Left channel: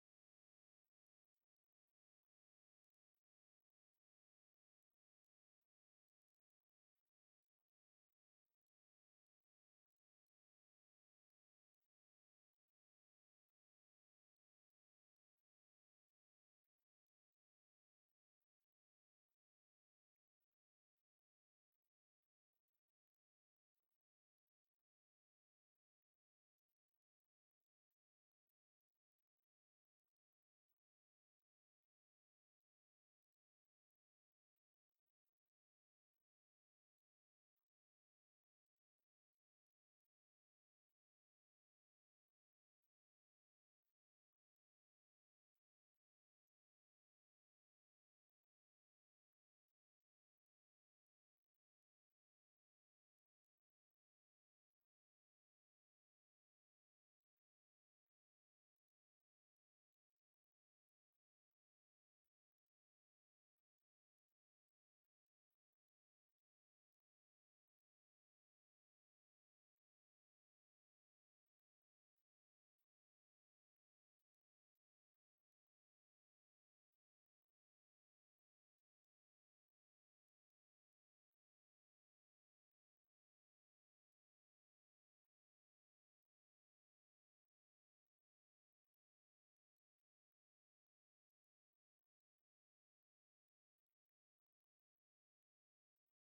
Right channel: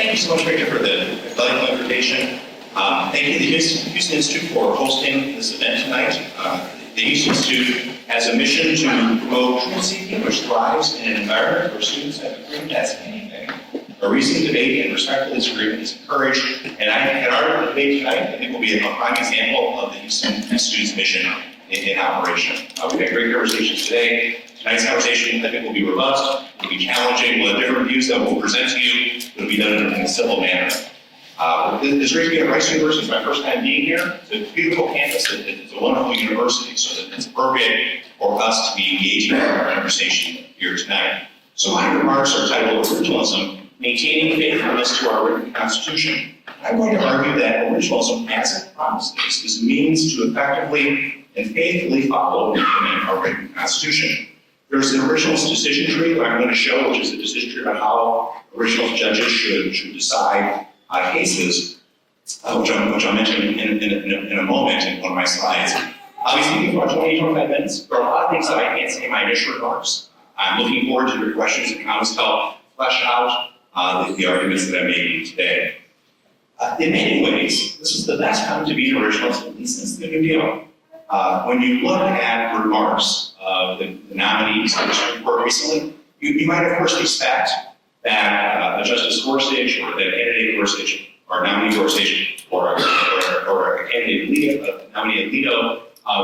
thank you so much, Victor, for the delightful invitation. Thank you to the Houston Institute for hosting this event tonight. The Houston Institute has a mission to promote truth-seeking, which thrives in an environment where students have agreement as anything. A recent debate and respectful disagreement is encouraged, and our debate tonight, I think, will be a prime example of the Houston Institute's mission in operation. We've had great conversations today. Tonight's conversation, I think, will be robust, will be challenging, we'll have different views that we'll present to you. It'll be done in a civil manner. It's great to be at Rice University. It's my first time being here. It's a beautiful campus. It's a wonderful university, so that it's appropriate for us to be engaging in our conversation here tonight. So my remarks are titled Originalism, Maintaining Faithfulness to Our Written Constitution. I'm going to argue that originalism, as it promises, is a means to effectively and faithfully follow and implement our written Constitution. There's an originalist decision tree that I'm going to show, which is a decision tree about how originalist judges should decide cases, which I'll mention in a moment in one of my slides. I'll be speaking for 20-25 minutes. There are a lot of things that I can't say in my initial remarks. I'm looking forward to your questions and comments to help flesh out the arguments that I'm making today. In many ways, this is the best time to be an originalist, at least since the New Deal. When you look at remarks of the nominees to the Supreme Court recently, you might of course expect that Justice Gorsuch or the candidate Gorsuch or nominee Gorsuch or a candidate nominee Alito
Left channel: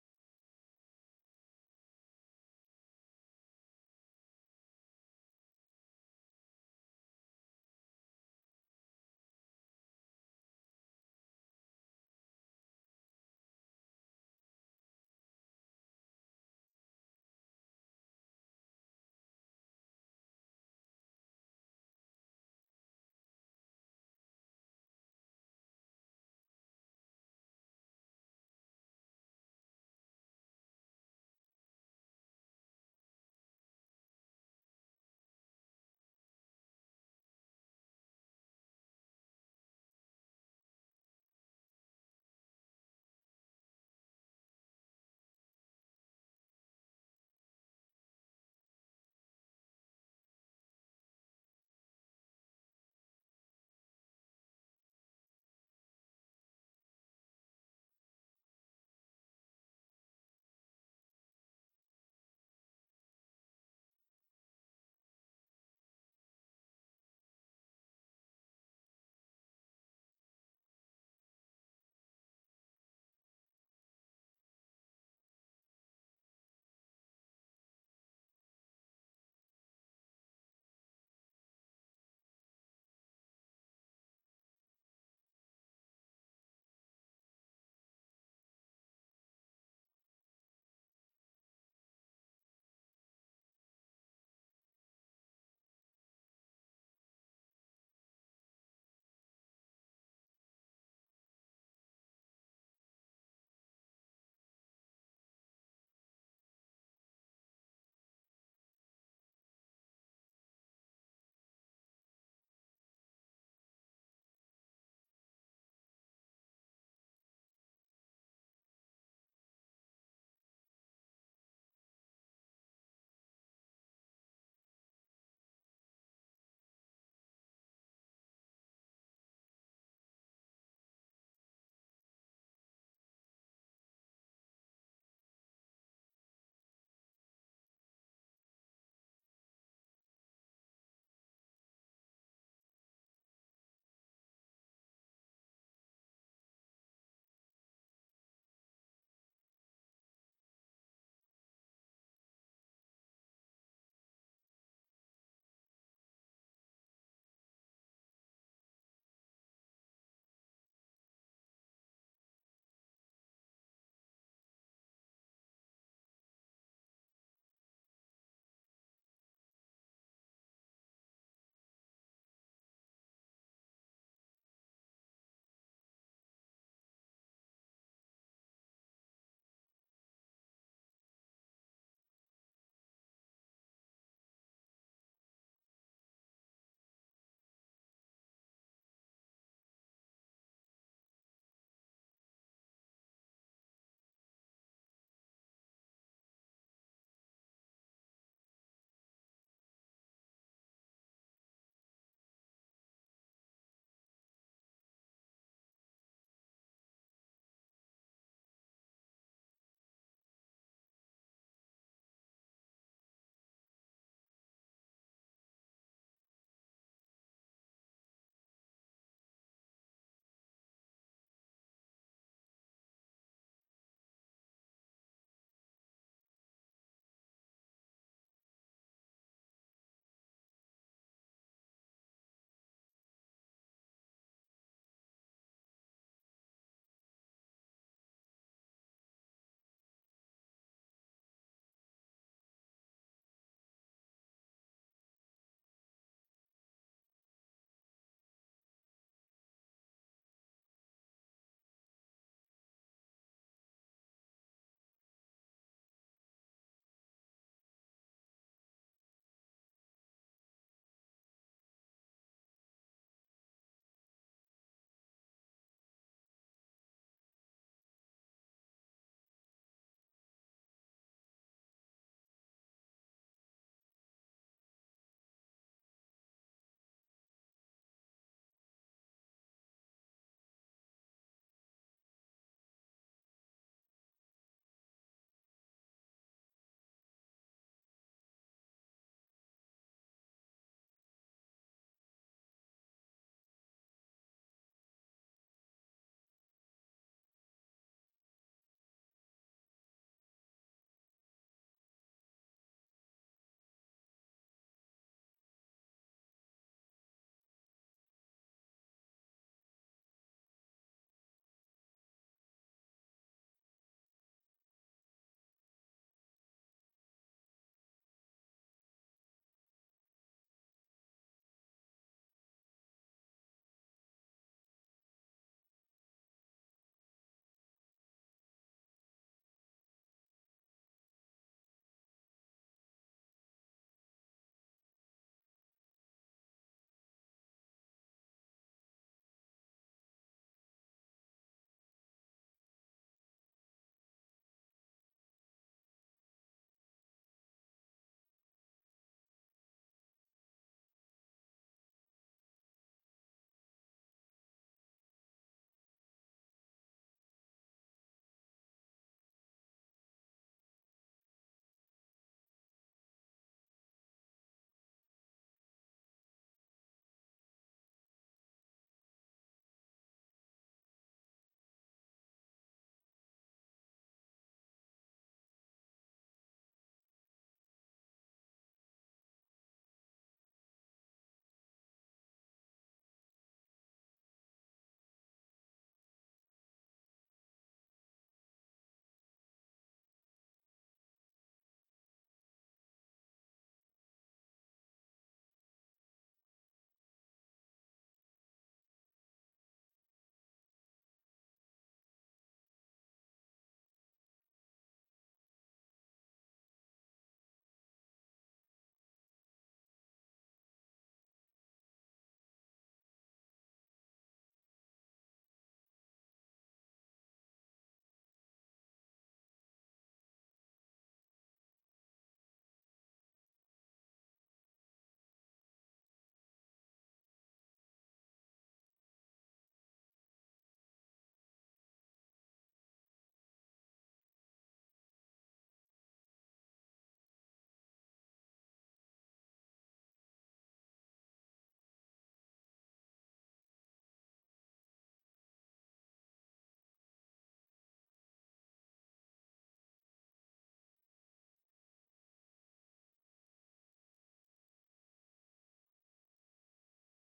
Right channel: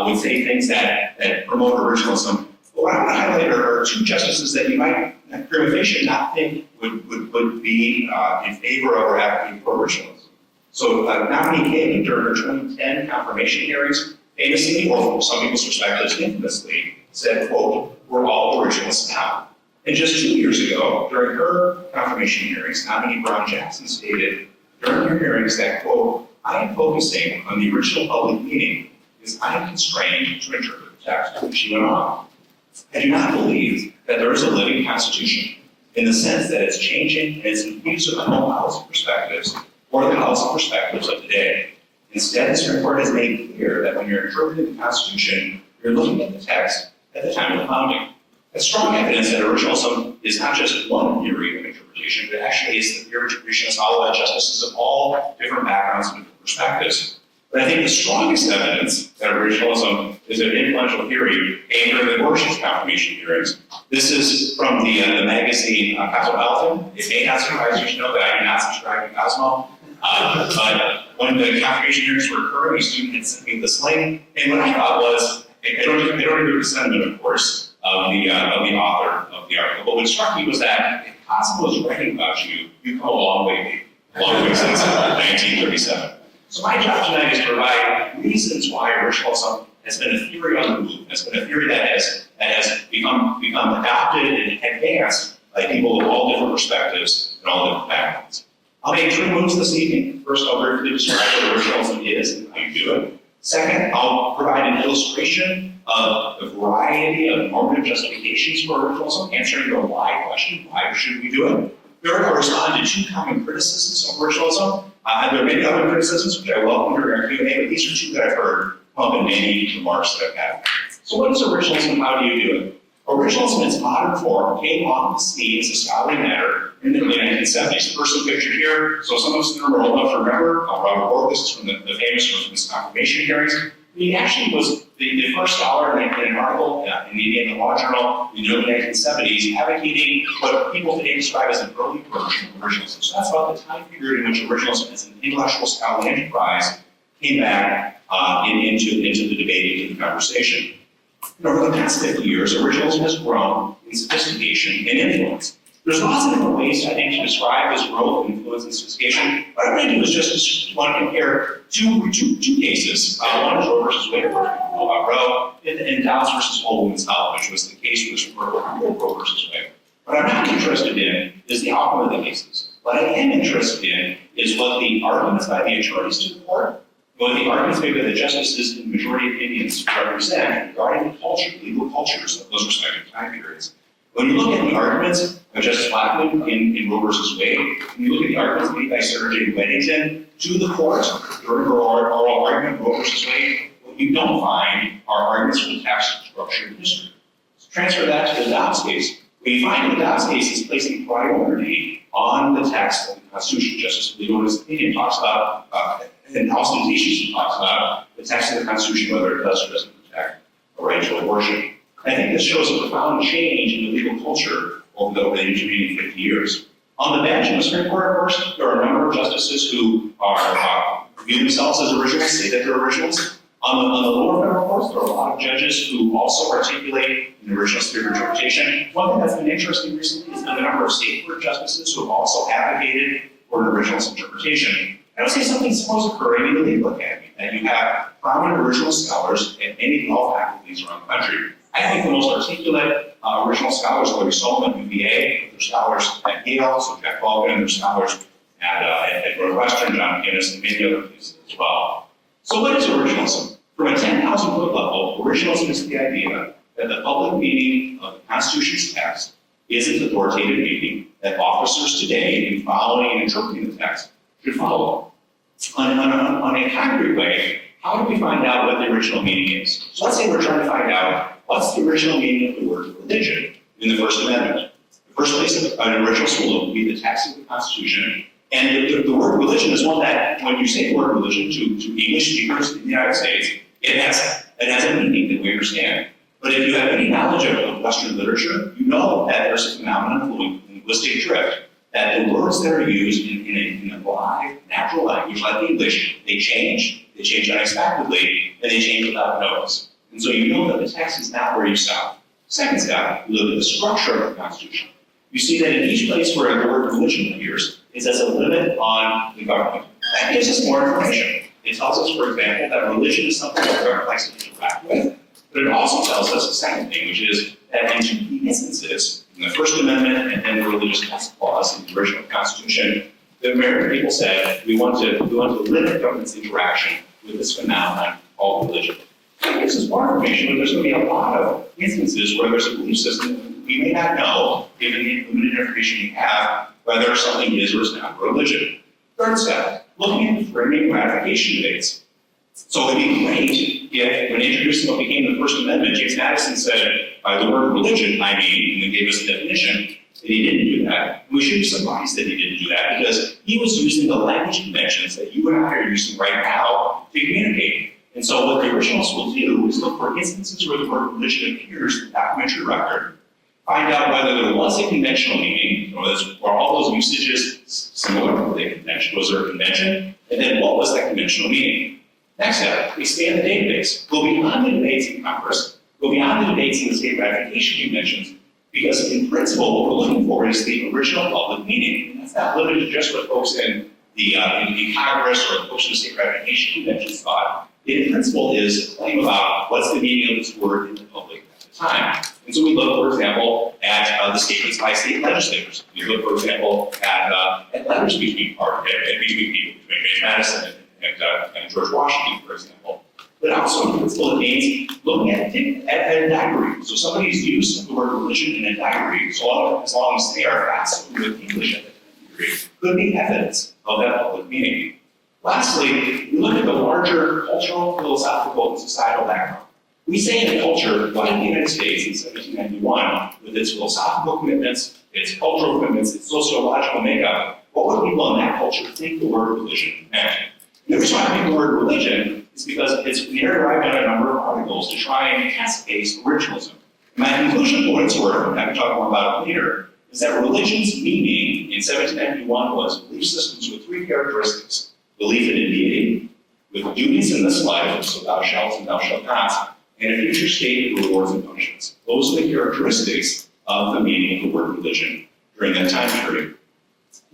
would say things that promote originalism. But what I want to highlight are two justices that you might, prima facie, not think would be in favor of or advocating for originalism. So nominee Kagan, during her 2010 confirmation hearings, famously, or from some people's perspectives, infamously, said, quote, "We're all originalists now." And just 2 years ago, during her confirmation hearings, nominee Brown Jackson stated during her hearings that, quote, "I am focusing on the original public meaning because I am constrained to interpret the text." She went on. I do not believe that there is a living constitution in the sense that it's changing and it's infused with the whole policy perspectives or the policy perspectives of today. Instead, the Supreme Court has made clear that when you're interpreting the Constitution, you're looking at the text at the time of the founding. That's strong evidence that originalism is not just one theory of interpretation, but actually is the theory of interpretation that's followed by justices of all different backgrounds and perspectives. But I think the strongest evidence that originalism is an influential theory came during the Gorsuch confirmation hearings. This is from the magazine Cosmopolitan. It may not surprise you to know that I do not subscribe to Cosmo. But when the confirmation hearings were occurring, a student had sent me this link, and what I thought was, I don't agree with the sentiment, of course, of the author of the article, but what struck me was that if Cosmo is writing about you, you've come a long way since 1937. So my job tonight is to provide reasons why originalism has been a theory on the move, has been a theory that has become adopted and advanced by people of all different perspectives and all different backgrounds. I'll make 3 moves this evening. First, I'll briefly describe what originalism is and how you do it. Second, I'll provide an illustration of the variety of normative justifications for originalism, answering the why question, why should we do it? Third, I'll respond to 2 common criticisms of originalism. There are many other criticisms which I welcome during our Q&A, but these are 2 that I've heard come up in many remarks that I've had. So what is originalism and how do you do it? Originalism in its modern form came off the scene as a scholarly matter in the 1970s. The person pictured here, so some of us in the room are old enough to remember, Robert Bork, this is from the famous from his confirmation hearings. He actually was the first scholar in an article in the Indiana Law Journal in the early 1970s advocating what people today describe as an early version of originalism. So that's about the time period in which originalism as an intellectual scholarly enterprise came back into the debate, into the conversation. And over the past 50 years, originalism has grown in sophistication and influence. There's lots of different ways, I think, to describe this growth, influence, and sophistication. What I'm going to do is just want to compare two cases. One is Roe versus Wade, Roe, and Downs versus Whole Woman's Health, which was the case for the Supreme Court, Roe versus Wade. What I'm not interested in is the outcome of the cases. What I am interested in is what the arguments by the attorneys to the court, what the arguments made by the justices and majority opinions represent regarding the culture, legal cultures of those respective time periods. When you look at the arguments of Justice Blackmun in Roe versus Wade, when you look at the arguments made by Sarah J. Weddington to the court during her oral argument Roe versus Wade, what you don't find are arguments from the text, structure, and history. So transfer that to the Dobbs case. What you find in the Dobbs case is placing priority on the text of the Constitution. Justice Alito in his opinion talks about, and Austin Teaches talks about the text of the Constitution, whether it does or doesn't protect the right to abortion. I think this shows a profound change in the legal culture over the intervening 50 years. On the bench in the Supreme Court, of course, there are a number of justices who view themselves as originals, say that they're originals. On the lower federal courts, there are a lot of judges who also articulate an original spirit of interpretation. One thing that's been interesting recently is the number of state court justices who have also advocated for an originalist interpretation. I would say something similar is occurring in the legal academy, that you have prominent original scholars at many law faculties around the country. I think the most articulate original scholars are Larry Solomon at UVA, their scholars at Yale, so Jack Baldwin, and their scholars at Northwestern, John McGinnis, and many other places as well. So what is originalism? From a 10,000-foot level, originalism is the idea that the public meaning of the Constitution's text is its authoritative meaning that officers today, in following and interpreting the text, should follow. On a concrete way, how do we find out what the original meaning is? So let's say we're trying to find out what's the original meaning of the word religion in the First Amendment. The first place an original school would be the text of the Constitution. And the word religion is one that, when you say the word religion to English speakers in the United States, it has a meaning that we understand. But if you have any knowledge of Western literature, you know that there's a phenomenon of linguistic drift, that the words that are used in a live, natural language like English, they change unexpectedly, and they change without notice. And so you know that the text is not where you stop. Second step, you look at the structure of the Constitution. You see that in each place where the word religion appears, it says a limit on the government. That gives us more information. It tells us, for example, that religion is something that the government likes to interact with, but it also tells us a second thing, which is that in two key instances, in the First Amendment and then the Religious Test Clause in the original Constitution, the American people said we want to limit government's interaction with this phenomenon called religion. That gives us more information, but there's going to be a lot of instances where there's a belief system that we may not know, given the limited information we have, whether something is or is not religion. Third step, looking at framing ratification debates. So it would be great if, when introducing what became the First Amendment, James Madison said, by the word religion, I mean, and then gave us a definition, that he didn't do that. And we should be surprised that he didn't do that, because he was using the language conventions that you and I are using right now to communicate. And so what the originals will do is look for instances where the word religion appears in the documentary record, find out whether there was a conventional meaning, or are all those usages similar to the convention? Was there a convention? And then what was that conventional meaning? Next step, expand the database. Go beyond the debates in Congress, go beyond the debates in the state ratification conventions, because in principle, what we're looking for is the original public meaning. And that's not limited to just what folks in Congress or the folks in the state ratification conventions thought. It in principle is a claim about what's the meaning of this word in the public at the time. And so we look, for example, at the statements by state legislators. We look, for example, at letters between people, between Madison and George Washington, for example. But also, in principle, it means looking at a diary. So somebody's use of the word religion in a diary, as long as they are fascinated with English at that degree, could be evidence of that public meaning. Lastly, we look at the larger cultural, philosophical, and societal background. We say in a culture like the United States in 1791, with its philosophical commitments, its cultural commitments, its sociological makeup, what would people in that culture think the word religion meant? And the reason why I think the word religion is because we derived on a number of articles to try and test base originalism. My conclusion, for what it's worth, and I can talk more about it later, is that religion's meaning in 1791 was belief systems with three characteristics: belief in a deity, with duties in this life, so thou shalt and thou shalt not, and a future state of rewards and punishments. Those are the characteristics of the meaning of the word religion during that time period.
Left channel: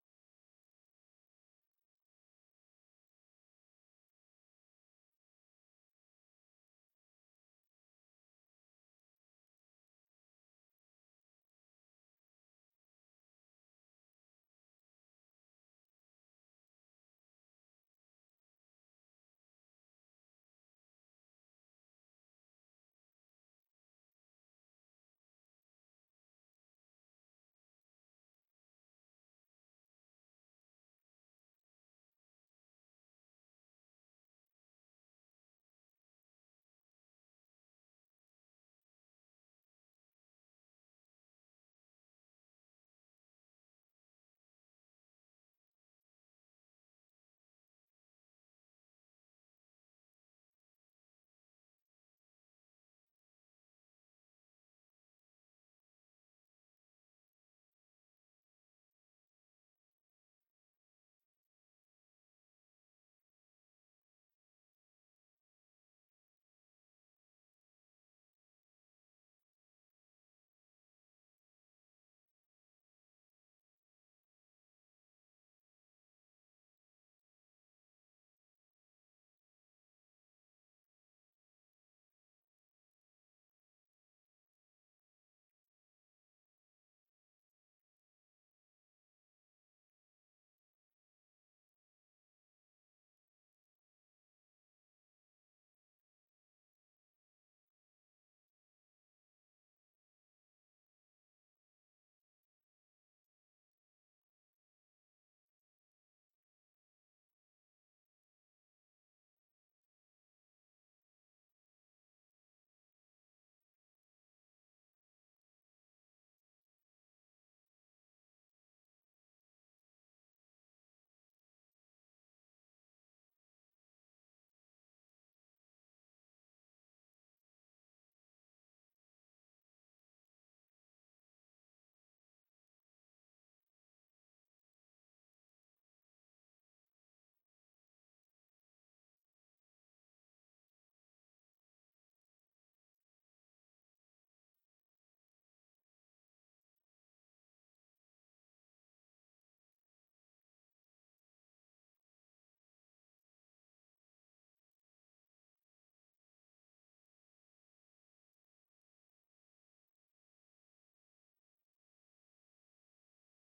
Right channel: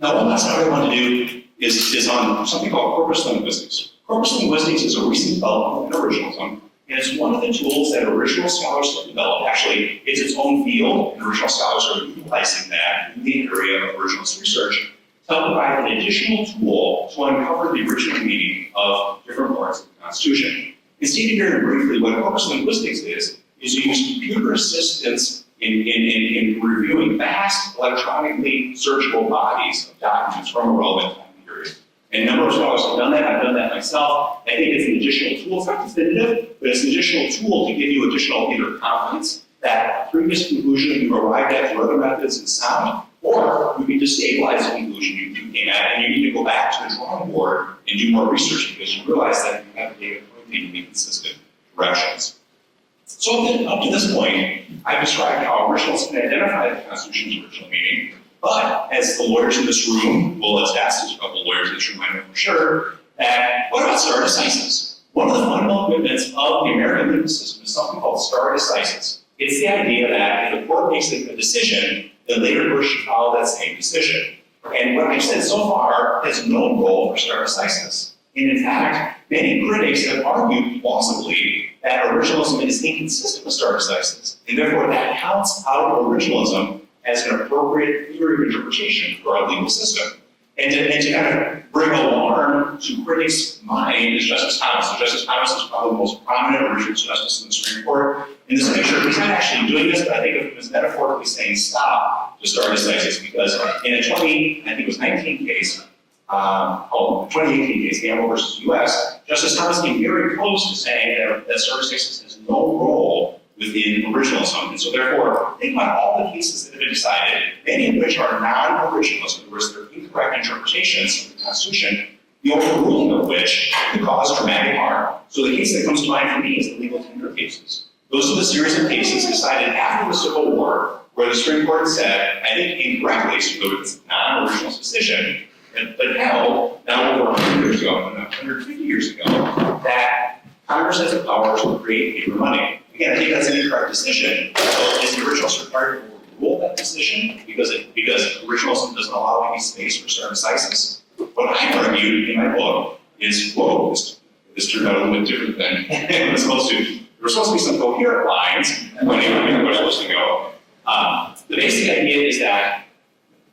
Now, one last thing I want to do is on something called corpus linguistics. Corpus linguistics is a recent development in originalism, and it's one of the tools that original scholars have developed. Actually, it's its own field, and original scholars are utilizing that in the area of originalist research to provide an additional tool to uncover the original meaning of different parts of the Constitution. And stated very briefly, what corpus linguistics is you use computer assistance in reviewing vast electronically searchable bodies of documents from a relevant time period. And a number of scholars have done that. I've done that myself. I think it's an additional tool. It's not definitive, but it's an additional tool to give you additional either confidence that previous conclusion you've arrived at through other methods is sound, or destabilize the conclusion you came at, and you need to go back to the drawing board and do more research because you realize that you have data pointing in inconsistent directions. So up to this point, I've described how originals can identify the Constitution's original meaning, but as the lawyers in this room will attest, there's a couple of lawyers in this room I know for sure, that what about stare decisis? One of the fundamental commitments of the American legal system is something called stare decisis. It's the idea that if a court makes a decision, then later courts should follow that same decision. And what I've said so far has no role for stare decisis. And in fact, many critics have argued plausibly that originalism is inconsistent with stare decisis, and therefore that counts out originalism as an appropriate theory of interpretation for our legal system. And to kind of bring alarm to critics' mind is Justice Thomas. So Justice Thomas is probably the most prominent original justice in the Supreme Court. In this picture, he's not actually doing this, but I think of him as metaphorically saying stop to stare decisis, because in a 2019 case, 2018 case, Gamble versus U.S., Justice Thomas came very close to saying that stare decisis has no role within originalism. And so therefore, think about all the cases that have been decided, many of which are non-originalist, in other words, they're incorrect interpretations of the Constitution, the overruling of which could cause dramatic harm. So the case that comes to mind for me is the legal tender cases. Those are the series of cases decided after the Civil War, where the Supreme Court said, I think incorrectly, so it's a non-originalist decision, but held, now over 100 years ago, 150 years ago, that Congress has the power to create paper money. Again, I think that's an incorrect decision. So is the originalist required to overrule that decision because originalism doesn't allow any space for stare decisis? What I argued in my book is, whoa, this turned out a little bit different than it was supposed to. There were supposed to be some coherent lines when they were supposed to go. The basic idea is that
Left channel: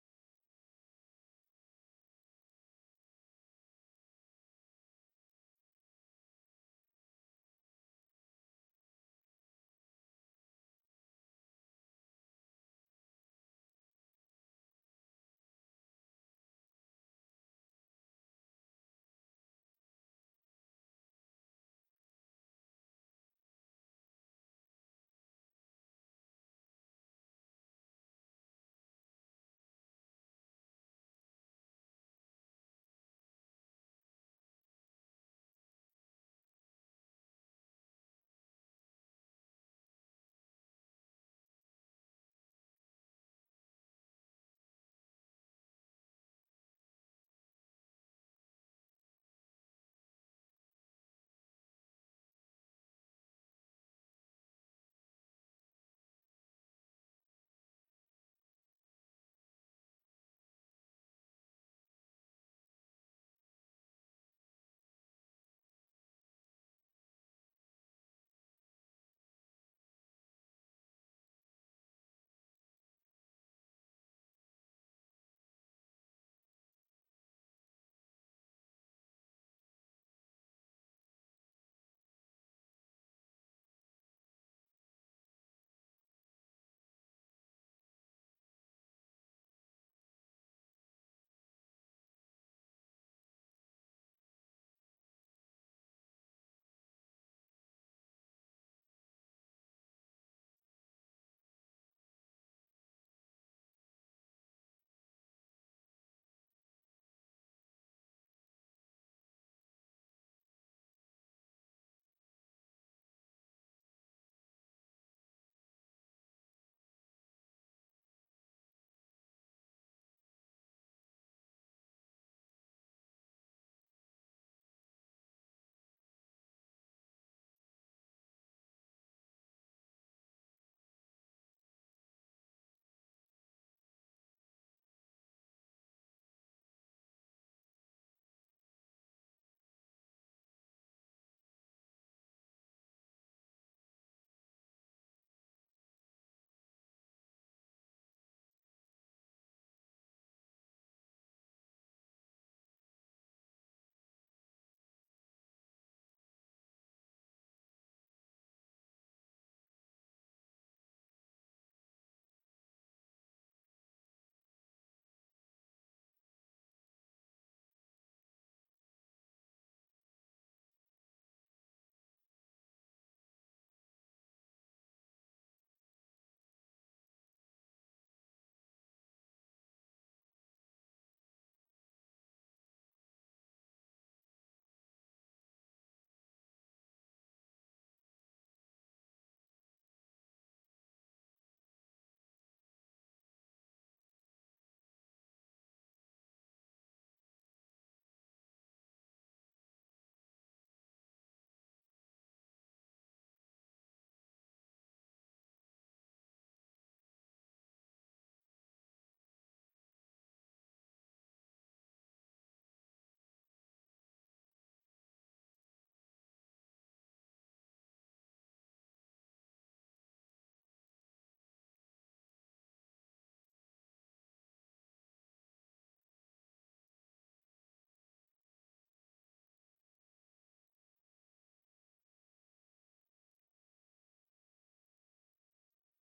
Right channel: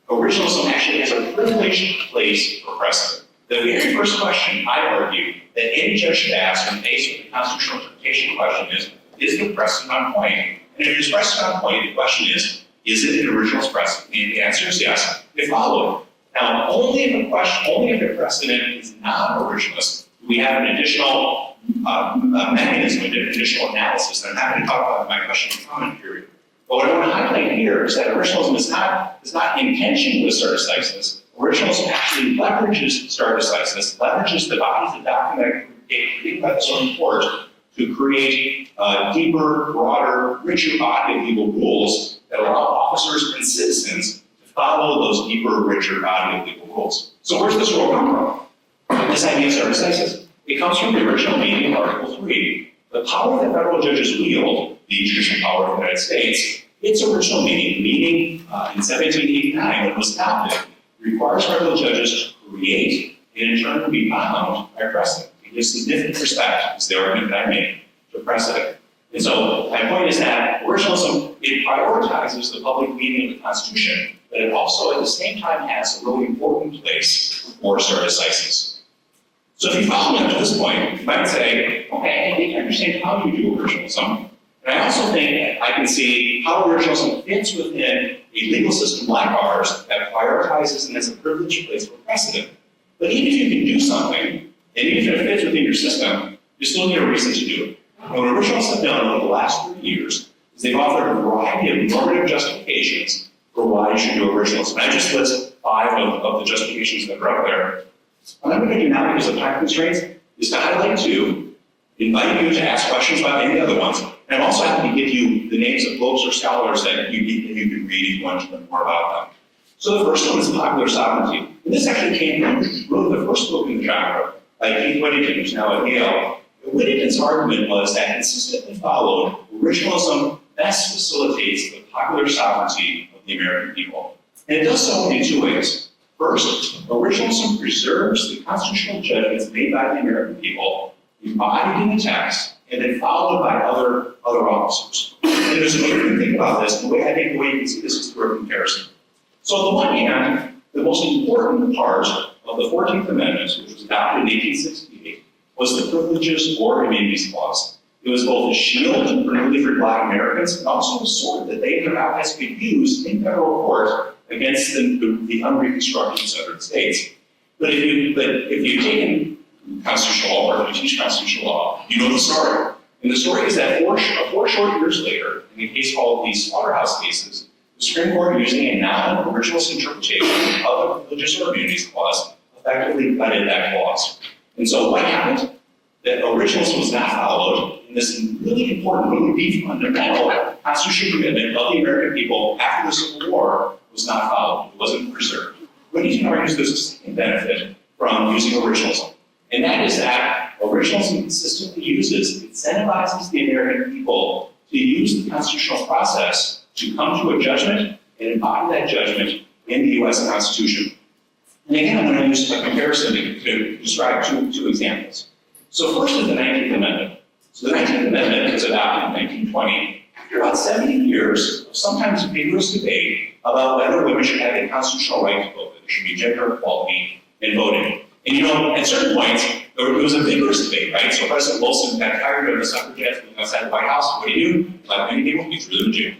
originalism actually has a privileged place for precedent. The very first question I argue that any judge should ask when faced with the constitutional interpretation question is the precedent on point? And if it's precedent on point, the question is it an originalist precedent? And the answer is yes. They follow it. Now, only if the precedent is non-originalist, do we have an additional mechanism, an additional analysis that I'm happy to talk about in my question and comment period. But what I want to highlight here is that originalism is not in tension with stare decisis. Originalism actually leverages stare decisis, leverages the bodies of document created by the Supreme Court to create a deeper, broader, richer body of legal rules that allow officers and citizens to follow those deeper, richer body of legal rules. So where's this rule come from? This idea of stare decisis. It comes from the original meaning of Article 3. The power that federal judges wield, the judicial power of the United States, its original meaning in 1789 when it was adopted, requires federal judges to create and in turn be bound by precedent. It gives significant respect, is the argument that I make, to precedent. And so my point is that originalism, it prioritizes the public meaning of the Constitution, but it also at the same time has a really important place for stare decisis. So if you follow me up to this point, you might say, okay, I think I understand how you do originalism. And I also think I can see how originalism fits within a legal system like ours that prioritizes and has a privileged place for precedent. But even if you can do something, and even if it fits within your system, you still need a reason to do it. And what originalists have done over the last 30 years is they've offered a variety of normative justifications for why you should do originalism. And I just list 5 of the justifications that are out there. What I'm going to do now, because of time constraints, is to highlight 2, invite you to ask questions about any of the other ones, and I'm also happy to give you the names of books or scholars that you can read if you want to learn more about them. So the first one is Popular Sovereignty. And this actually came from really the first book in the genre by Keith Whittington, who's now at Yale. Whittington's argument was that consistently followed, originalism best facilitates the popular sovereignty of the American people. And it does so in 2 ways. First, originalism preserves the constitutional judgments made by the American people, embodied in the text, and then followed by other officers. And there's a way you can think about this, and I think the way you can see this is through a comparison. So on the one hand, the most important part of the 14th Amendment, which was adopted in 1868, was the Privileges or Immunities Clause. It was both a shield for newly freed Black Americans and also a sword that they and their allies could use in federal court against the unreconstructed Southern states. But if you've taken constitutional law, or if you teach constitutional law, you know the story. And the story is that four short years later, in a case called the Slaughterhouse Cases, the The Supreme Court, using a non-originalist interpretation of the Religious or Immunities Clause, effectively gutted that clause. And so what happened? That originalism was not followed, and this really important, really deep, fundamental constitutional commitment of the American people after the Civil War was not followed. It wasn't preserved. What you can argue is there's a second benefit from using originalism, and that is that originalism consistently incentivizes the American people to use the constitutional process to come to a judgment and embody that judgment in the U.S. Constitution. And again, I'm going to use a comparison to describe two examples. So first is the 19th Amendment. So the 19th Amendment was adopted in 1920 after about 70 years of sometimes vigorous debate about whether women should have a constitutional right to vote, that there should be gender equality in voting. And you know, at certain points, it was a vigorous debate, right? So President Wilson got tired of the suffragettes being outside the White House. What do? Like many people, he threw them in jail.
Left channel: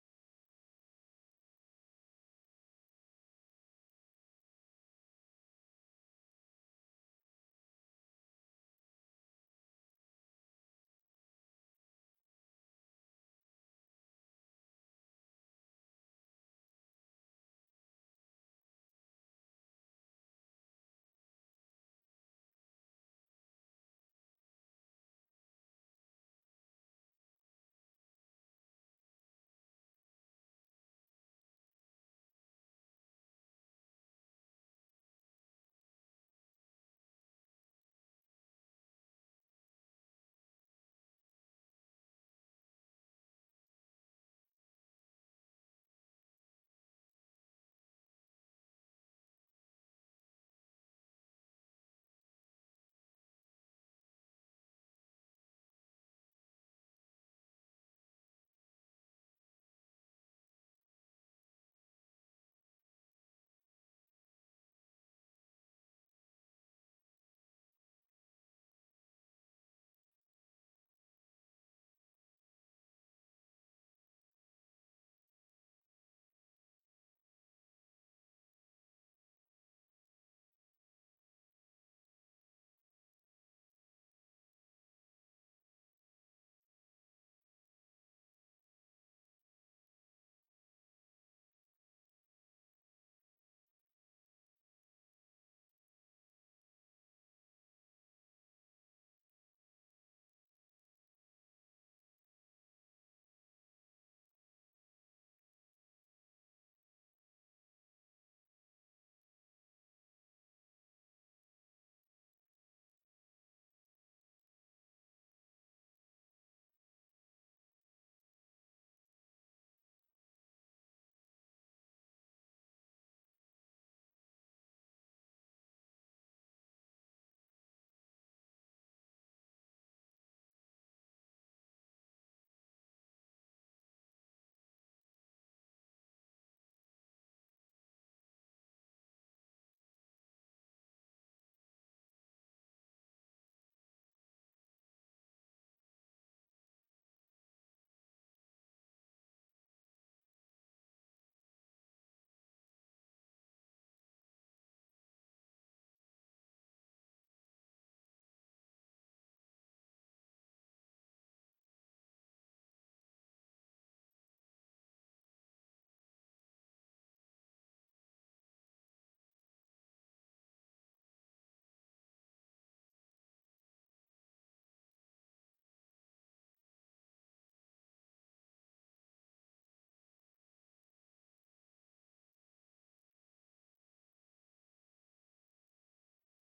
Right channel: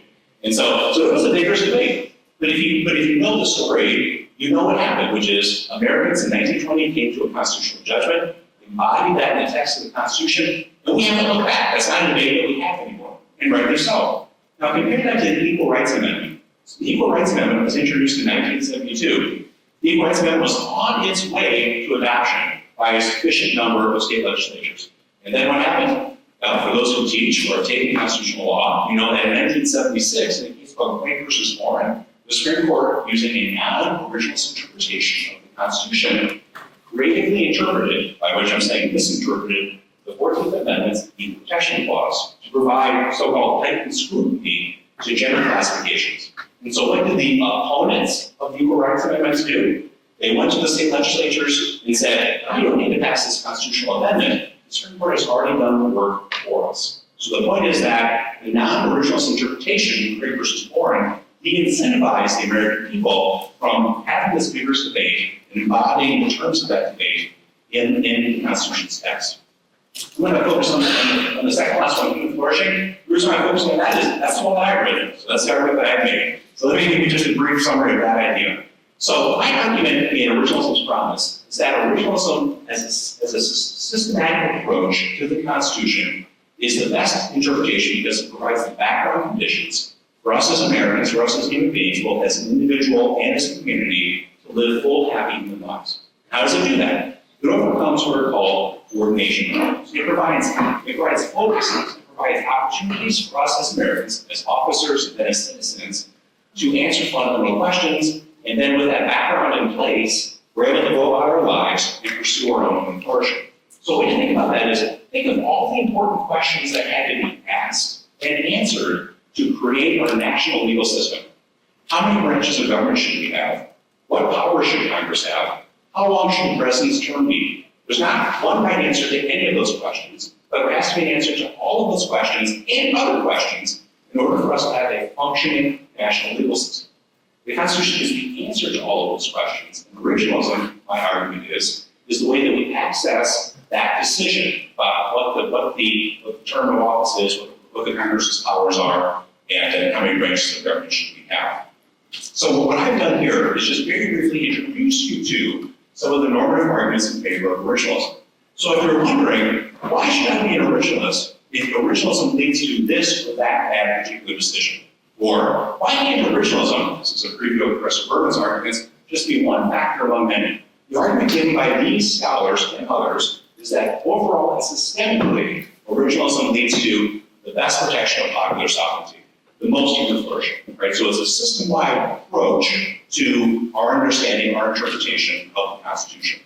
And so it was a vigorous debate. But if you know the story, you know what happened, which is Americans in 1920 came to a constitutional judgment, embodied that in the text of the Constitution, and we haven't looked back. That's not a debate that we have anymore, and rightly so. Now compare that to the Equal Rights Amendment. So the Equal Rights Amendment was introduced in 1972. The Equal Rights Amendment was on its way to adoption by a sufficient number of state legislatures. And then what happened? For those who teach or have taken constitutional law, you know that in 1976, in a case called Penn versus Warren, the Supreme Court, using a non-originalist interpretation of the Constitution, creatively interpreted, by which I'm saying misinterpreted, the 14th Amendment's Equal Protection Clause to provide so-called heightened scrutiny to gender classifications. And so what did the opponents of the Equal Rights Amendments do? They went to the state legislatures and said, you don't need to pass this constitutional amendment. The Supreme Court has already done the work for us. So the point is that the non-originalist interpretation, Craig versus Warren, de-incentivized the American people from having this vigorous debate and embodying the terms of that debate in the Constitution's text. I'm going to focus on the second last one, human flourishing. The reason why I'm focusing on that is that's the one I written. So that's the argument that I made. So let me give you just a brief summary of that idea. So my argument in Originalism's Promise is that originalism as a systematic approach to the Constitution is the best interpretation because it provides the background conditions for us as Americans, for us as human beings, both as an individual and as a community, to live full, happy human lives. How does it do that? It overcomes what are called coordination problems. It provides focus, it provides opportunities for us as Americans, as officers, and as citizens to answer fundamental questions, and then with that background in place, we're able to go about our lives and pursue our own human flourishing. So what you think about that is, think of all the important questions that had to be asked and answered to create our national legal system. How many branches of government should we have? What power should Congress have? How long should the president's term be? There's not one right answer to any of those questions, but there has to be an answer to all of those questions and other questions in order for us to have a functioning national legal system. The Constitution is the answer to all of those questions. And originalism, my argument is the way that we access that decision about what the term of office is, what the Congress's powers are, and how many branches of government should we have. So what I've done here is just very briefly introduce you to some of the normative arguments in favor of originalism. So if you're wondering, why should I be an originalist if originalism leads to this or that particular decision? Or why can't originalism, this is a preview of Professor Berman's arguments, just be one factor among many? The argument given by these scholars and others is that overall and systemically, originalism leads to the best protection of popular sovereignty, the most human flourishing, right? So it's a system-wide approach to our understanding, our interpretation of the Constitution.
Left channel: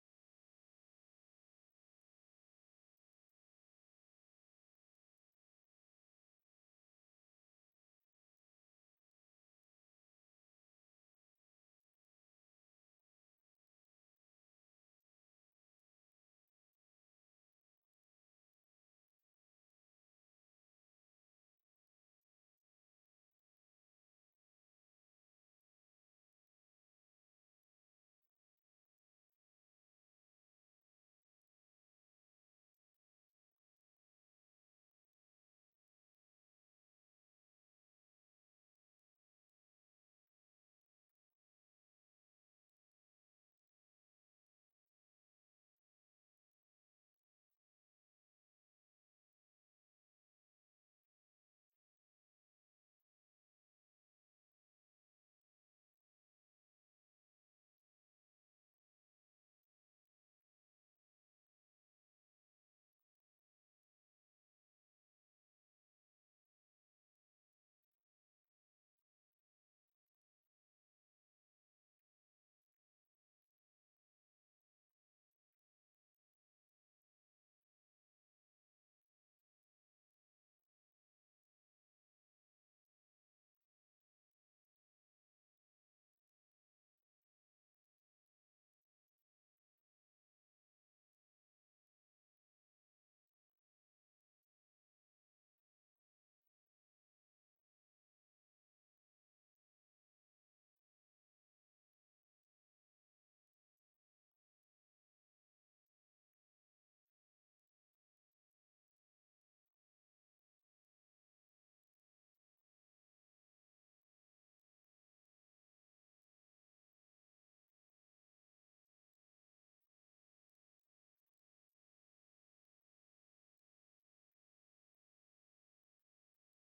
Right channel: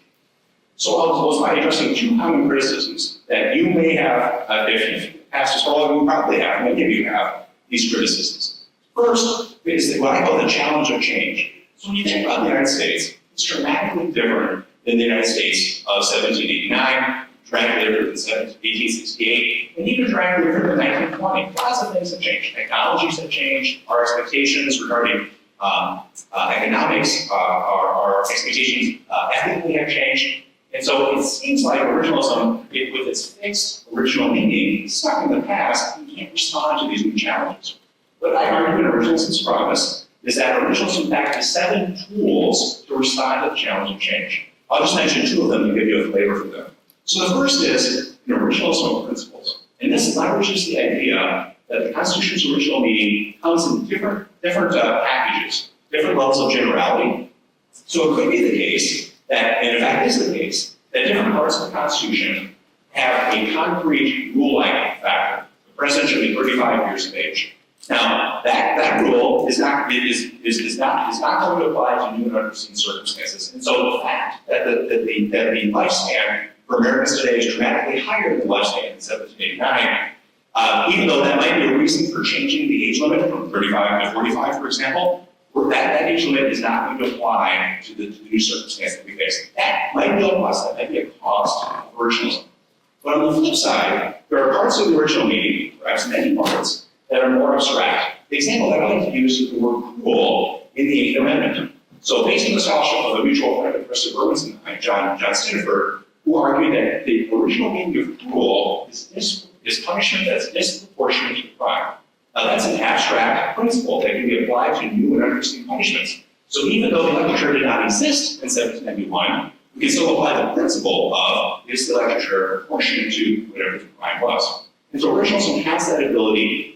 So I'll close by addressing two common criticisms that you may have, if you've passed this all, you probably have, many of you have these criticisms. First is what I call the challenge of change. So when you think about the United States, it's dramatically different than the United States of 1789, dramatically different than 1868, and even dramatically different than 1920. Lots of things have changed. Technologies have changed. Our expectations regarding economics, our expectations ethically have changed. And so it seems like originalism, with its fixed original meaning, is stuck in the past and can't respond to these new challenges. What I argue in Originalism's Promise is that originalism, in fact, has 7 tools to respond to the challenge of change. I'll just mention 2 of them to give you a flavor for them. So the first is an originalism of principles. And this leverages the idea that the Constitution's original meaning comes in different packages, different levels of generality. So it could be the case that, and in fact is the case, that different parts of the Constitution have a concrete rule-like factor. The president should be 35 years of age. Now, that rule is not going to apply to new and unforeseen circumstances. And so the fact that the lifespan for Americans today is dramatically higher than the lifespan in 1789, even though that might be a reason for changing the age limit from 35 to 45, for example, that age limit is not going to apply to the new circumstance that we face. That might be a plus, that might be a cost of originalism. But on the flip side, there are parts of the original meaning, perhaps many parts, that are more abstract. The example that I like to use is the word cruel in the Eighth Amendment. So based on the scholarship of a mutual friend of Professor Berman and John Stiniford, who argued that the original meaning of cruel is punishment that's disproportionate to the crime. Now that's an abstract principle that can be applied to new and unforeseen punishments. So even though the legislature did not exist in 1791, we can still apply the principle of is the legislature proportionate to whatever the crime was. And so originalism has that ability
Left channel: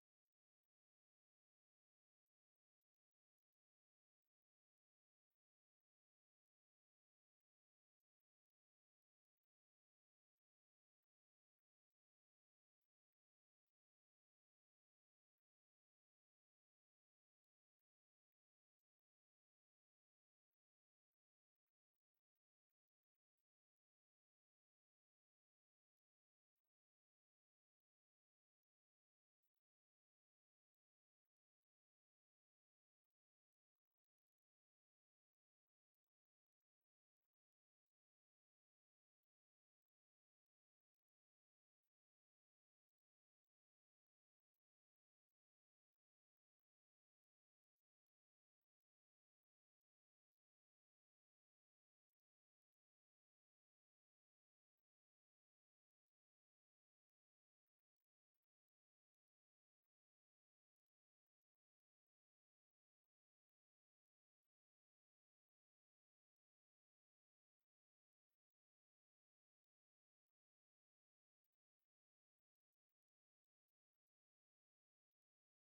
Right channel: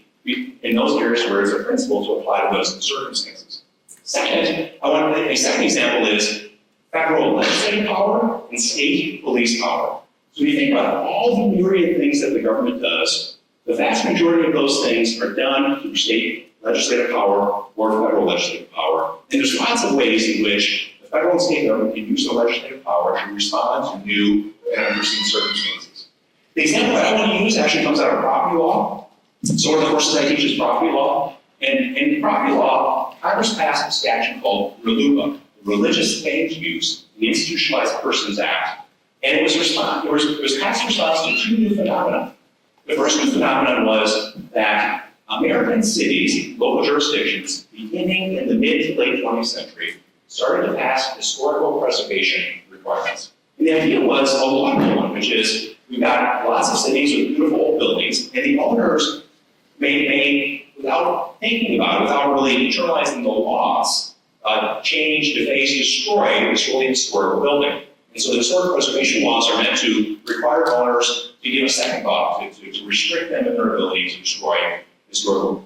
in those areas where it's a principle to apply to those circumstances. Second, a second example is federal legislative power and state police power. So when you think about all the myriad things that the government does, the vast majority of those things are done through state legislative power or federal legislative power. And there's lots of ways in which the federal and state government can use the legislative power to respond to new and unforeseen circumstances. The example that I want to use actually comes out of property law. So one of the courses I teach is property law. And in property law, Congress passed a statute called RLUIPA, the Religious Land Use and Institutionalized Persons Act. And it was passed in response to two new phenomena. The first new phenomenon was that American cities, local jurisdictions, beginning in the mid to late 20th century, started to pass historical preservation requirements. And the idea was a logical one, which is we've got lots of cities with beautiful old buildings, and the owners may without thinking about it, without really internalizing the laws, change, deface, destroy this really historical building. And so the historic preservation laws are meant to require owners to give a second thought, to restrict them in their ability to destroy historical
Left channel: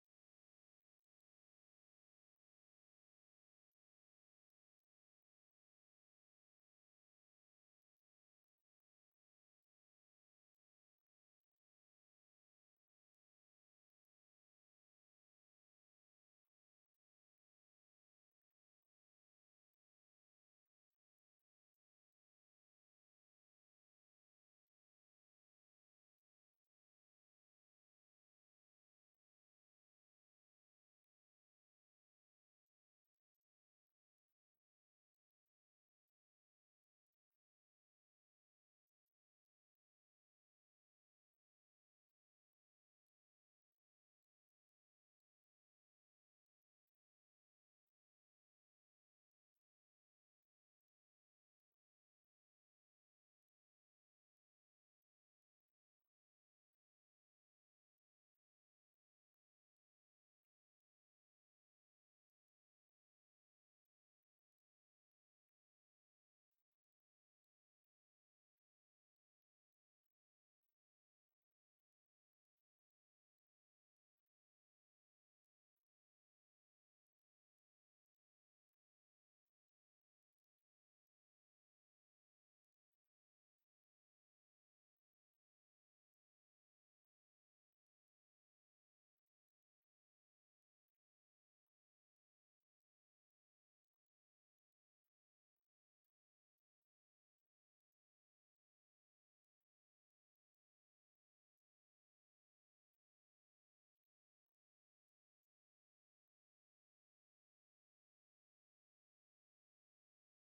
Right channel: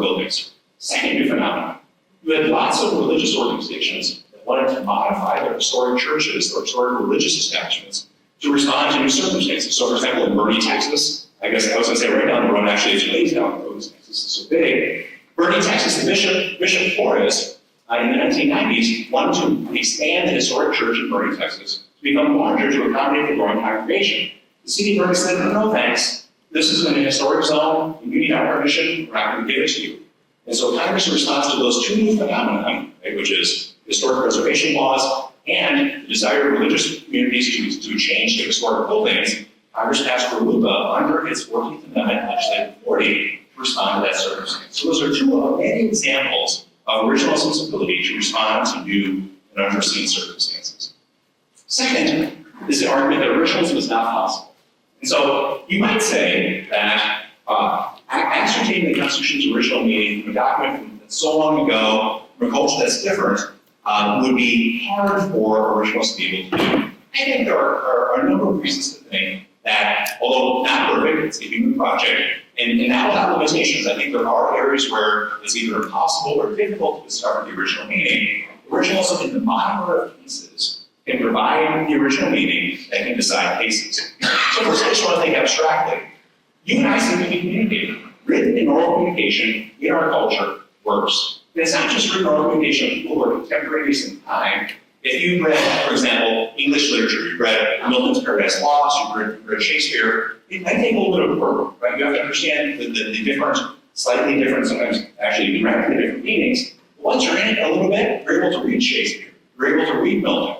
buildings. Second new phenomenon, you had lots of religious organizations that wanted to modify their historic churches or historic religious establishments to respond to new circumstances. So for example, in Bernie, Texas, I guess I was going to say right down the road, actually it's ways down the road, Texas is so big. Bernie, Texas, the Bishop Flores in the 1990s wanted to expand the historic church in Bernie, Texas to become larger to accommodate the growing congregation. The city of Bernie said, no thanks, this is in a historic zone, you need our permission, we're not going to give it to you. And so Congress responds to those two new phenomena, right, which is historic preservation laws and the desire of religious communities to change their historic buildings. Congress passed RLUIPA under its 14th Amendment legislative authority to respond to that circumstance. So those are two of many examples of originalism's ability to respond to new and unforeseen circumstances. Second is the argument that originalism is not possible. And so you might say that ascertaining the Constitution's original meaning from a document from so long ago, from a culture that's different, would be hard for originalists to be able to do. I think there are a number of reasons to think that, although not perfect, it's a human project, and not without limitations. I think there are areas where it's either impossible or difficult to discover the original meaning. Originalism in the modern of cases can provide the original meaning that can decide cases. So first, I just want to think abstractly. You and I seem to be communicating. Written and oral communication in our culture works. And it's not just written oral communication of people who are contemporaries in time. If you've read, for example, English literature, you've read Milton's Paradise Lost, you've read Shakespeare, it might take a little bit of work, right? You have to understand the different, slightly different, sometimes actually even radically different meanings. Once you're in it a little bit, you're able to read Shakespeare, you're able to read Milton.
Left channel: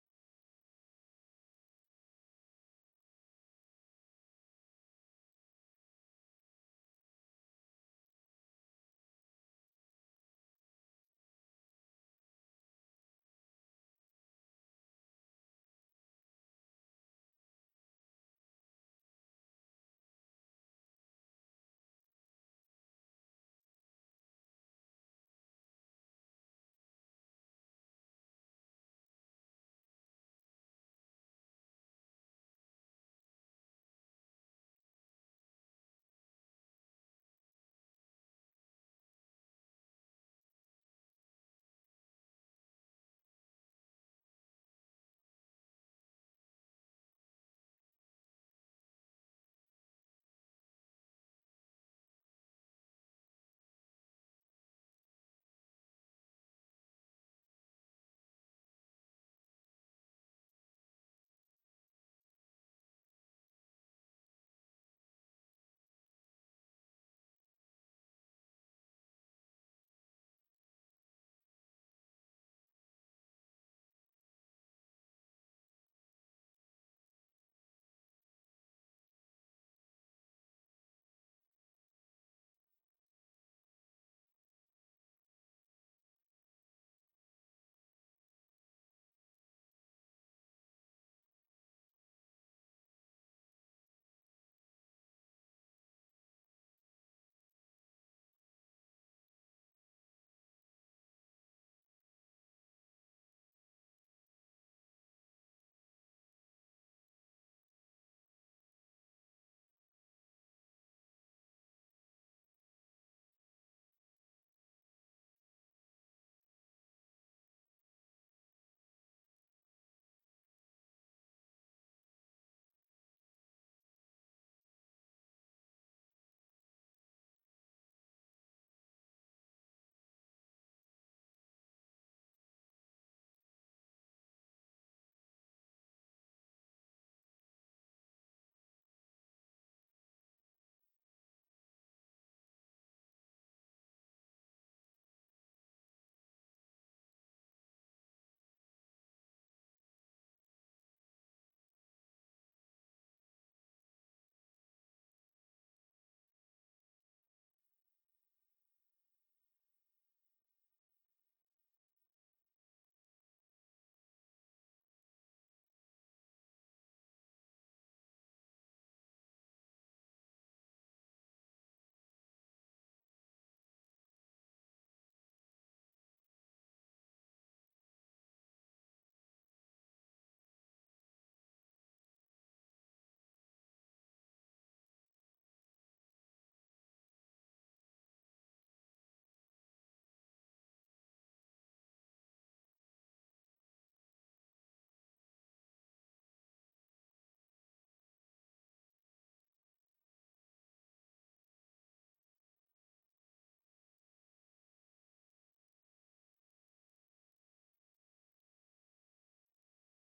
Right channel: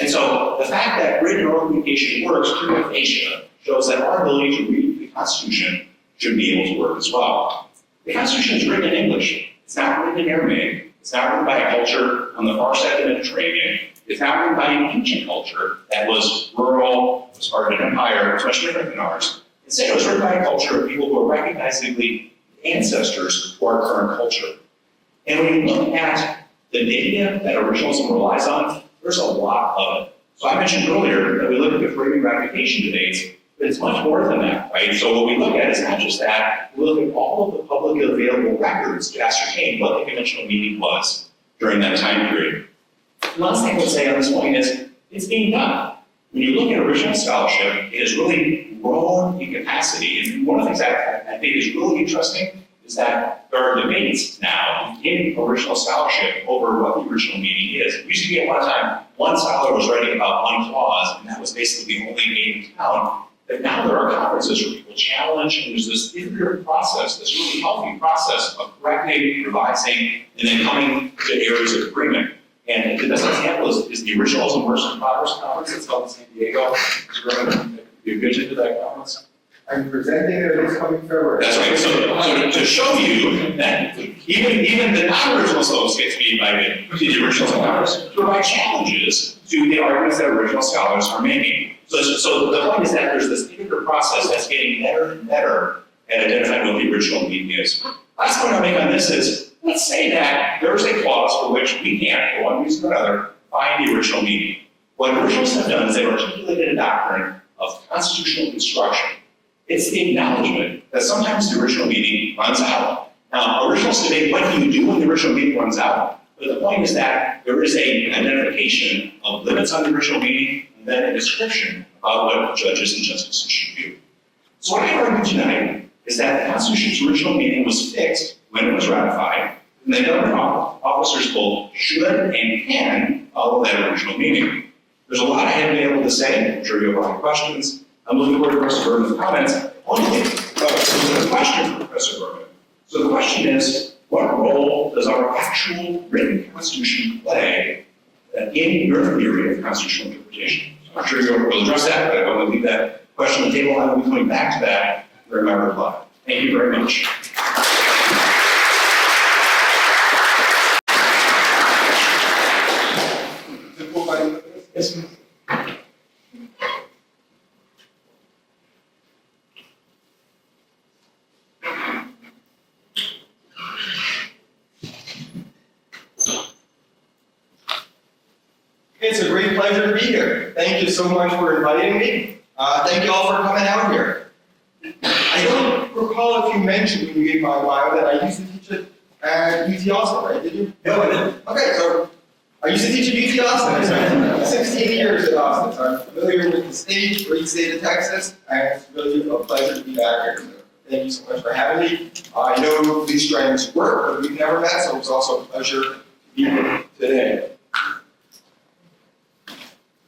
And so the fact that written oral communication works, prima facie, shows that our ability to read the Constitution should be able to work as well. The Constitution is written in English. It's not written in Aramaic. It's not written by a culture on the far side of the Mediterranean. It's not written by an ancient culture that was rural, was part of an empire, was much different than ours. Instead, it was written by a culture of people who are recognizably ancestors to our current culture. And when you look at the data that originalism relies on, there's a lot of it. So I mentioned earlier that we look at the framing ratification debates. But it's much more than that, right? So what we look at is not just that, we look at all of the publicly available records to ascertain what the conventional meaning was during that time period. The last thing I would say on this point is, it's being done. When you look at original scholarship, it has really grown in capacity. And one of the things that I think is really interesting is that there are debates now in original scholarship over what the original meaning is. It used to be at one time, one scholar was writing about one clause, and that was basically the only name in town. But now there are conferences where people challenge, and there's this iterative process, this really healthy process of correcting, revising, and then coming to areas of agreement. And the best example is the original Immersive Progress Conference that's held in San Diego. You're good to that conference? I'm presenting it this coming February. That's right. So to show you that even the non-original folks get to be invited to the original scholars to provide challenges to the arguments that original scholars are making. So the point is that there's this iterative process that's getting better and better at identifying what the original meaning is. Last point I'll make on this is, let's say that there's a clause for which we can't, for one reason or another, find the original meaning. What originals have done is they've articulated a doctrine of constitutional construction. It's the acknowledgement that sometimes the original meaning runs out. Now, originals debate what do you do when the original meaning runs out, but the point is that there is an identification of limits on the original meaning and then a description about what judges and justices should do. So what I argue tonight is that the Constitution's original meaning was fixed when it was ratified, and that government officers both should and can follow that original meaning. There's a lot I haven't been able to say. I'm sure you have a lot of questions. I'm looking forward to Professor Berman's comments. There's a question for Professor Berman. So the question is, what role does our actual written Constitution play in your theory of constitutional interpretation? I'm sure you'll address that, but I want to leave that question on the table. I will be coming back to that during my reply. Thank you very much. Yes, ma'am. It's a great pleasure to be here. Thank you so much for inviting me. Thank you all for coming out here. I don't recall if you mentioned when you gave my bio that I used to teach at UT Austin, right? Did you? No, I didn't. Okay, so I used to teach at UT Austin. I spent 16 years at Austin, so I'm familiar with the state, great state of Texas, and it's really a pleasure to be back here. So thank you so much for having me. I know these Strang's work, but we've never met, so it's also a pleasure to be here today.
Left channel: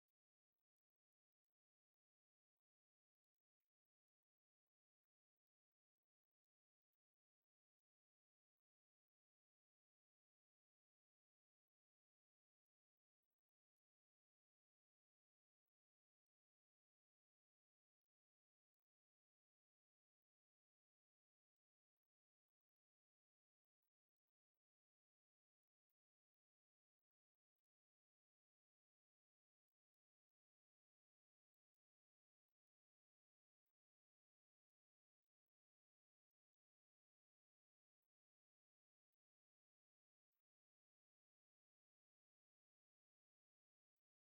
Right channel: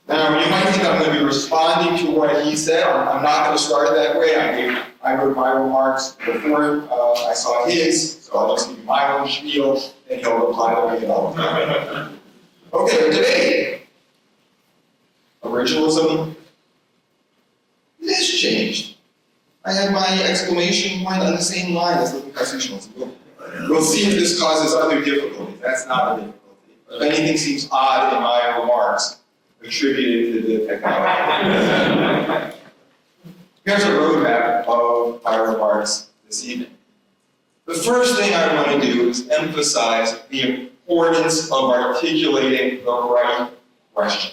Now, you might think I'm going to be responding to what he said. I'm not going to start that way. I wrote my remarks before I saw his, so I'll just give you my own spiel, and he'll reply to me all the time. Okay, debate. Originalism. It has changed. I had my exclamation point on the same line as living constitutionalism. We'll see if this causes other difficulties. That's not a difficulty. If anything seems odd in my remarks, attributed to the technology. Here's a roadmap of my remarks this evening. The first thing I want to do is emphasize the importance of articulating the right question.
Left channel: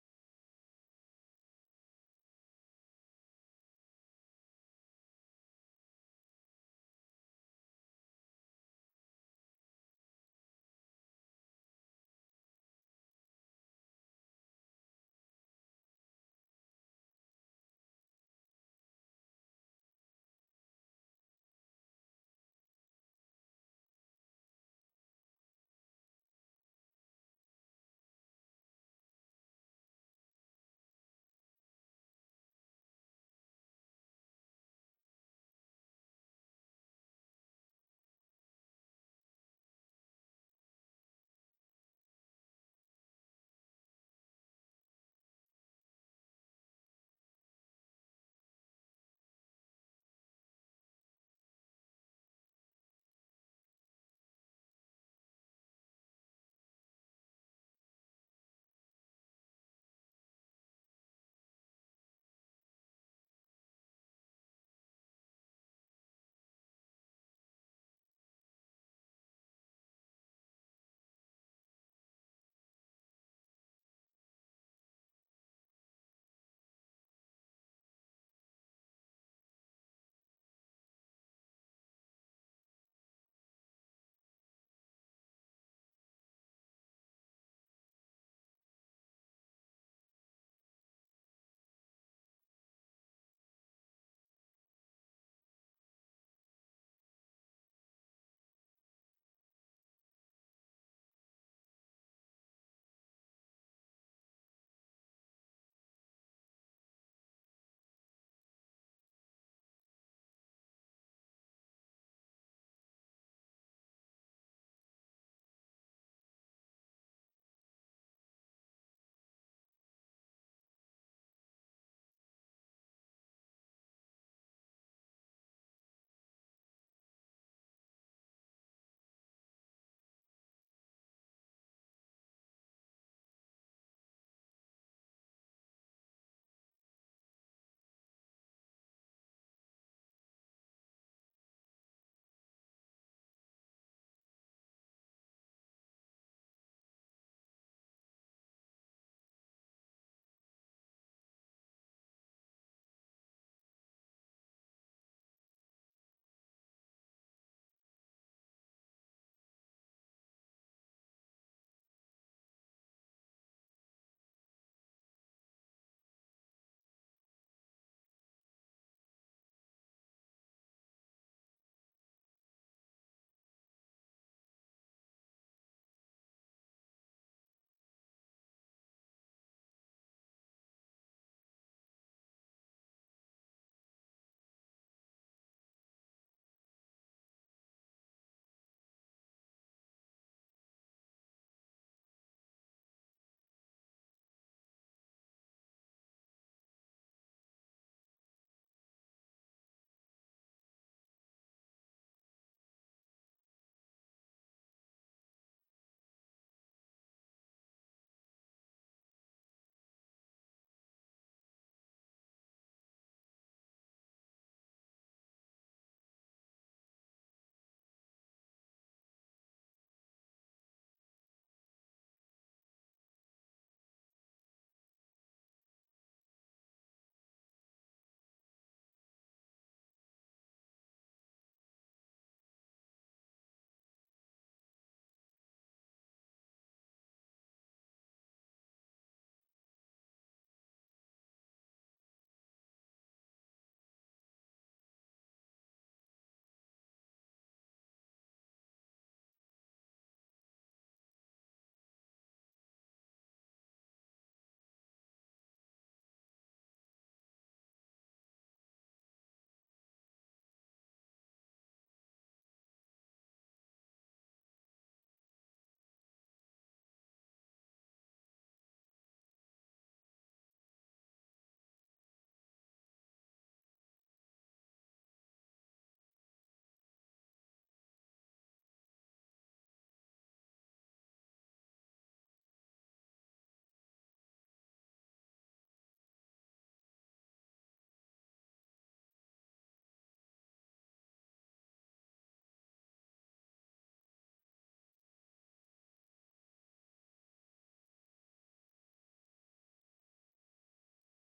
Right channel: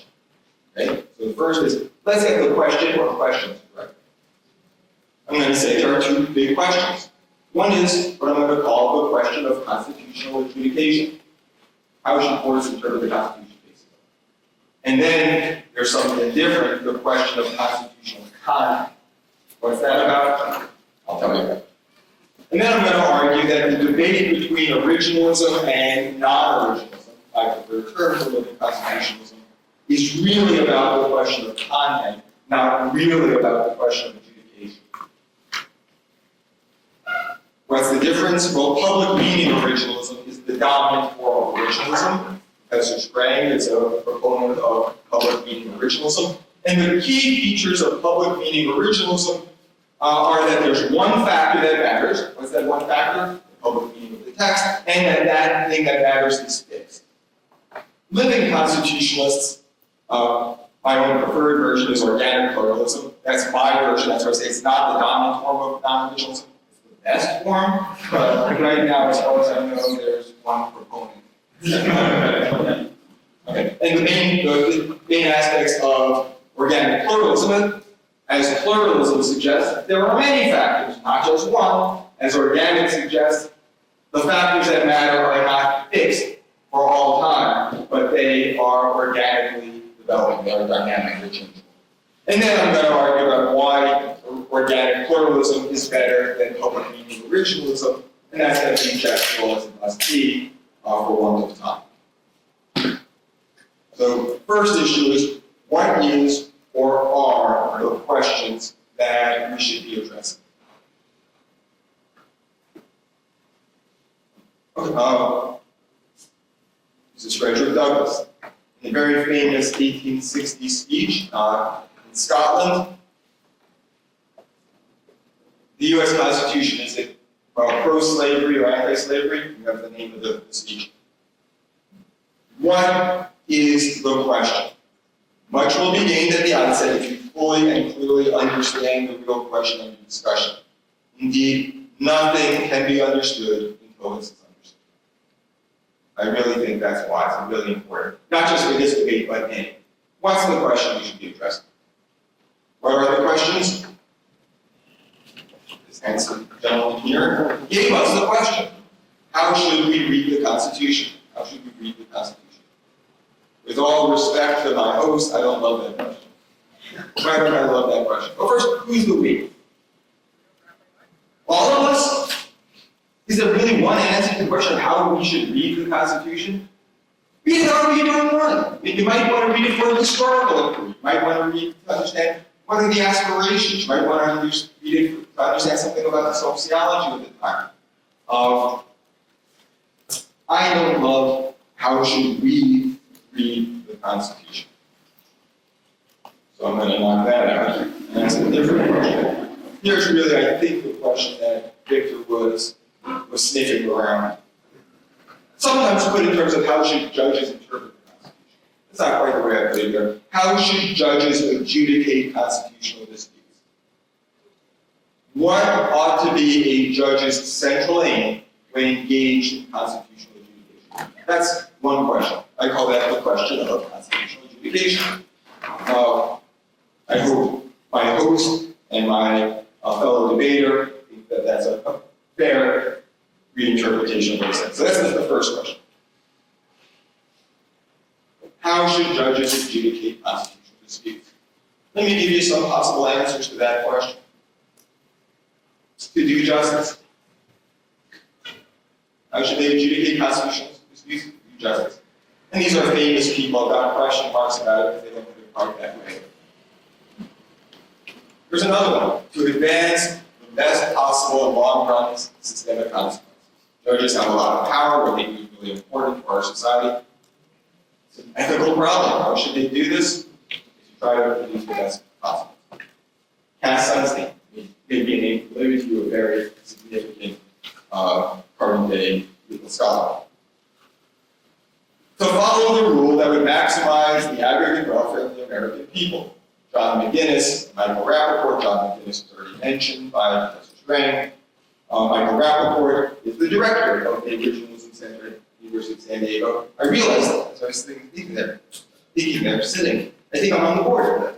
Okay? So the first is, let's get the question or questions right. I'm going to say there are two big questions. One is what I'm going to call the question of constitutional adjudication. How should courts interpret the Constitution? And then there's something different, the question of constitutional content. What's that about? I'll tell you about it. And then I'm going to argue that the debate between originalism and non-originalism, I prefer the term for living constitutionalism, is really about the question of content, not really about the question of adjudication. What's the difference? Well, public meaning originalism is the dominant form of originalism. Professor Strang is a proponent of public meaning originalism. And the key features of public meaning originalism are that there's one factor that matters. What's that one factor? The public meaning of the text. And that thing that matters is fixed. Living constitutionalists, my own preferred version is organic pluralism. That's my version. That's why I say it's not the dominant form of non-originalism. It's the best form. But right now, as far as I know, there's one proponent. Okay. And the main aspects of organic pluralism, as pluralism suggests, there are many factors, not just one. As organic suggests, the factors that matter are not fixed for all time, but they are organically developing, they are dynamically changeable. And then I'm going to argue about why organic pluralism is better than public meaning originalism, and that's going to be gestural as it must be for want of time. So first issue is, what is or are the questions that we should be addressing? Okay, this is Frederick Douglass. In a very famous 1860 speech in Scotland, the U.S. Constitution, is it pro-slavery or anti-slavery? You have the name of the speech. What is the question? Much will be gained at the outset if you fully and clearly understand the real question under discussion. Indeed, nothing can be understood until this is understood. I really think that's why it's really important. Not just for this debate, but any. What's the question we should be addressing? What are the questions? This handsome gentleman here gave us the question. How should we read the Constitution? How should we read the Constitution? With all respect to my host, I don't love that question. Why don't I love that question? Well, first, who's the we? All of us? Is there really one answer to the question of how we should read the Constitution? Read it however you don't want. You might want to read it for a historical inquiry. You might want to read it to understand what are the aspirations. You might want to read it to understand something about the sociology of the time. I don't love how should we read the Constitution. So I'm going to knock that out and ask a different question. Here's really, I think, the question that Victor was sniffing around. Sometimes put in terms of how should judges interpret the Constitution. That's not quite the way I put it there. How should judges adjudicate constitutional disputes? What ought to be a judge's central aim when engaged in constitutional adjudication? That's one question. I call that the question of constitutional adjudication. I hope my host and my fellow debater think that that's a fair reinterpretation of what he said. So that's the first question. How should judges adjudicate constitutional disputes? Let me give you some possible answers to that question. To do justice. How should they adjudicate constitutional disputes? To do justice. And these are famous people. I've got question marks about it because they don't put it quite that way. There's another one. To advance the best possible and long-run systemic consequences. Judges have a lot of power, what they do is really important for our society. It's an ethical problem. How should they do this? To try to produce the best possible. Cass Sunstein may be a name familiar to you, a very significant current-day legal scholar. To follow the rule that would maximize the aggregate welfare of the American people. John McGinnis, Michael Rappaport. John McGinnis was already mentioned by Professor Strang. Michael Rappaport is the director of the Originalism Center at the University of San Diego. I realized that as I was thinking there, sitting. I think I'm on the board of that.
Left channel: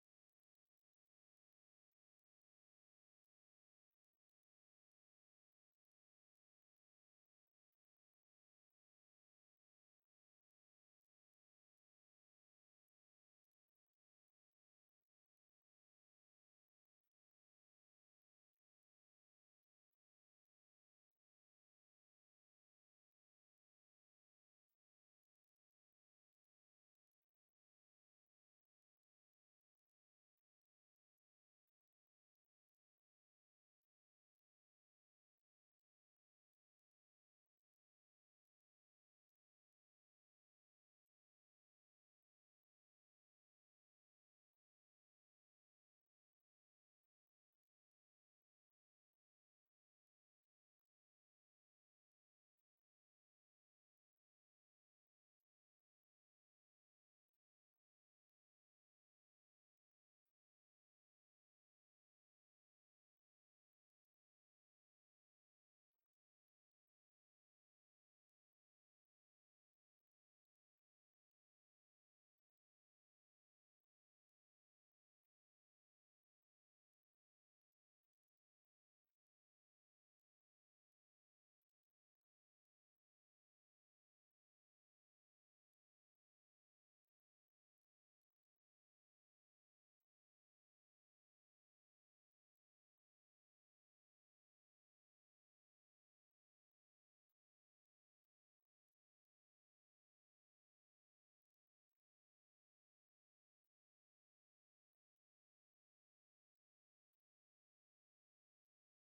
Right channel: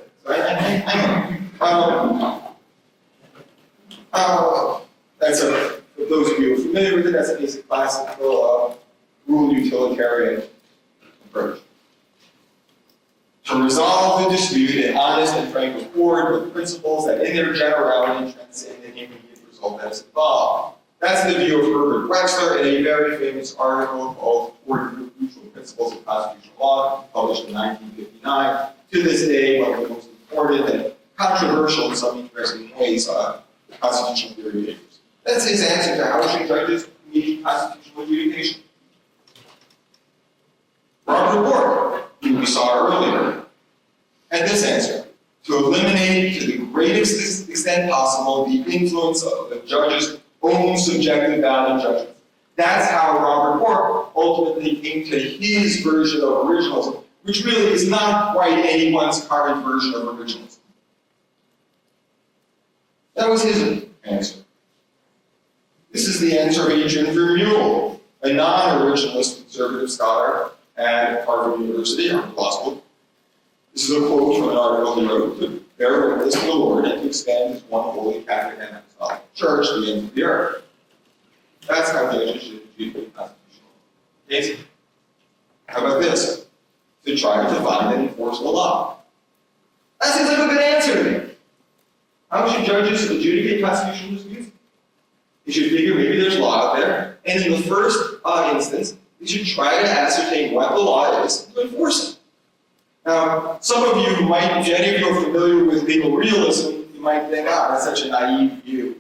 So that's for those of you who are familiar with it, that's a basic classical rule utilitarian approach. To resolve the dispute, an honest and frank accord with principles that in their generality transcend any immediate result that is involved. That's the view of Herbert Wexler in a very famous article called Crucial Principles of Constitutional Law, published in 1959. To this day, one of the most important and controversial in some interesting ways constitutional theory papers. That's his answer to how should judges engage constitutional adjudication. Robert Bork, who we saw earlier, had this answer: to eliminate to the greatest extent possible the influence of the judge's own subjective value judgment. That's how Robert Bork ultimately came to his version of originalism, which really is not quite anyone's current version of originalism. That was his answer. This is the answer of Adrian Vermeule, a non-originalist conservative scholar at Harvard University, Harvard Law School. This is a quote from an article he wrote. bear witness to the Lord and to expand His one holy Catholic and apostolic Church to the ends of the earth. That's how judges should adjudicate constitutional cases. How about this? To try to find and enforce the law. That seems like a good answer to me. How should judges adjudicate constitutional disputes? You should figure maybe there's law out there, and in the first instance, you should try to ascertain what the law is to enforce it. Now, some of you might, if any of you are familiar with legal realism, you might think, that's such a naive view.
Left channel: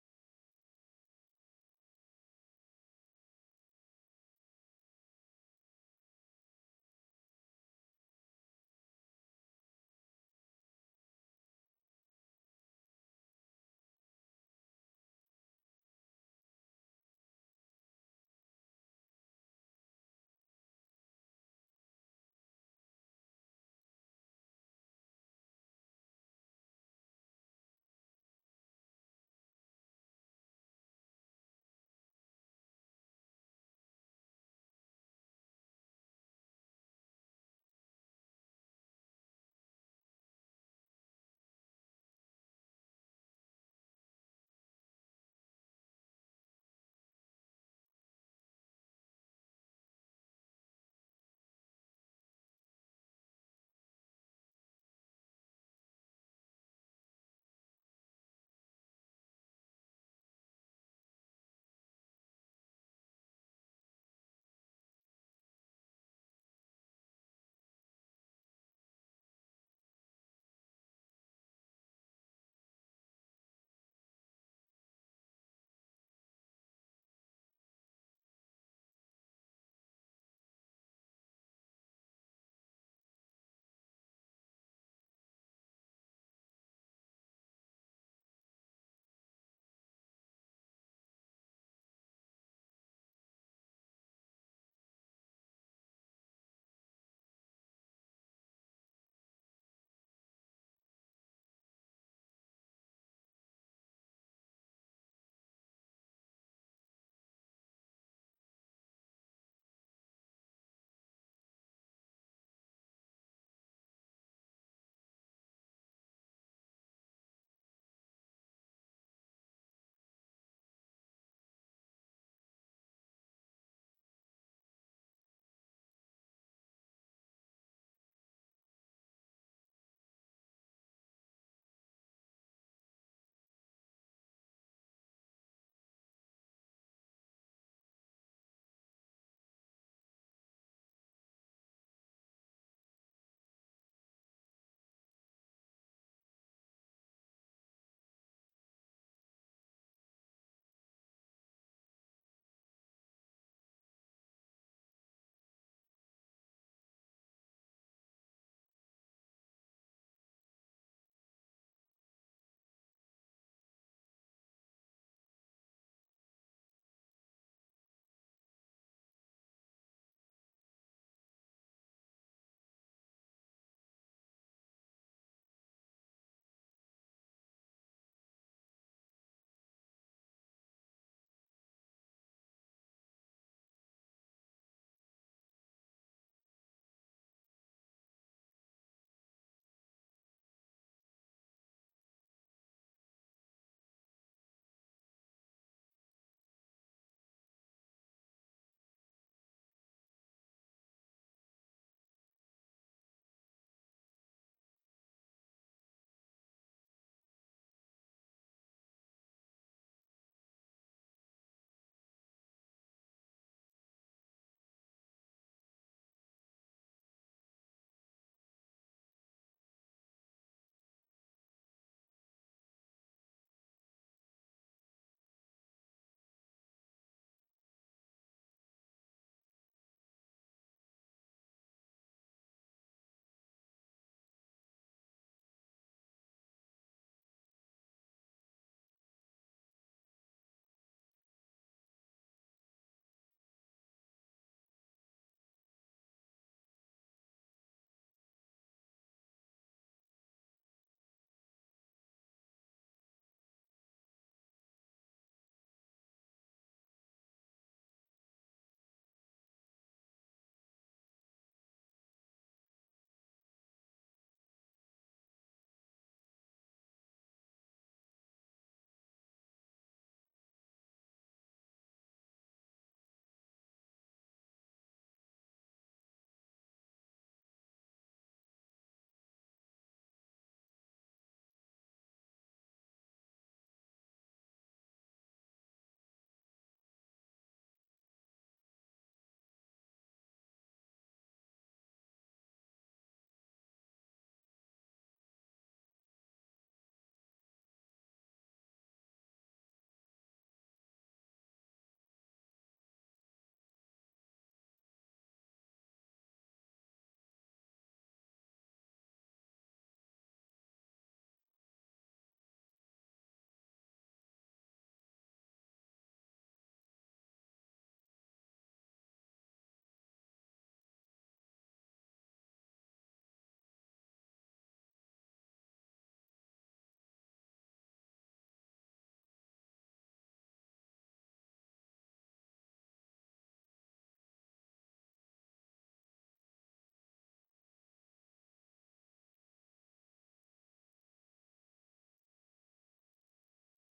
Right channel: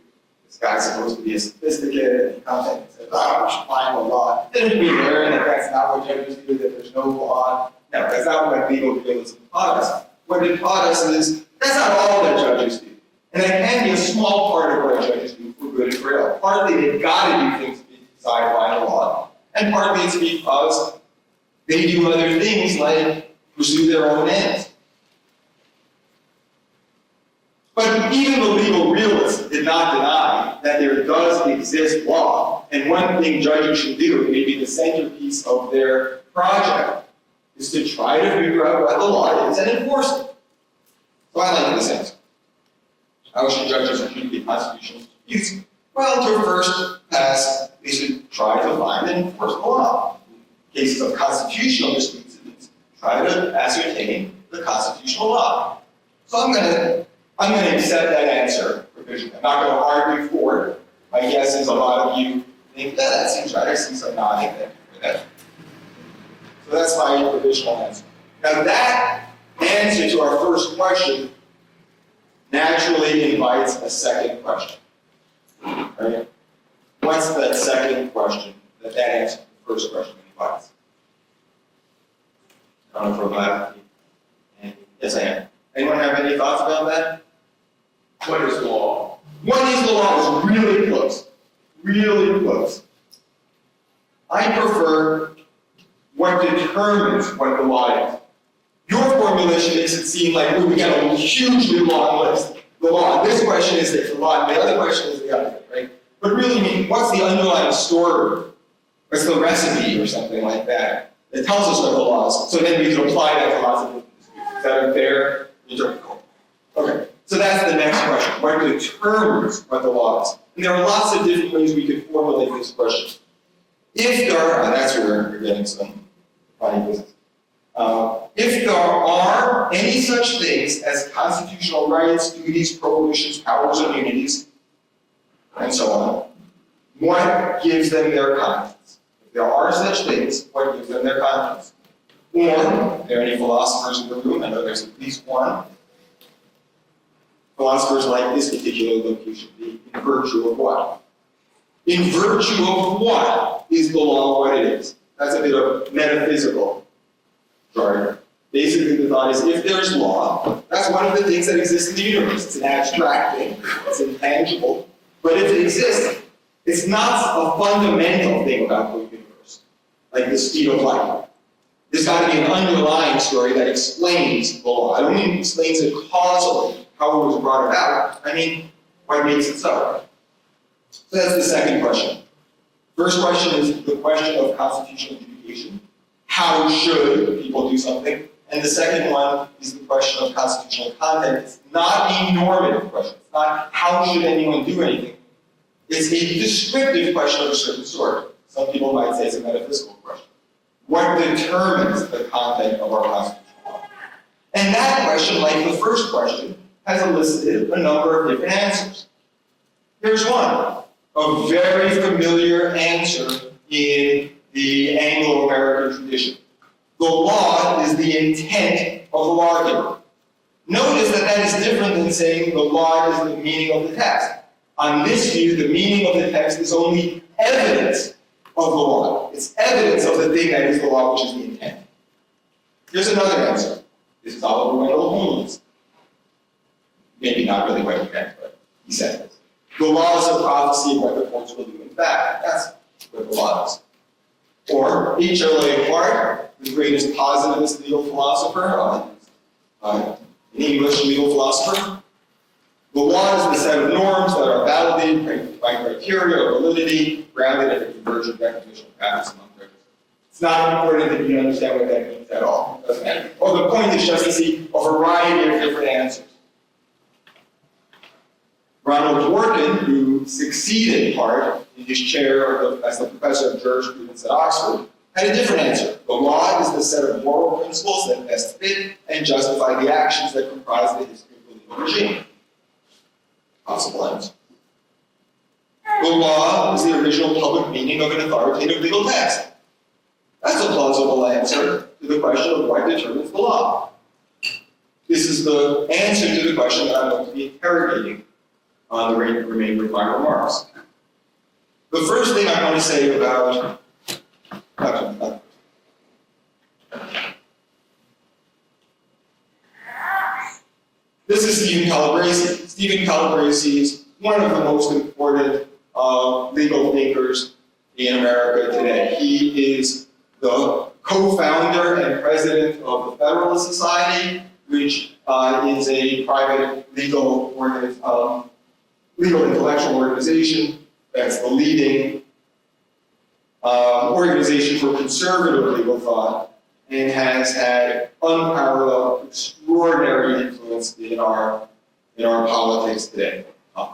This guy's supposed to be a sophisticated and come and says, we should find the law. Didn't we learn that that's not what judges do, that there's no law? No, that's not what legal realism taught us. What it taught us is, that's not all that judges do. And that can be a small part of what judges do for good and for ill. Partly they've got to do things to be decided by the law, and partly it's because they do other things like pursue their own ends. But even the legal realists did not deny that there does exist law, and one thing judges should do, maybe the centerpiece of their project, is to try to figure out what the law is and enforce it. So I like this answer. How should judges adjudicate constitutional disputes? Well, to first pass, they should try to find and enforce the law. In cases of constitutional disputes, try to ascertain the constitutional law. So I'm going to accept that answer provisionally. I'm not going to argue for it. My guess is a lot of you think, that seems right. I see some nodding there for that. So that's my provisional answer. Now that answer to our first question naturally invites a second question. Right? What's that second question that answer to the first question invites? I don't know for a yes, I am. Anyone have any thoughts about that? What is the law? What is the law is really close. Really close. I prefer what determines what the law is. Your formulation makes it seem like we got a hugely long list. The law. This question is the law, and the other question is the other, right? But really, I mean, what's the underlying story? What's the recipe or something like that? It tells us what the law is, so then we can apply that to lots of different disputes. Is that a fair interpretation? Okay, so that's the next question. What determines what the law is? And there are lots of different ways we could formulate this question. If there are, and that's where we're getting some funny business. If there are any such things as constitutional rights, duties, prohibitions, powers, immunities, and so on, what gives them their contents? If there are such things, what gives them their contents? Or, are there any philosophers in the room? I know there's at least one. Philosophers like this particular location, in virtue of what? In virtue of what is the law what it is? That's a bit of metaphysical jargon. Basically, the thought is if there's law, that's one of the things that exists in the universe. It's an abstract thing, it's intangible, but if it exists, it's not a fundamental thing about the universe, like the speed of light. There's got to be an underlying story that explains the law. I don't mean explains it causally, how it was brought about. I mean, what makes it so? So that's the second question. First question is the question of constitutional adjudication. How should people do something? And the second one is the question of constitutional content. It's not a normative question. It's not how should anyone do anything. It's a descriptive question of a certain sort. Some people might say it's a metaphysical question. What determines the content of our constitutional law? And that question, like the first question, has elicited a number of different answers. Here's one, a very familiar answer in the Anglo-American tradition. The law is the intent of the lawgiver. Notice that is different than saying the law is the meaning of the text. On this view, the meaning of the text is only evidence of the law. It's evidence of the thing that is the law, which is the intent. Here's another answer. This is Oliver Wendell Holmes. Maybe not really what he meant, but he said this. The law is a prophecy of what the courts will do in fact. That's what the law is. Or H.L.A. Hart, the greatest positivist legal philosopher, an English legal philosopher. The law is the set of norms that are validated by criteria of validity, grounded in a convergent recognition of practice among judges. It's not important that you understand what that means at all. It doesn't matter. Well, the point is just to see a variety of different answers. Ronald Dworkin, who succeeded in part in his chair as the professor of jurisprudence at Oxford, had a different answer. The law is the set of moral principles that best fit and justify the actions that comprise the history of the legal regime. Possible answer. The law is the original public meaning of an authoritative legal text. That's a plausible answer to the question of what determines the law. This is the answer to the question that I'm going to be interrogating on the remainder of my remarks. The first thing I want to say about this is Stephen Calabrese. Stephen Calabrese is one of the most important legal thinkers in America today. He is the co-founder and president of the Federalist Society, which is a private legal intellectual organization that's the leading organization for conservative legal thought and has had unparalleled, extraordinary influence in our politics today,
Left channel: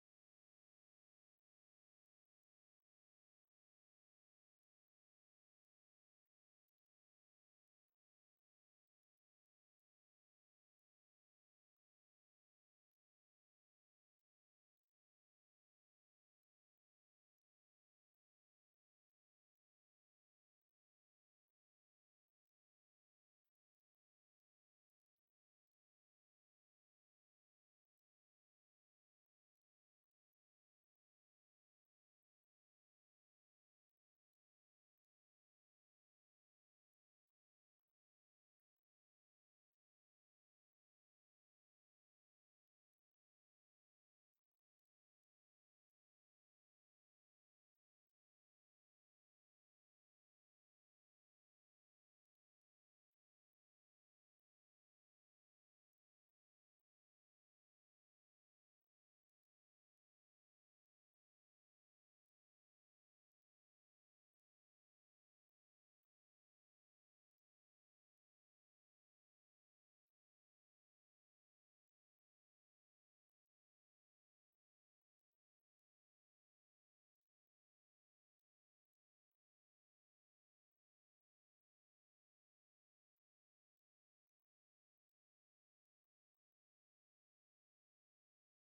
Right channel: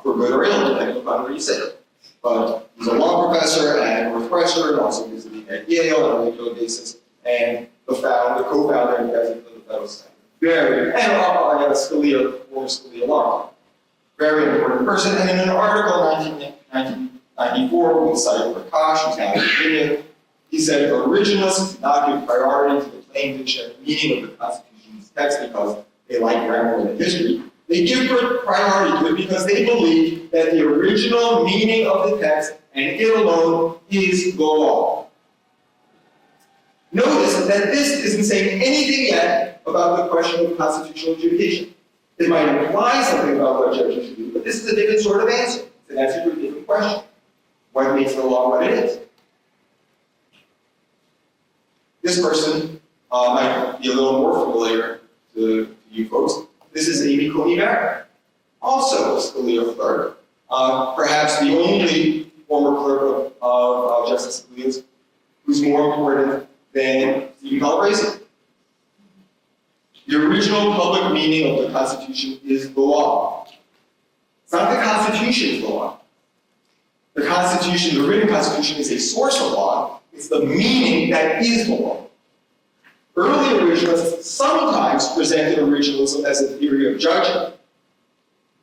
for good or ill, depending upon where you sit. But he's a law professor at Northwestern, also visiting at Yale on a regular basis, and the co-founder and president of the Federalist Society. And Scalia, former Scalia law. Very important person. And in an article in 1994 with Said Prakash, who's now in Virginia, he said, originalists do not give priority to the plain dictionary meaning of the Constitution's text because they like grammar and history. They give priority to it because they believe that the original meaning of the text, and it alone, is the law. Notice that this isn't saying anything yet about the question of constitutional adjudication. It might imply something about what judges should do, but this is a different sort of answer. It's an answer to a different question. What makes the law what it is? This person might be a little more familiar to you folks. This is Amy Coney Barrett, also a Scalia clerk, perhaps the only former clerk of Justice Scalia's who's more important than Stephen Calabrese. The original public meaning of the Constitution is the law. It's not the Constitution is the law. The Constitution, the written Constitution, is a source of law. It's the meaning that is the law. Early originalists sometimes presented originalism as a theory of judgment,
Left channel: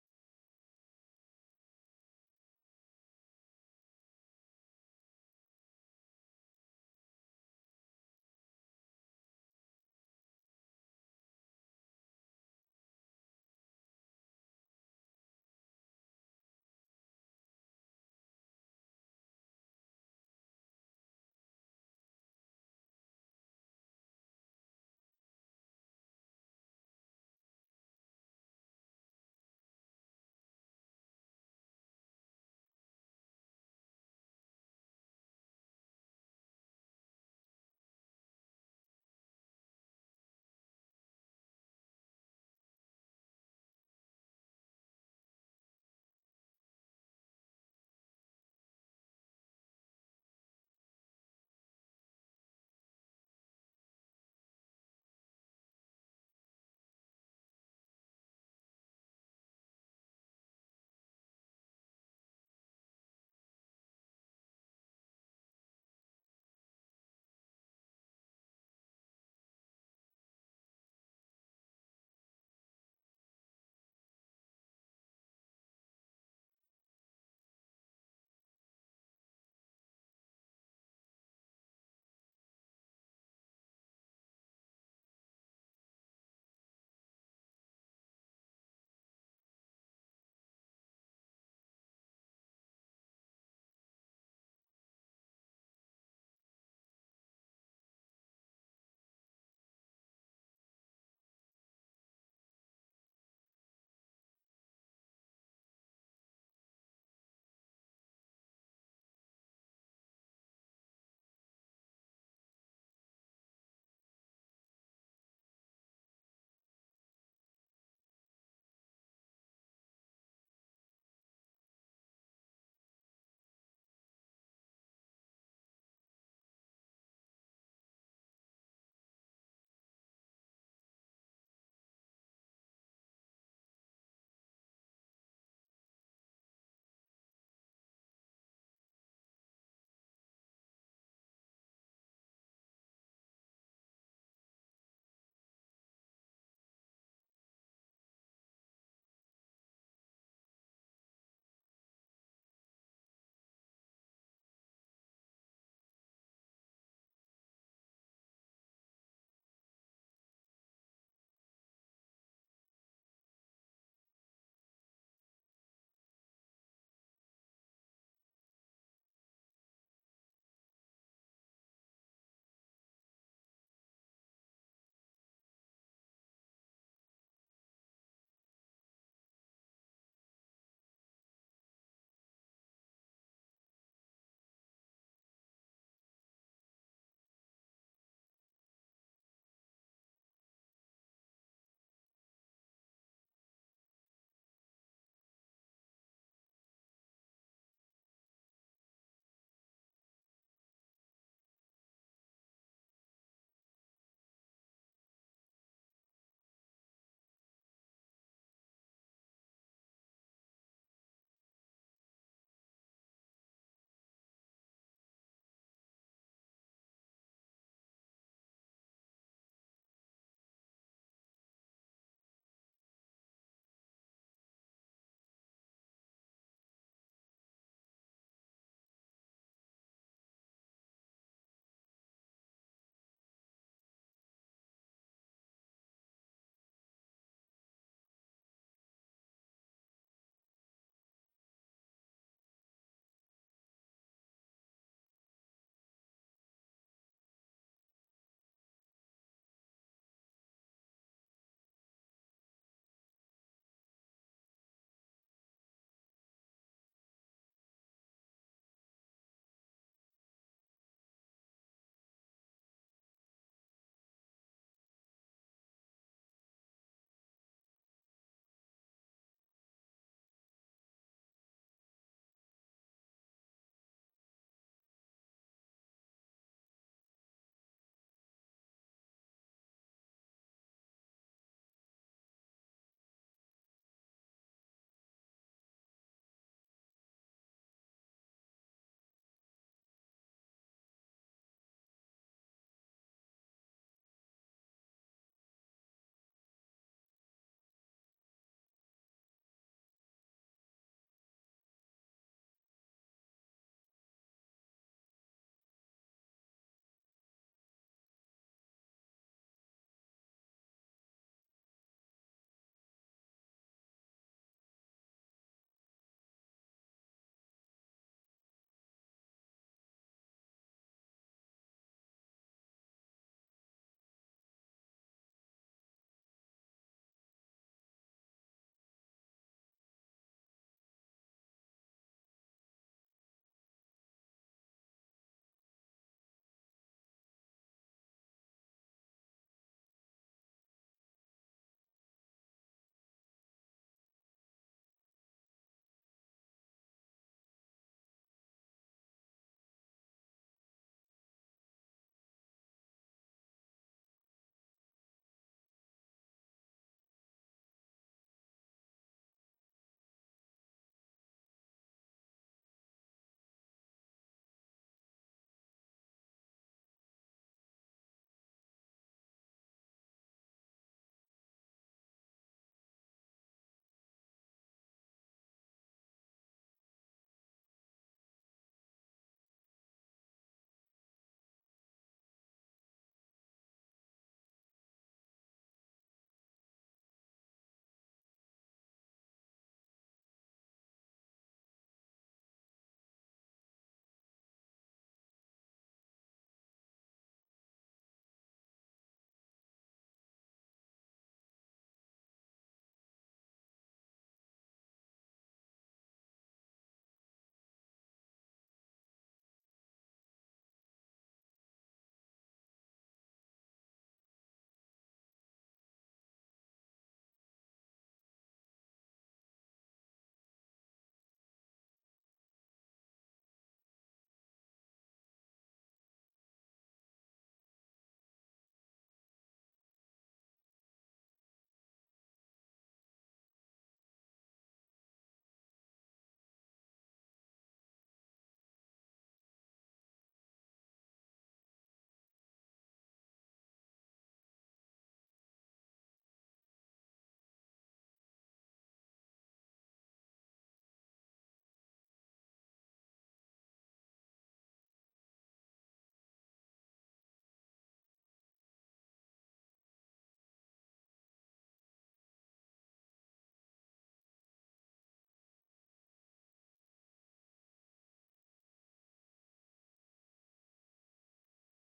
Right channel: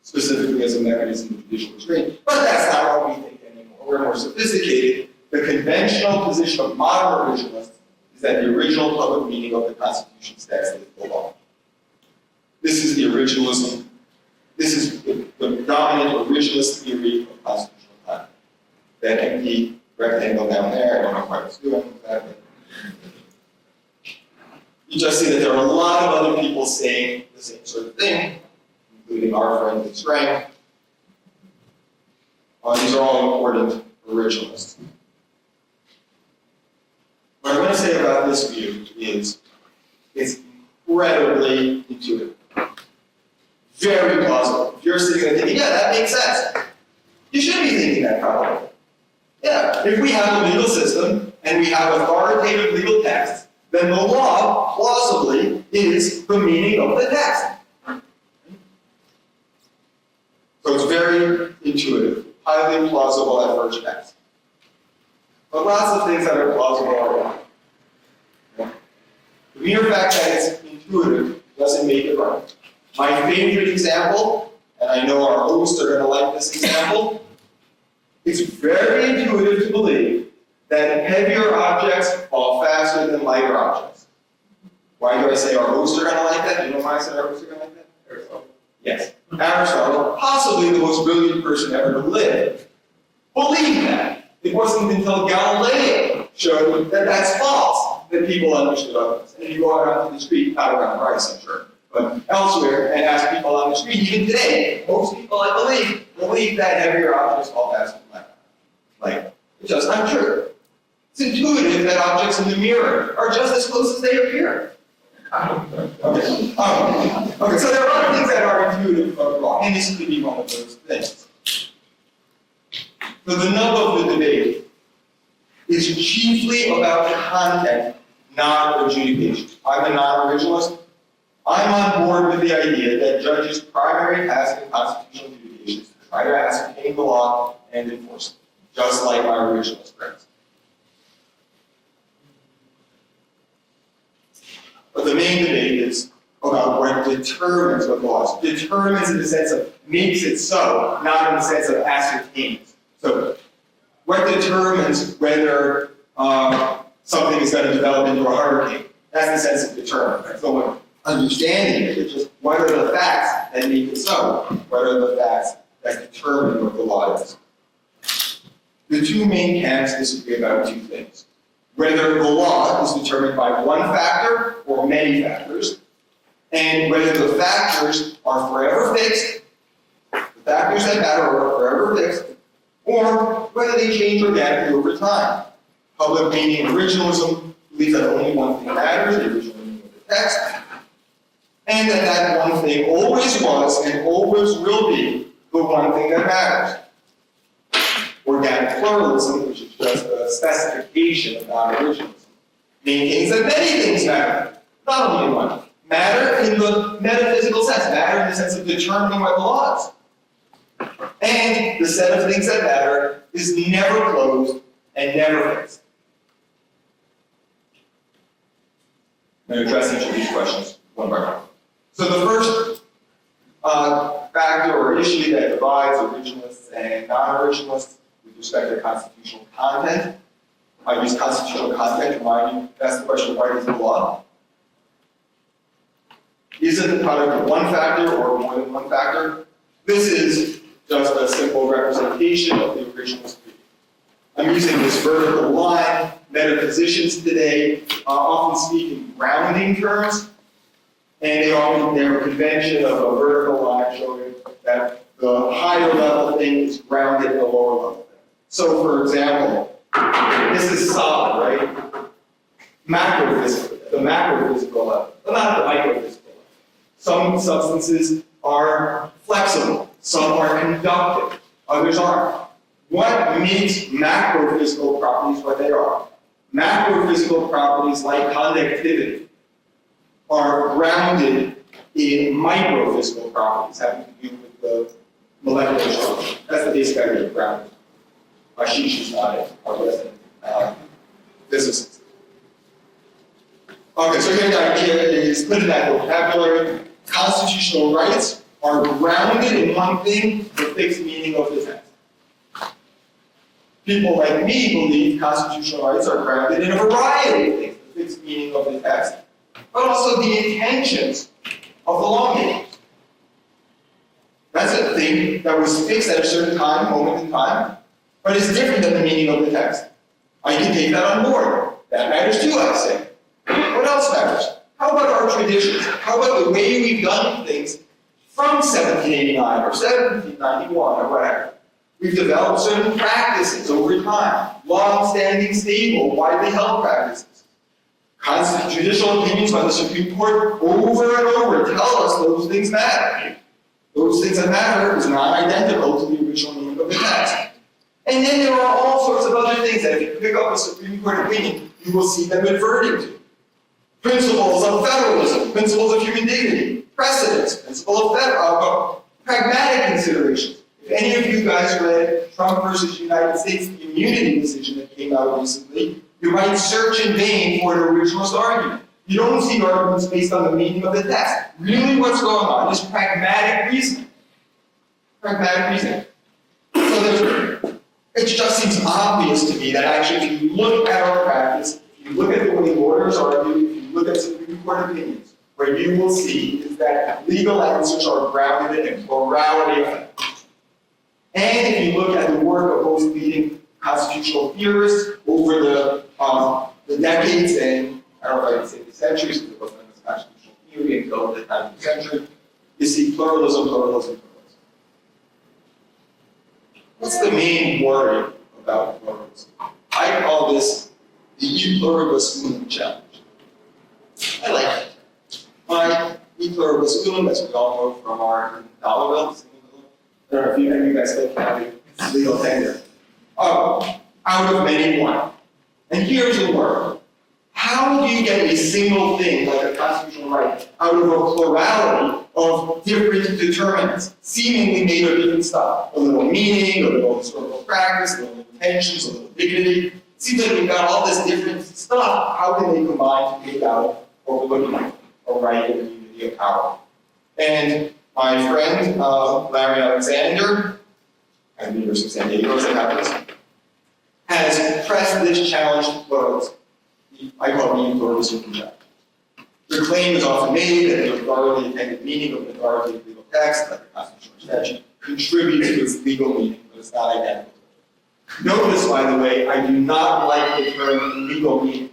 specifically as a mechanism of judicial restraint. But that's not how we think anymore. We're more sophisticated. The conventional position of modern originalists is that the original public meaning of the Constitution's text is the law. This is the originalism. This is the dominant originalist theory of constitutional time. That empty rectangle down there, I don't know quite what's doing with that, but you just see that there are a lot of other people saying the same sort of thing, including our friend Strang. These are all important originalists. What I'm going to say about this view is it's incredibly intuitive. Very plausible. If you're sitting there thinking, yeah, that makes sense. You should be thinking that probably. Yeah, if we have a legal system and we have authoritative legal texts, then the law, plausibly, is the meaning of the text. So it's very intuitive, highly plausible at first glance. But lots of things that are plausible are wrong. The mere fact that it's intuitive doesn't make it right. My favorite example, and I know our hosts are going to like this example, it's very intuitive to believe that heavier objects fall faster than lighter objects. Why do I say our hosts are going to like that? Do you know why I said our hosts are going to like that? Aristotle. Yes. Aristotle, possibly the most brilliant person ever to live, believed that. It wasn't until Galileo showed that that's false that people understood others. And if you go out onto the street, not around Paris, I'm sure, but elsewhere, and ask people on the street, even today, most people, I believe that heavier objects fall faster than lighter. Like, it's just not true. It's intuitive that objects in the mirror are just as close as they appear. Okay, so there are other things that are intuitive but wrong, and this could be one of those things. So the nub of the debate is chiefly about content, not adjudication. I'm a non-originalist. I'm on board with the idea that judges' primary task in constitutional adjudication is to try to ascertain the law and enforce it, just like my originalist friends. But the main debate is about what determines what law is. Determines in the sense of makes it so, not in the sense of ascertains. So what determines whether something is going to develop into a hurricane? That's the sense of determine. Right? So what understanding it is just what are the facts that make it so? What are the facts that determine what the law is? The two main camps disagree about two things. Whether the law is determined by one factor or many factors, and whether the factors are forever fixed, the factors that matter are forever fixed, or whether they change organically over time. Public meaning originalism believes that only one thing matters, the original meaning of the text, and that that one thing always was and always will be the one thing that matters. Organic pluralism, which is just a specification of non-originalism, maintains that many things matter, not only one. Matter in the metaphysical sense, matter in the sense of determining what the law is. And the set of things that matter is never closed and never fixed. I'm going to address each of these questions one by one. So the first factor or issue that divides originalists and non-originalists with respect to constitutional content. I use constitutional content to remind you, that's the question, what is the law? Is it the product of one factor or more than one factor? This is just a simple representation of the originalist view. I'm using this vertical line. Metaphysicians today often speak in grounding terms, and they often have a convention of a vertical line showing that the higher level thing is grounded in the lower level thing. So, for example, this is solid, right? Macrophysical, the macrophysical level, but not the microphysical level. Some substances are flexible, some are conductive, others aren't. What makes macrophysical properties what they are? Macrophysical properties like conductivity are grounded in microphysical properties having to do with the molecular structure. That's the basic idea of grounding. Ashish is not our resident physicist. Okay, so here the idea is, put in that vocabulary, constitutional rights are grounded in one thing, the fixed meaning of the text. People like me believe constitutional rights are grounded in a variety of things, the fixed meaning of the text, but also the intentions of the lawmakers. That's a thing that was fixed at a certain time, moment in time, but it's different than the meaning of the text. I can take that on board. That matters too, I say. What else matters? How about our traditions? How about the way we've done things from 1789 or 1791 or whatever? We've developed certain practices over time, long-standing, stable, widely held practices. Constant judicial opinions by the Supreme Court over and over tell us those things matter. Those things that matter is not identical to the original meaning of the text. And then there are all sorts of other things that if you pick up a Supreme Court opinion, you will see them adverting to. Principles of federalism, principles of human dignity, precedents, principle of pragmatic considerations. If any of you guys read Trump versus United States, the immunity decision that came out recently, you might search in vain for an originalist argument. You don't see arguments based on the meaning of the text. Really what's going on is pragmatic reasoning. Pragmatic reasoning. So it just seems obvious to me that actually if you look at our practice, if you look at the way lawyers argue, if you look at Supreme Court opinions, what you will see is that legal answers are grounded in a plurality of factors. And if you look at the work of those leading constitutional theorists over the decades and, I don't know if I can say the centuries, because it wasn't a constitutional theory until the 19th century, you see pluralism, pluralism, pluralism. What's the main worry about pluralism? I call this the e pluribus unum challenge. I like it. My e pluribus unum, as we all know from our dollar bills, I don't know if any of you guys still carry legal tender. Out of many one. And here's the word. how do you get a single thing, like a constitutional right, out of a plurality of different determinants, seemingly made of different stuff? A little meaning, a little historical practice, a little intentions, a little dignity. It seems like we've got all this different stuff. How can they combine to make out what we're looking at, a right and a unity of power? And my friend, Larry Alexander, at the University of San Diego, as it happens, has pressed this challenge what I call the authority conjecture. The claim is often made that the authority intended meaning of an authoritative legal text, like a constitutional statute, contributes to its legal meaning, but it's not identical. Notice, by the way, I do not like the term legal meaning.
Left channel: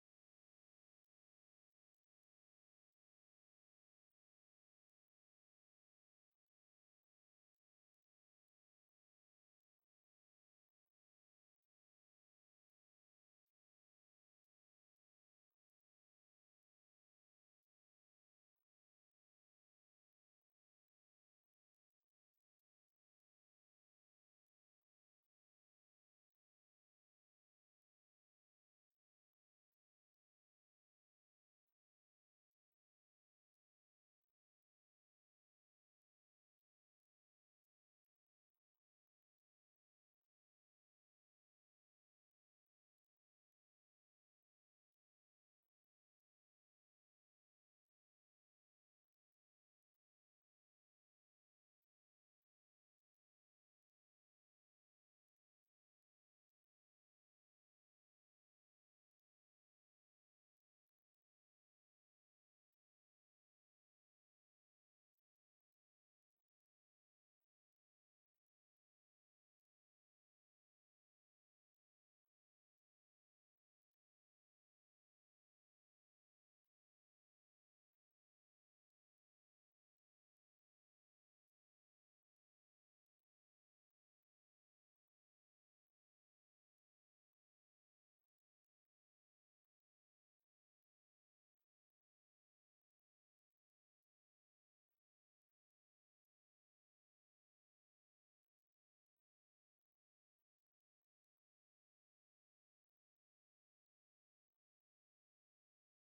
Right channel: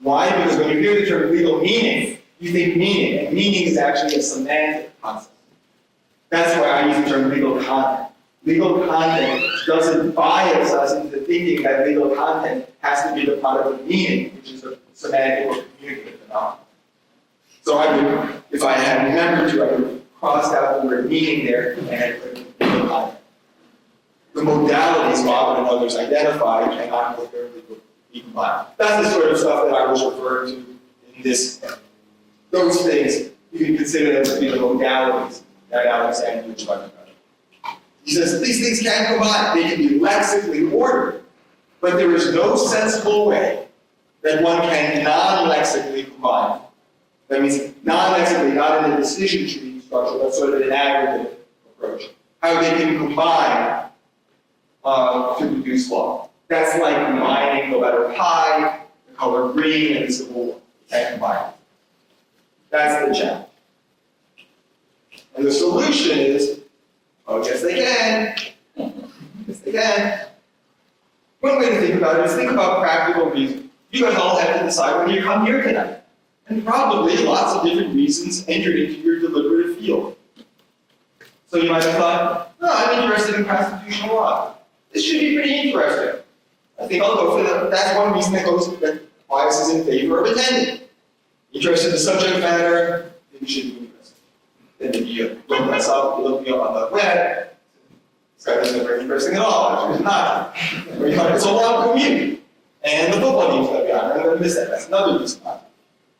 Why? Because when you hear the term legal meaning, you think meaning, and meaning is actually a semantic concept. That's why I use the term legal content. Legal content doesn't bias us into thinking that legal content has to be the product of meaning, which is a semantic or communicative phenomenon. So I would, if I had remembered to, I would have crossed out the word meaning there and had put legal content. The modalities Bob and others identify cannot coherently be combined. That's the sort of stuff that I was referring to in this. Those things, you can consider them to be the modalities that Alexander was talking about. He says these things can combine. They can be lexically ordered, but there is no sensible way that one can non-lexically combine. That means non-lexically, not in a decision tree structure, but sort of an aggregate approach. How they can combine to produce law. That's like combining the letter pi, the color green, and the Civil War. Can't combine. That's the challenge. And the solution is, oh, yes they can. Yes they can. One way to think about it is think about practical reasons. You guys all have to decide whether you come here tonight. And probably lots of different reasons entered into your deliberative field. So you might have thought, no, I'm interested in constitutional law. This should be pretty interesting. I think I'll go for that. That's one reason that biases in favor of attending. Interested in the subject matter, then you should be interested. Then if you look this up, you look me up on the web, this guy doesn't look very interesting at all, actually it's not. Or you find it's a long commute, and the football game's going to be on, I'm going to miss that. That's another reason not.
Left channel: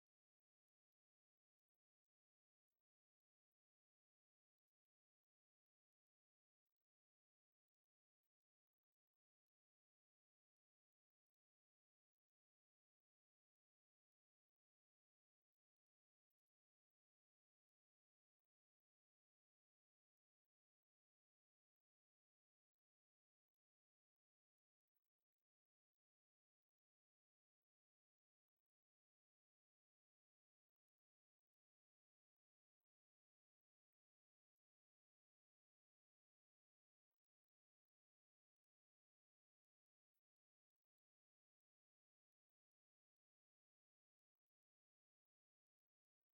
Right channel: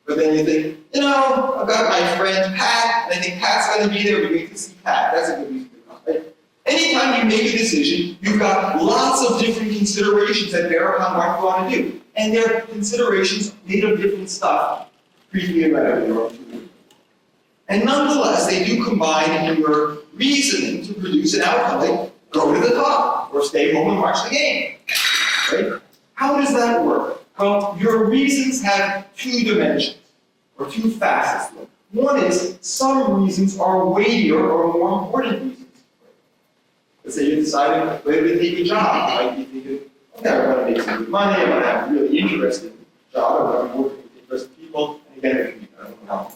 But then you think, you know, I've got my friend Pat, and I think Pat's going to be there, we need to see Pat. That's a good reason to come, right? Anytime you make a decision, you've got lots of different considerations that bear upon what you want to do. And they're considerations made of different stuff, briefly and readily. And nonetheless, they do combine in your reasoning to produce an outcome like go to the top or stay home and watch the game. Right? How does that work? Well, your reasons have two dimensions, or two facets. One is some reasons are weightier or more important reasons. Let's say you're deciding whether to take a job. You might be thinking, okay, I want to make some good money, I want to have a really interesting job, I want to be working with interesting people, and again, it can be kind of how.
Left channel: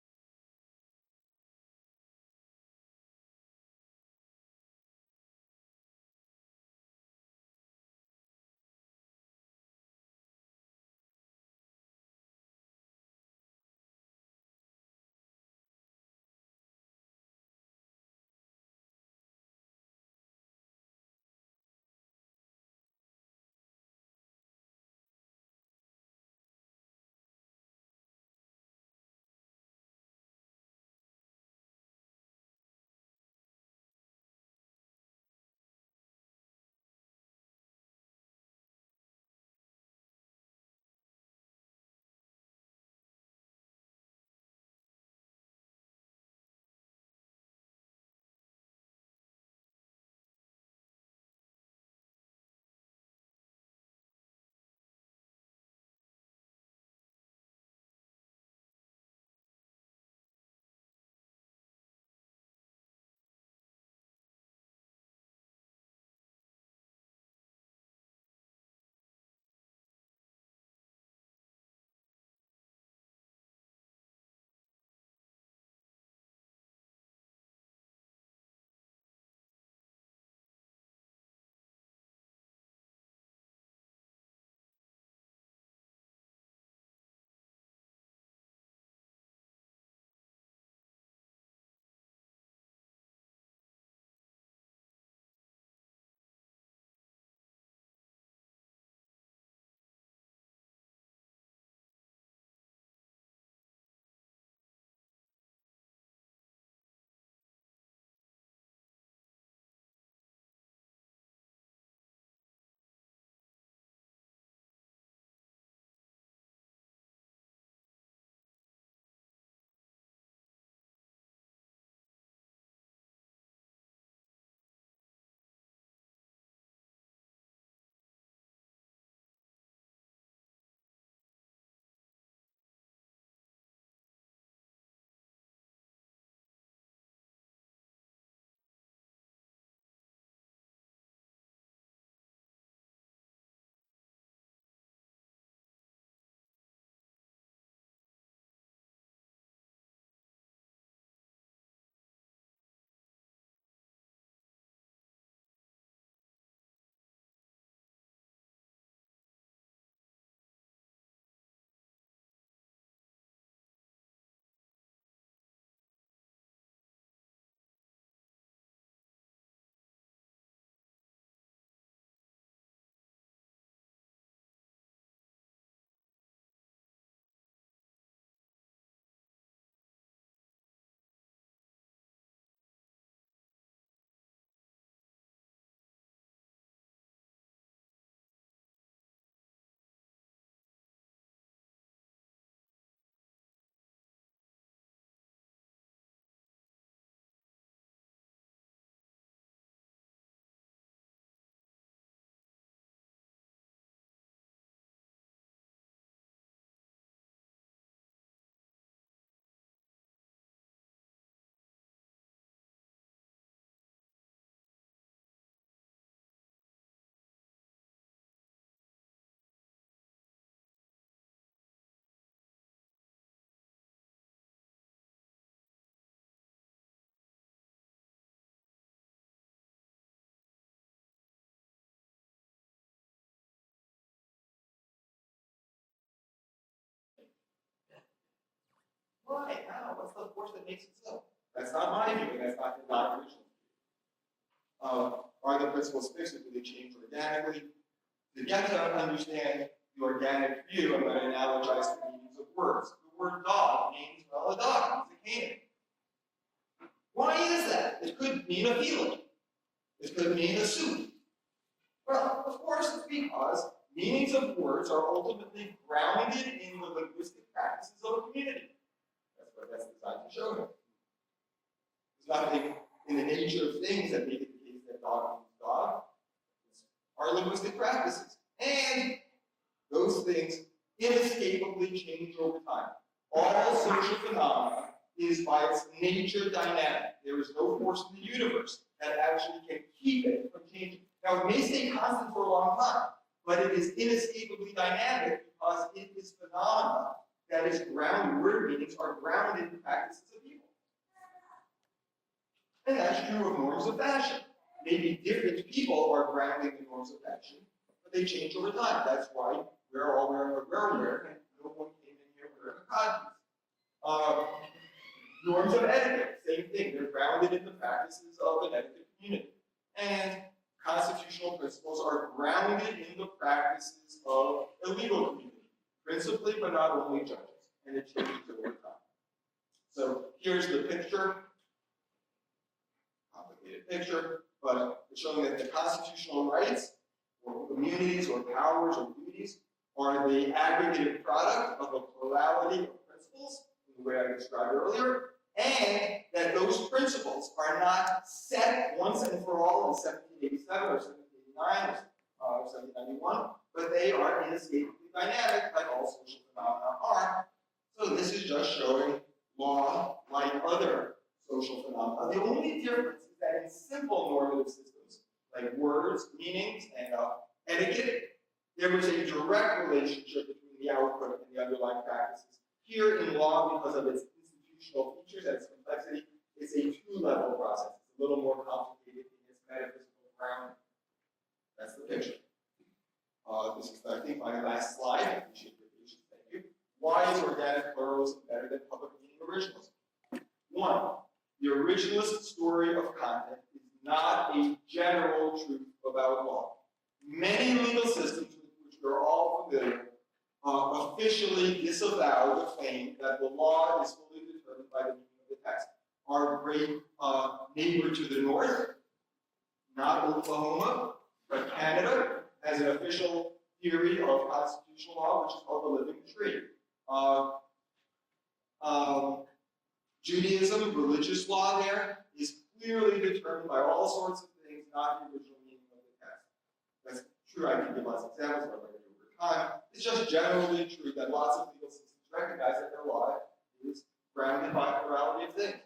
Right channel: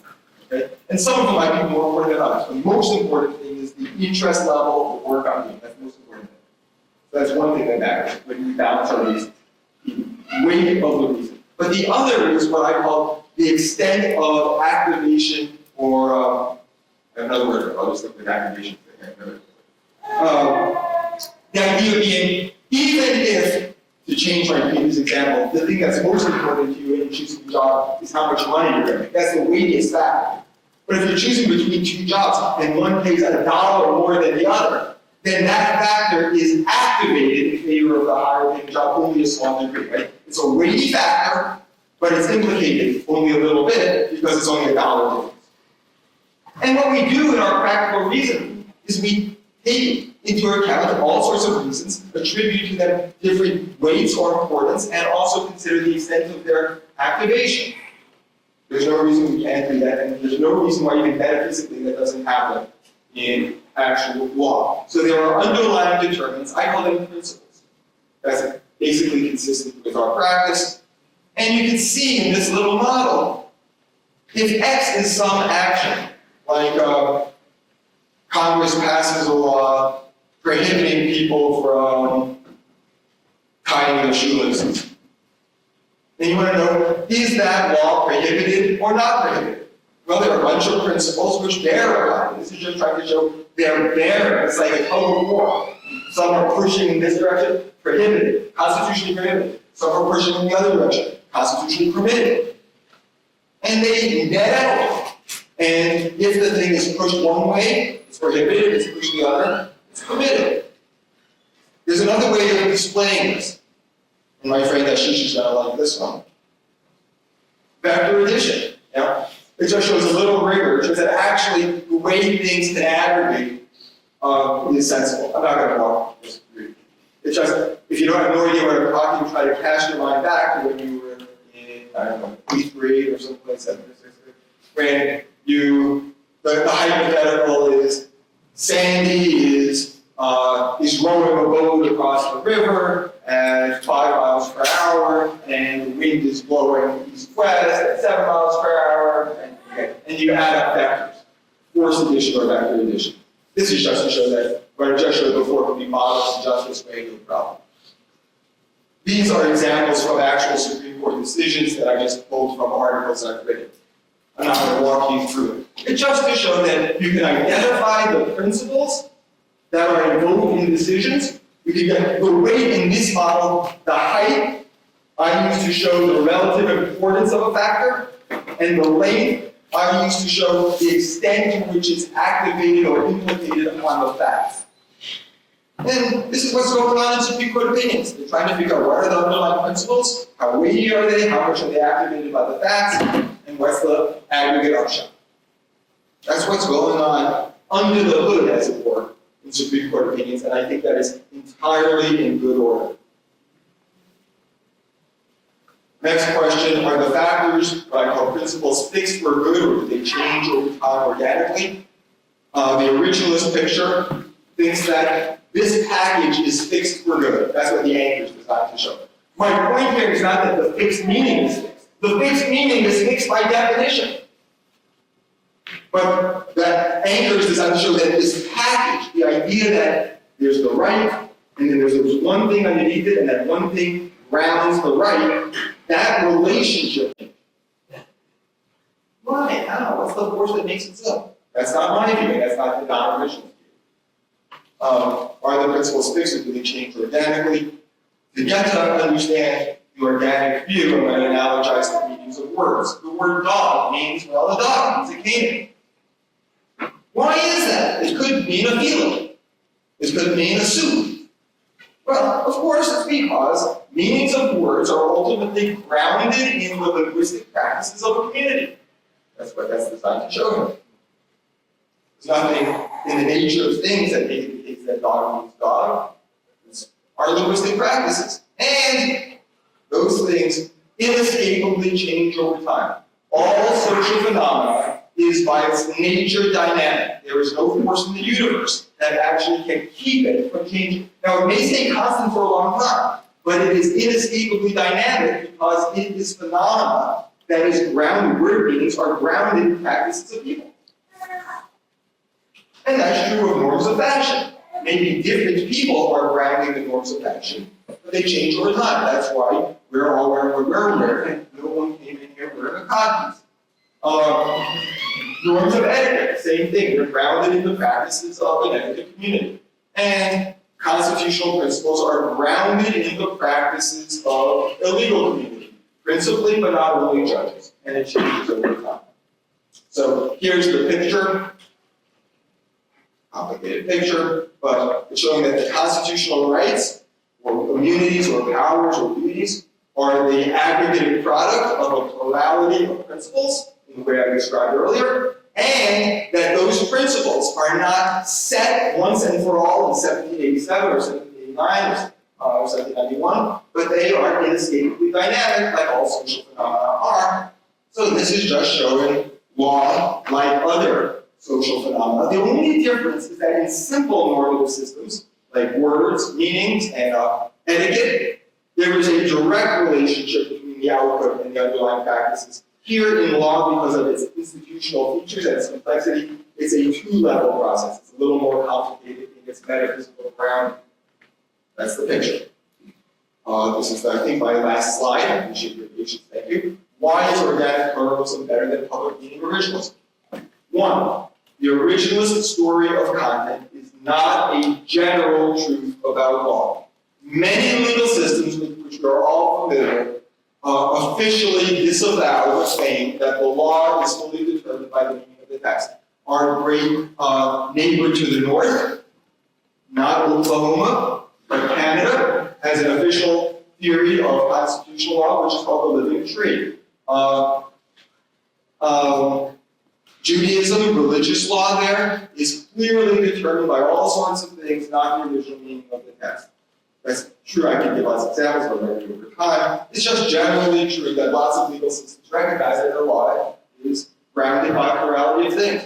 Okay? And some of them might be more important than others. The most important thing is the interest level of the work I'm doing. That's the most important thing. So that's one thing that matters when we balance our reasons. The weight of the reason. But the other is what I call the extent of activation, or another word, I'll just look at activation. The idea being, even if, to change my previous example, the thing that's most important to you in choosing a job is how much money you're earning. That's the weightiest factor. But if you're choosing between two jobs and one pays $1 more than the other, then that factor is activated in favor of the higher paying job only a small degree, right? It's a weighty factor, but it's implicated only a little bit because it's only $1 difference. And what we do in our practical reasoning is we take into account all sorts of reasons, attribute to them different weights or importance, and also consider the extent of their activation. There's no reason we can't do that, and there's no reason why even metaphysically that doesn't happen in actual law. So there are underlying determinants, I call them principles. That's basically consistent with our practice. And you can see in this little model, if X is some action, like Congress passes a law prohibiting people from tying their shoelaces. Then you want to know, is that law prohibited or not prohibited? Well, there are a bunch of principles which bear upon it. This is just trying to show they're there. It's like a tug of war. Some are pushing in this direction, prohibited, constitutionally prohibited. Some are pushing in the other direction, constitutionally permitted. and they net out. And if the thing is pushed one way, it's prohibited. If it's pushed the other, it's permitted. There's another way of displaying this. And my friend Ashish is going to like this one. Vector addition. Yeah? It just shows a little rigor. It shows that actually the way things can aggregate is sensible. I'm not going to walk this through. It's just, if you don't have no idea what I'm talking, try to cast your mind back to when you were in, I don't know, 8th grade or someplace, 7th or 6th grade, when the hypothetical is Sandy is rowing a boat across the river at 5 miles per hour, and the wind is blowing east-west at 7 miles per hour, and you add up vectors, force addition or vector addition. This is just to show that what I just showed before can be modeled in just this way, no problem. These are examples from actual Supreme Court decisions that I just pulled from articles I've written. I'm not going to walk you through it. It's just to show that you can identify the principles that are invoked in decisions. We can get the weight in this model, the height I use to show the relative importance of a factor, and the length I use to show the extent to which it's activated or implicated upon the facts. And this is what's going on in Supreme Court opinions. They're trying to figure out what are the underlying principles, how weighty are they, how much are they activated by the facts, and what's the aggregate upshot. That's what's going on under the hood, as it were, in Supreme Court opinions, and I think that is entirely in good order. Next question, are the factors, what I call principles, fixed for good, or do they change over time organically? The originalist picture thinks that this package is fixed for good. That's what the anchor is designed to show. My point here is not that the fixed meaning is fixed. The fixed meaning is fixed by definition. But that anchor is designed to show that this package, the idea that there's the right, and then there's one thing underneath it, and that one thing grounds the right, that relationship. Why? How? What's the force that makes it so? That's not my view, that's not the non-original view. Are the principles fixed, or do they change organically? To get to understand the organic view, I'm going to analogize the meanings of words. The word dog means, well, a dog means a canine. Why is that? It could mean a feeling. It could mean a suit. Well, of course, it's because meanings of words are ultimately grounded in the linguistic practices of a community. That's what that's designed to show you. There's nothing in the nature of things that indicates that dog means dog. It's our linguistic practices. And those things inescapably change over time. All social phenomena is by its nature dynamic. There is no force in the universe that actually can keep it from changing. Now, it may stay constant for a long time, but it is inescapably dynamic because it is phenomena that is grounded, word meanings are grounded in practices of people. And that's true of norms of fashion. Maybe different people are grounding the norms of fashion, but they change over time. That's why we're all wearing what we're wearing, and no one came in here wearing a codpiece. Norms of etiquette, same thing. They're grounded in the practices of an etiquette community. And constitutional principles are grounded in the practices of a legal community, principally, but not only judges. And it changes over time. So here's the picture. Complicated picture, but it's showing that the constitutional rights, or immunities, or powers, or duties, are the aggregated product of a plurality of principles, in the way I described earlier, and that those principles are not set once and for all in 1787 or 1789 or 1791, but they are inescapably dynamic, like all social phenomena are. So this is just showing law, like other social phenomena. The only difference is that in simple normative systems, like words, meanings, and etiquette, there is a direct relationship between the output and the underlying practices. Here in law, because of its institutional features and its complexity, it's a two-level process. It's a little more complicated in its metaphysical grounding. That's the picture. This is, I think, my last slide. I appreciate your patience. Thank you. Why is organic pluralism better than public meaning originalism? One, the originalist story of content is not a general truth about law. Many legal systems with which we are all familiar officially disavow the claim that the law is fully determined by the meaning of the text. Our great neighbor to the north, not Oklahoma, but Canada, has an official theory of constitutional law, which is called the living tree. Judaism, religious law there, is clearly determined by all sorts of things, not the original meaning of the text. That's true, I can give lots of examples, but I'm going to do it over time. It's just generally true that lots of legal systems recognize that the law is grounded by plurality of things.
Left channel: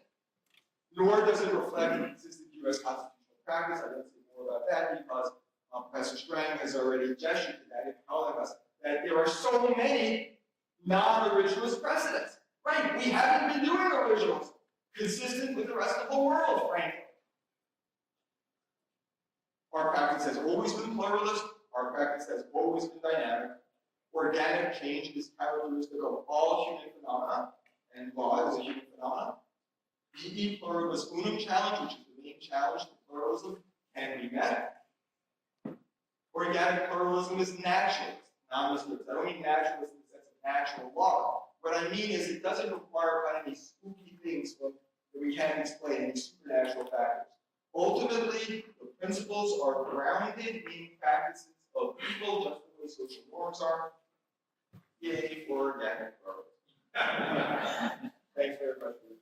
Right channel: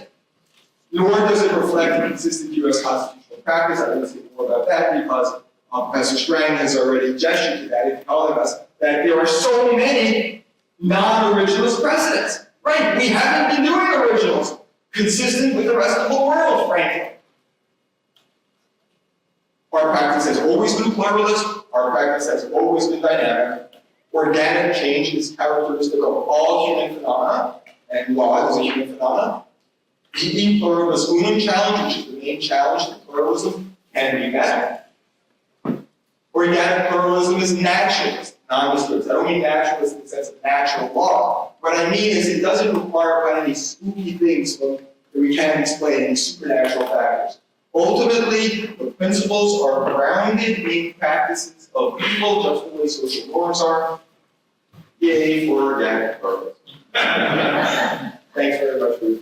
Nor does it reflect consistent U.S. constitutional practice. I will say more about that because Professor Strang has already gestured to that in telling us that there are so many non-originalist precedents. Right, we haven't been doing originals consistent with the rest of the world, frankly. Our practice has always been pluralist. Our practice has always been dynamic. Organic change is characteristic of all human phenomena, and law is a human phenomenon. The pluribus unum challenge, which is the main challenge to pluralism, can be met. Organic pluralism is naturalist, non-descriptive. I don't mean naturalist in the sense of natural law. What I mean is it doesn't require any spooky things that we can't explain, any supernatural factors. Ultimately, the principles are grounded in practices of people, just the way social norms are. Yay for organic pluralism. Thanks very much for your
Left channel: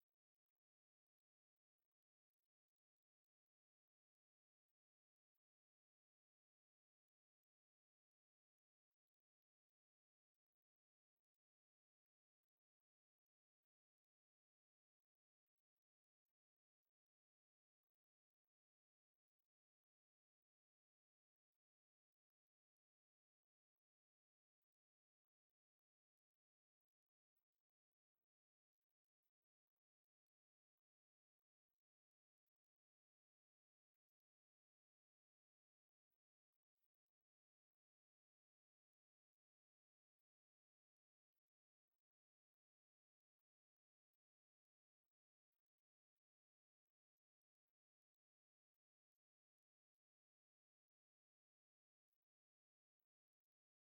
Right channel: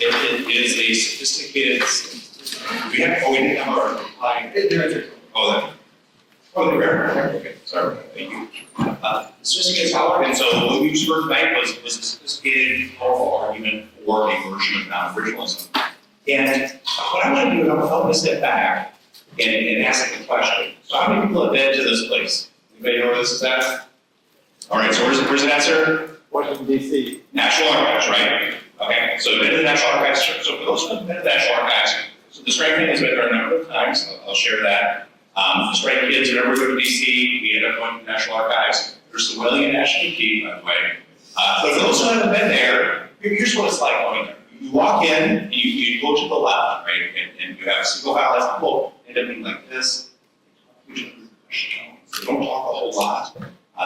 It is a sophisticated. We didn't have our line. Okay, sorry, thank you. Sophisticated scholar, and so what we used for tonight was a sophisticated, powerful argument for a version of non-originalism. And what I want to do is I want to step back and ask a question. So how many people have been to this place? Anybody know where this is at? All right, so where's the answer? Washington, D.C. National Archives, right? Okay, so been to the National Archives. So for those who have been to the National Archives, so the Strang has been there a number of times. I'll share that. The Strang kids, whenever we go to DC, we end up going to the National Archives. There's the Wellington National Key, by the way. But for those who haven't been there, here's what it's like going there. You walk in, and you go to the left, right, and you have a single file as people end up being like this. They don't talk a whole lot.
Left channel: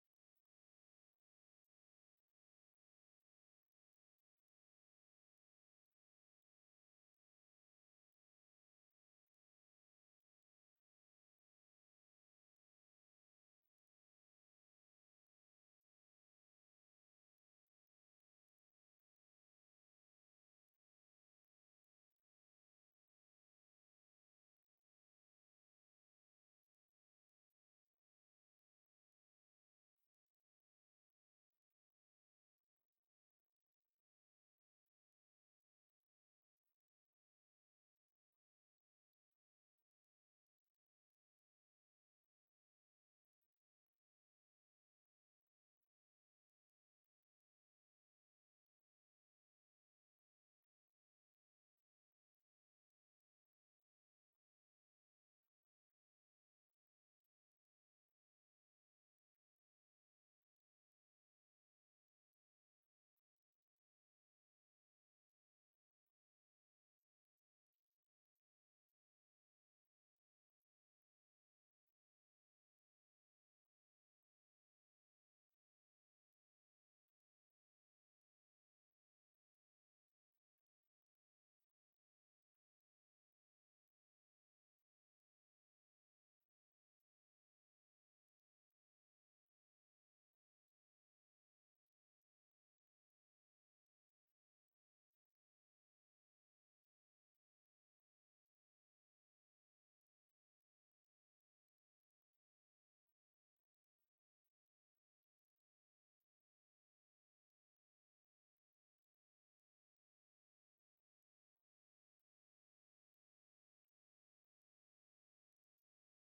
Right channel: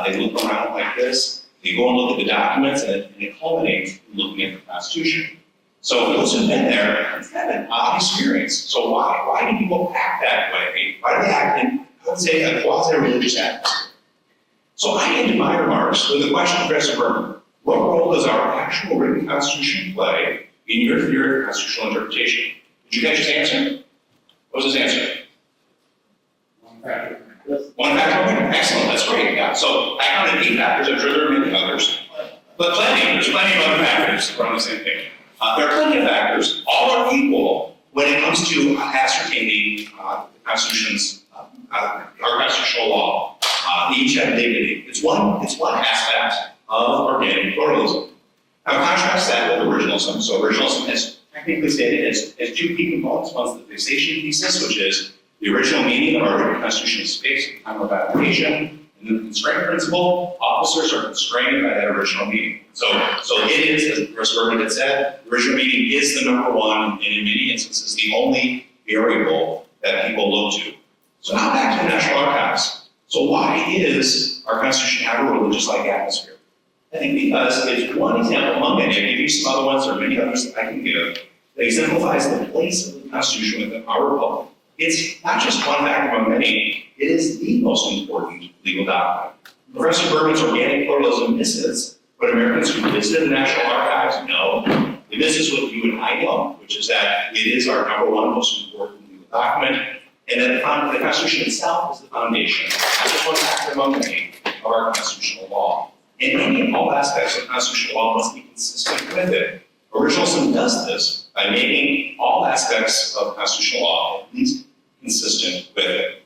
They look around like this. They go and look at the documents, and it culminates in looking at the Constitution. So for those who've been there, it's kind of an odd experience. So why do people act that way? Why do they act in, I would say, a quasi-religious atmosphere? So I ended my remarks with a question to Professor Berman. What role does our actual written Constitution play in your theory of constitutional interpretation? Did you catch his answer? What was his answer? One factor. One factor? Excellent, that's great. Yeah. So I counted 8 factors. I'm sure there are many others. But there's plenty of other factors around the same thing. There are plenty of factors. All are equal when it comes to ascertaining the Constitution's, our constitutional law. They each have dignity. It's one aspect of organic pluralism. Now contrast that with originalism. So originalism is technically stated as 2 key components. One's the fixation thesis, which is the original meaning of our written Constitution is fixed at the time of application. And then the constraint principle, officers are constrained by that original meaning. So it is, as Professor Berman had said, the original meaning is the number one, and in many instances, the only variable that people look to. So now back to the National Archives. So why is our Constitution have a religious-like atmosphere? I think because it's one example among many. I'll give you some other ones, or many others that I can give, that exemplifies the place of the Constitution within our republic. It's not just one factor among many, it is the most important legal document. Professor Berman's organic pluralism misses what Americans who visited the National Archives know. It misses what you and I know, which is that it is our number one most important legal document, and that the Constitution itself is the foundation, not just one factor among many, of our constitutional law. And any and all aspects of constitutional law must be consistent with it. Originalism does this by making all aspects of constitutional law at least consistent with it.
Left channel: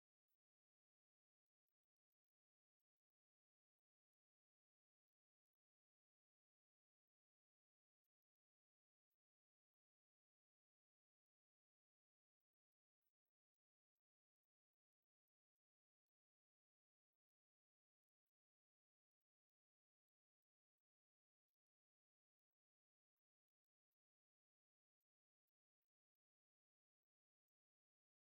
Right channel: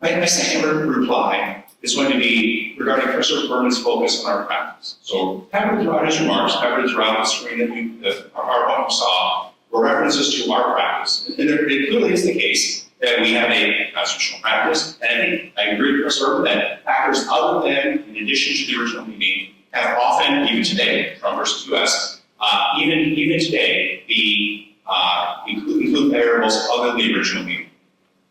My second reply is going to be regarding Professor Berman's focus on our practice. So covered throughout his remarks, covered throughout the screen that our PowerPoint saw, were references to our practice. And it clearly is the case that we have a constitutional practice. And I think I agree with Professor Berman that factors other than, in addition to the original meaning, have often, even today, Trump versus US, even today, include variables other than the original meaning.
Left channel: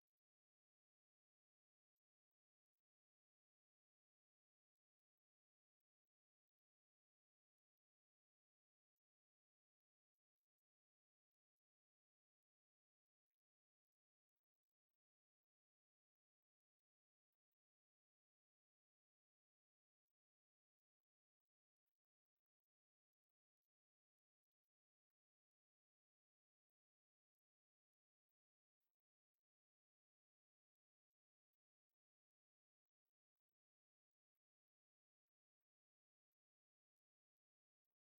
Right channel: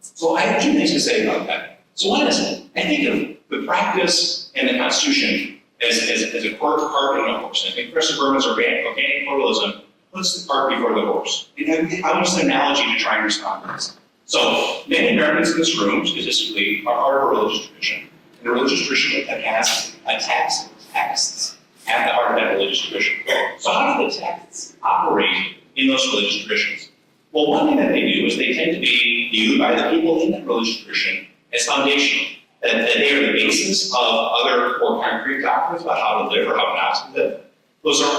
So I have 2 things to say about that. So what is it? I think of the practice and the Constitution as a cart and a horse. And I think Professor Berman's organic pluralism puts the cart before the horse. And I use an analogy to try and respond to this. So many Americans in this room, statistically, are part of a religious tradition. And a religious tradition that has texts at the heart of that religious tradition. So how do the texts operate in those religious traditions? Well, one thing that they do is they tend to be viewed by the people in that religious tradition as foundational, that they are the basis of other more concrete doctrines about how to live or how not to live.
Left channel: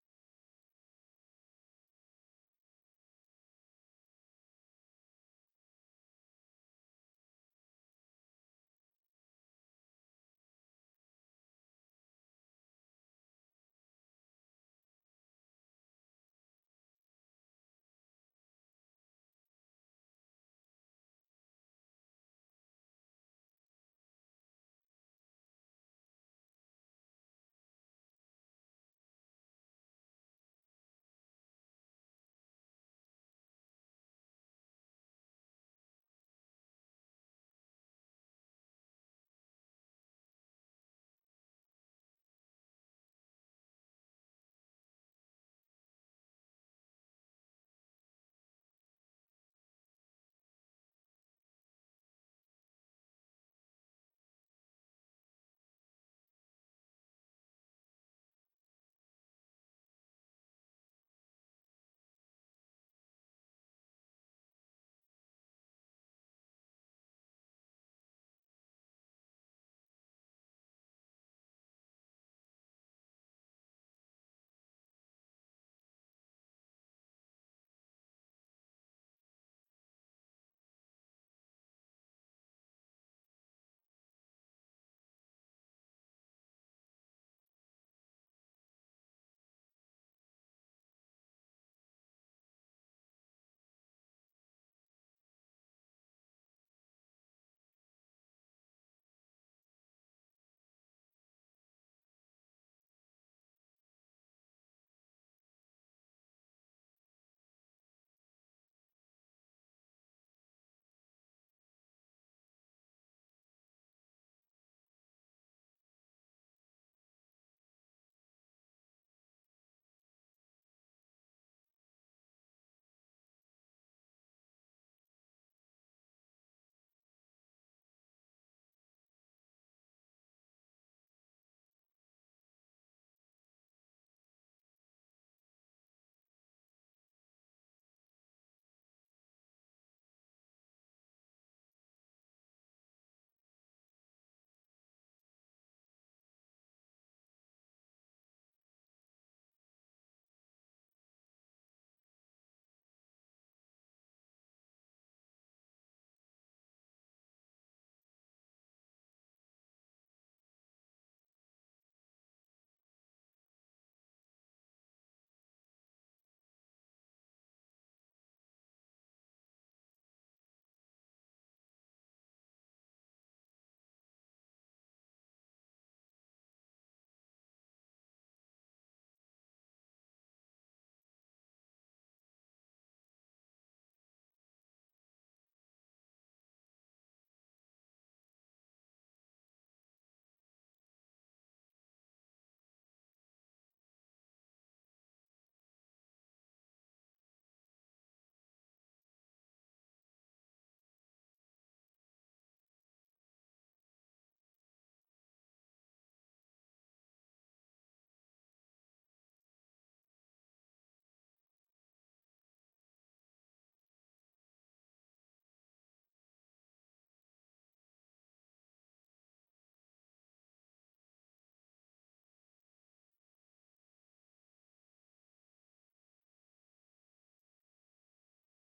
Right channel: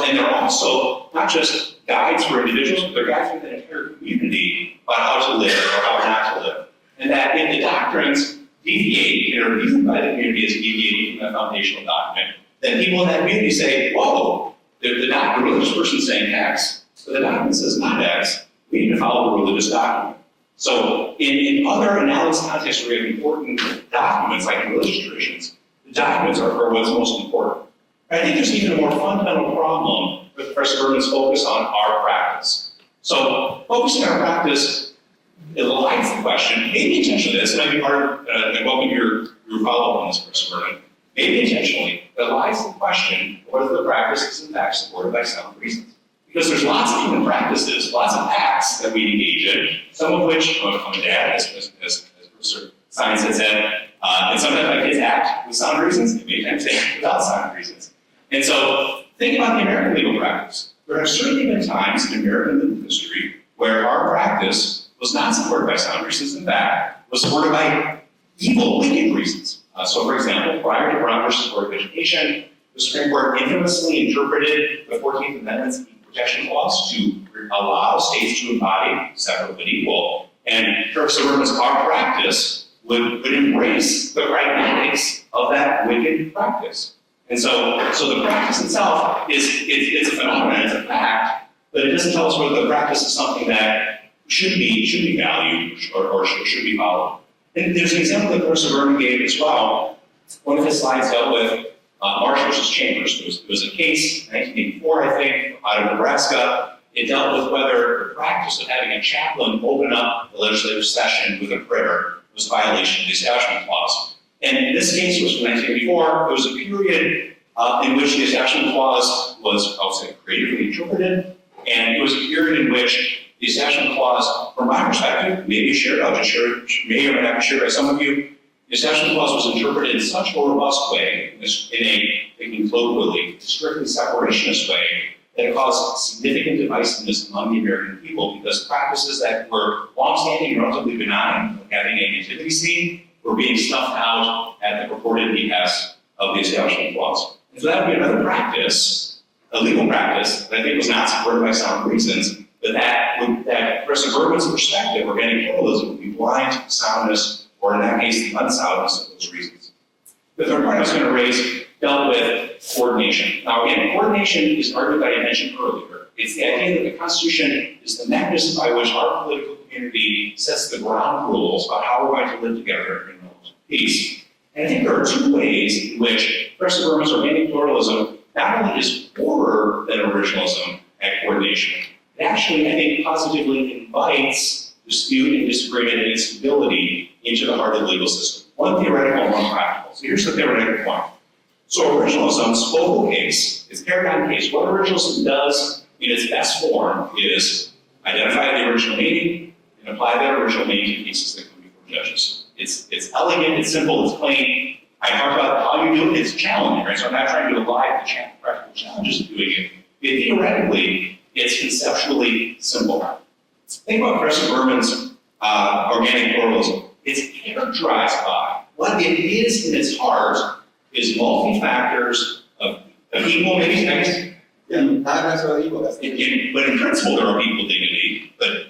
And they're also not just guides for individuals, but they're guides for the entire community about how to live or how not to live. And that if the doctrines deviate and are viewed by the community as deviating from that foundational document, then people in that community say, whoa, the religious person's saying X, but the document says not X. We need to follow the religious document. So in other analogous contexts where we have important documents like religious traditions, the documents are what's most important. I think there's even a more fundamental problem with Professor Berman's focus on our practice. So focusing on our practice elides the question, maybe intentionally, this might be part of, and I welcome your follow-up on this, Professor Berman, maybe intentionally, it elides the question of whether the practice is in fact supported by sound reasons. Because there's lots of human practices, lots of acts that we engage in, some of which, I'm a dad, as Professor Science had said, and sometimes my kids act with sound reasons, and many times they act without sound reasons. And so, think about the American legal practice. There have certainly been times in American legal history where our practice was not supported by sound reasons, in fact, was supported by evil, wicked reasons. So, for example, prior to Brown versus Board of Education, the Supreme Court infamously interpreted the 14th Amendment's Protection Clause to allow states to embody separate but equal. And Professor Berman's our practice would embrace the pragmatics of that wicked practice. And so the practice itself it's a phenomenon, it's a fact, but it doesn't tell us whether the practice is something that should be valued or should be followed. And there's an example that Professor Berman gave as well. One of his slides dealt with Marsh versus Chambers. There was a case in 1984, I think, out of Nebraska. It dealt with whether the practice of having a chaplain open up the legislative session with a prayer was a violation of the Establishment Clause. And this case was from 1984. It was a period in which the Establishment Clause was, I would say, creatively interpreted, and it was a period in which the Establishment Clause, from my perspective, may be shared, I'll just share it, may or may not be shared by some of you, the Establishment Clause was interpreted in such a robust way, in a, thinking colloquially, strictly separationist way, that it caused significant divisiveness among the American people because practices that were longstanding and relatively benign, like having a nativity scene, were being snuffed out at the purported behest of the Establishment Clause. And so that would be another practice, a legal practice, that I think was not supported by sound reasons, but that Professor Berman's perspective, organic pluralism, would be blind to soundness, or in that case, the unsoundness of those reasons. The third point I was going to raise dealt with coordination. Now again, coordination is an argument that I mentioned earlier. It's the idea that the Constitution is the mechanism by which our political community sets the ground rules about how we're going to live together in peace. And I think there are two ways in which Professor Berman's organic pluralism not only is poorer than originalism at coordination, it actually, I think, positively invites dispute and disagreement and instability into the heart of the legal system. One theoretical and one practical. So here's the theoretical one. So originalism's focal case, its paradigm case, what originalism does in its best form is identify the original meaning and apply that original meaning to cases that come before judges. It's elegant, it's simple, it's plain. I talked about how you do it, it's challenging, right? So I'm not trying to avoid the practical challenges of doing it. Theoretically, it's conceptually simple. Think about Professor Berman's organic pluralism. It's characterized by what it is in its heart is multi-factors of equal, maybe, I guess. Yeah, not necessarily equal, that's But in principle, there are equal dignity, but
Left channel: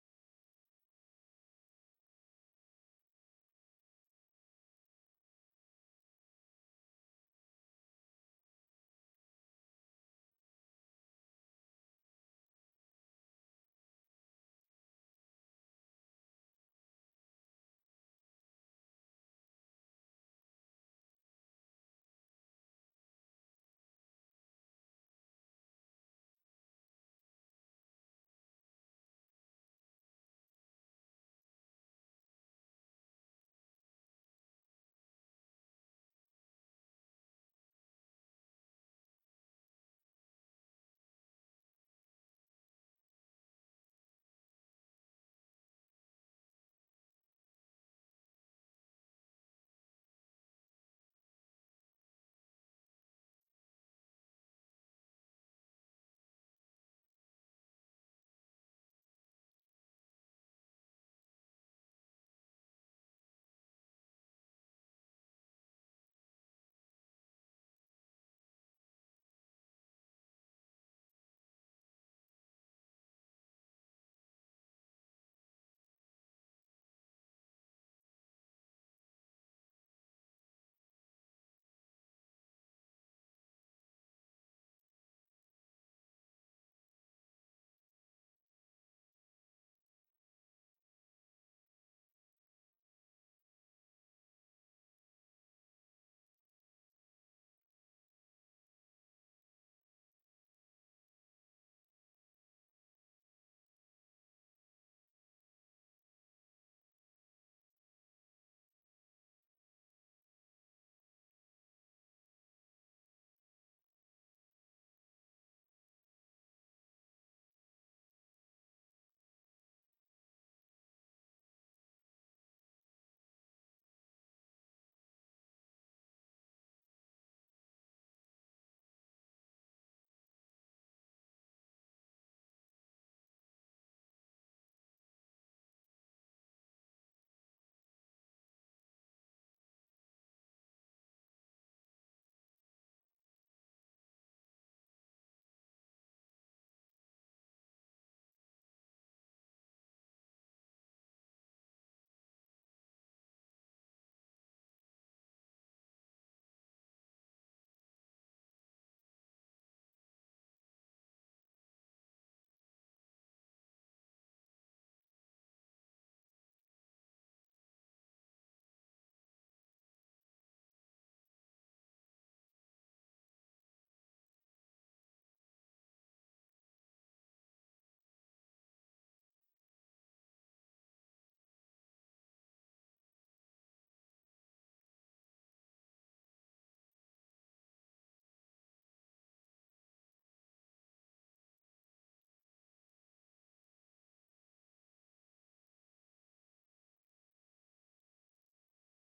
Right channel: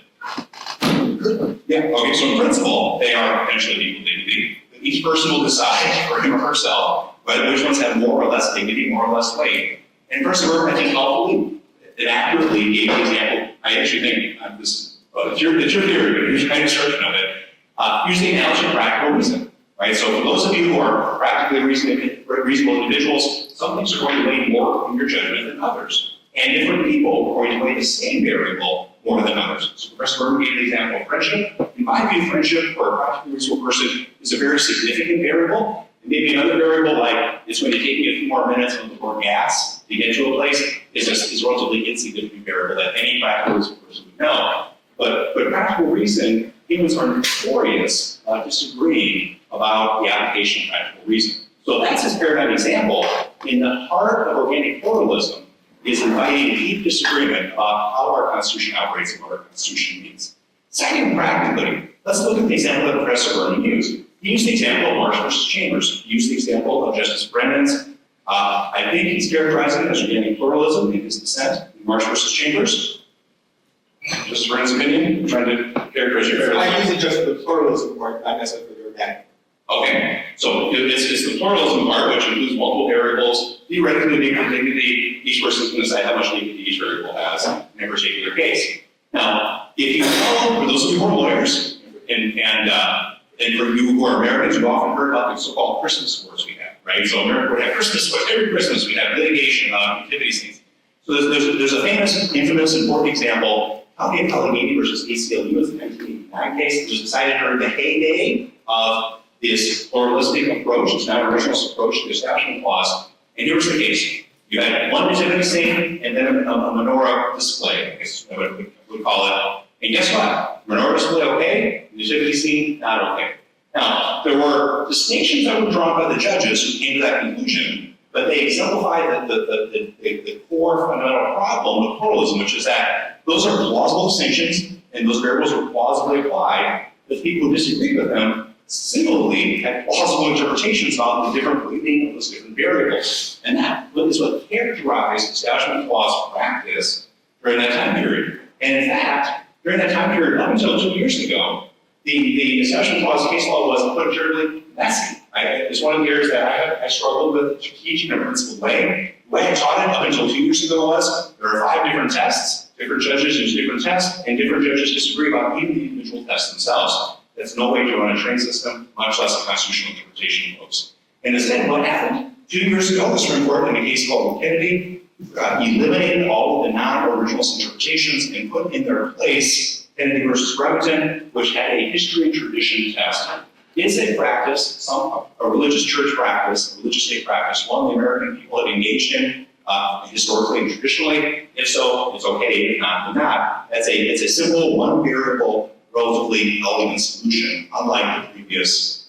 yeah, okay, so in principle, they are potentially equal dignity. Each person will decide for him or herself whether which ones have more or less dignity, more or less weight. And Professor Berman, I think, helpfully and accurately gave the example. I actually think it's your theory, but here's my description of it. Use the analogy of practical reason, right? So for those of you who are practically reasonable individuals, some things are going to weigh more in your judgment than others. And different people are going to weigh the same variable more than others. So Professor Berman gave the example of friendship. In In my view, friendship for a practically reasonable person is a very significant variable. And maybe another variable, like it's going to take me a few more minutes and more gas to get to a place, is a relatively insignificant variable that any practically reasonable person would know. But practical reason, humans are notorious about disagreeing about the application of practical reason. So that's his paradigm example. In the heart of organic pluralism is inviting deep disagreement about how our Constitution operates and what our Constitution means. Second, practically, let's look at the example that Professor Berman used. He used the example of Marsh versus Chambers. He used the example of Justice Brennan's. I think he's characterizing it as organic pluralism in his dissent in Marsh versus Chambers. Justice Brennan's opinion, I'm trying to characterize your fairly. I use it just for the pluralism part, not necessarily for the organic. Okay, so it's the pluralism part, which includes multiple variables. Theoretically, dignity, each person's going to decide how much dignity each variable has in a particular case. Now, if you know, for those of you who are lawyers, and for you who are Americans, you've often heard about the so-called Christmas wars we have, right? So America would have Christmas wars. Every Christmas we have litigation on activity scenes. So there's a famous, infamous, important example. Allegheny versus ACLU is the 1989 case. It was decided during the heyday of this pluralistic approach, this non-originalist approach to the Establishment Clause. And here was the case. You had one nativity scene and then a menorah display, I guess is what we would call it. And guess what? Menorah display okay, nativity scene not okay. Now, there were distinctions that were drawn by the judges who came to that conclusion, but they exemplified the core fundamental problem of pluralism, which is that those are plausible distinctions and those variables were plausibly applied, but people who disagreed with them similarly had plausible interpretations on the different weighting of those different variables. And that is what characterized Establishment Clause practice during that time period. And in fact, during that time period, up until 2 years ago, the Establishment Clause case law was unfortunately messy. It's one of the areas that I struggled with teaching in a principled way. The way I taught it up until 2 years ago was there are 5 different tests. Different judges use different tests, and different judges disagree about even the individual tests themselves. That's no way to run a trained system, much less a constitutional interpretation of those. And instead, what happened? 2 years ago, the Supreme Court, in a case called Kennedy, eliminated all of the non-originalist interpretations and put in their place Kennedy versus Remington, which had a history and tradition test. Is a practice, a religious church practice, a religious state practice, one the American people have engaged in historically and traditionally? If so, it's okay. If not, then not. It's a simple, one variable, relatively elegant solution, unlike the previous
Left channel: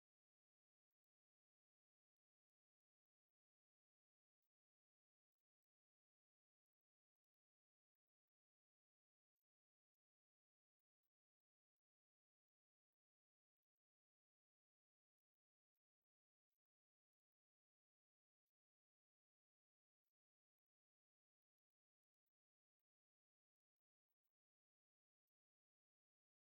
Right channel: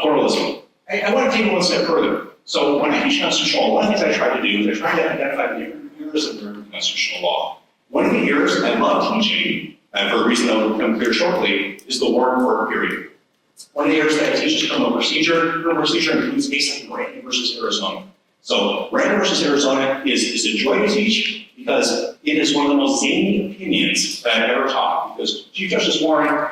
pluralism. I want to take it one step further. So when I teach constitutional law, one of the things I try to do is I try to identify the different errors of American constitutional law. One of the errors I love teaching, and for a reason that will become clear shortly, is the Warren Court period. One of the errors that I teach is criminal procedure. Criminal procedure includes cases like Rand versus Arizona. So Rand versus Arizona is a joy to teach because it is one of the most zany opinions that I've ever taught. Because Chief Justice Warren,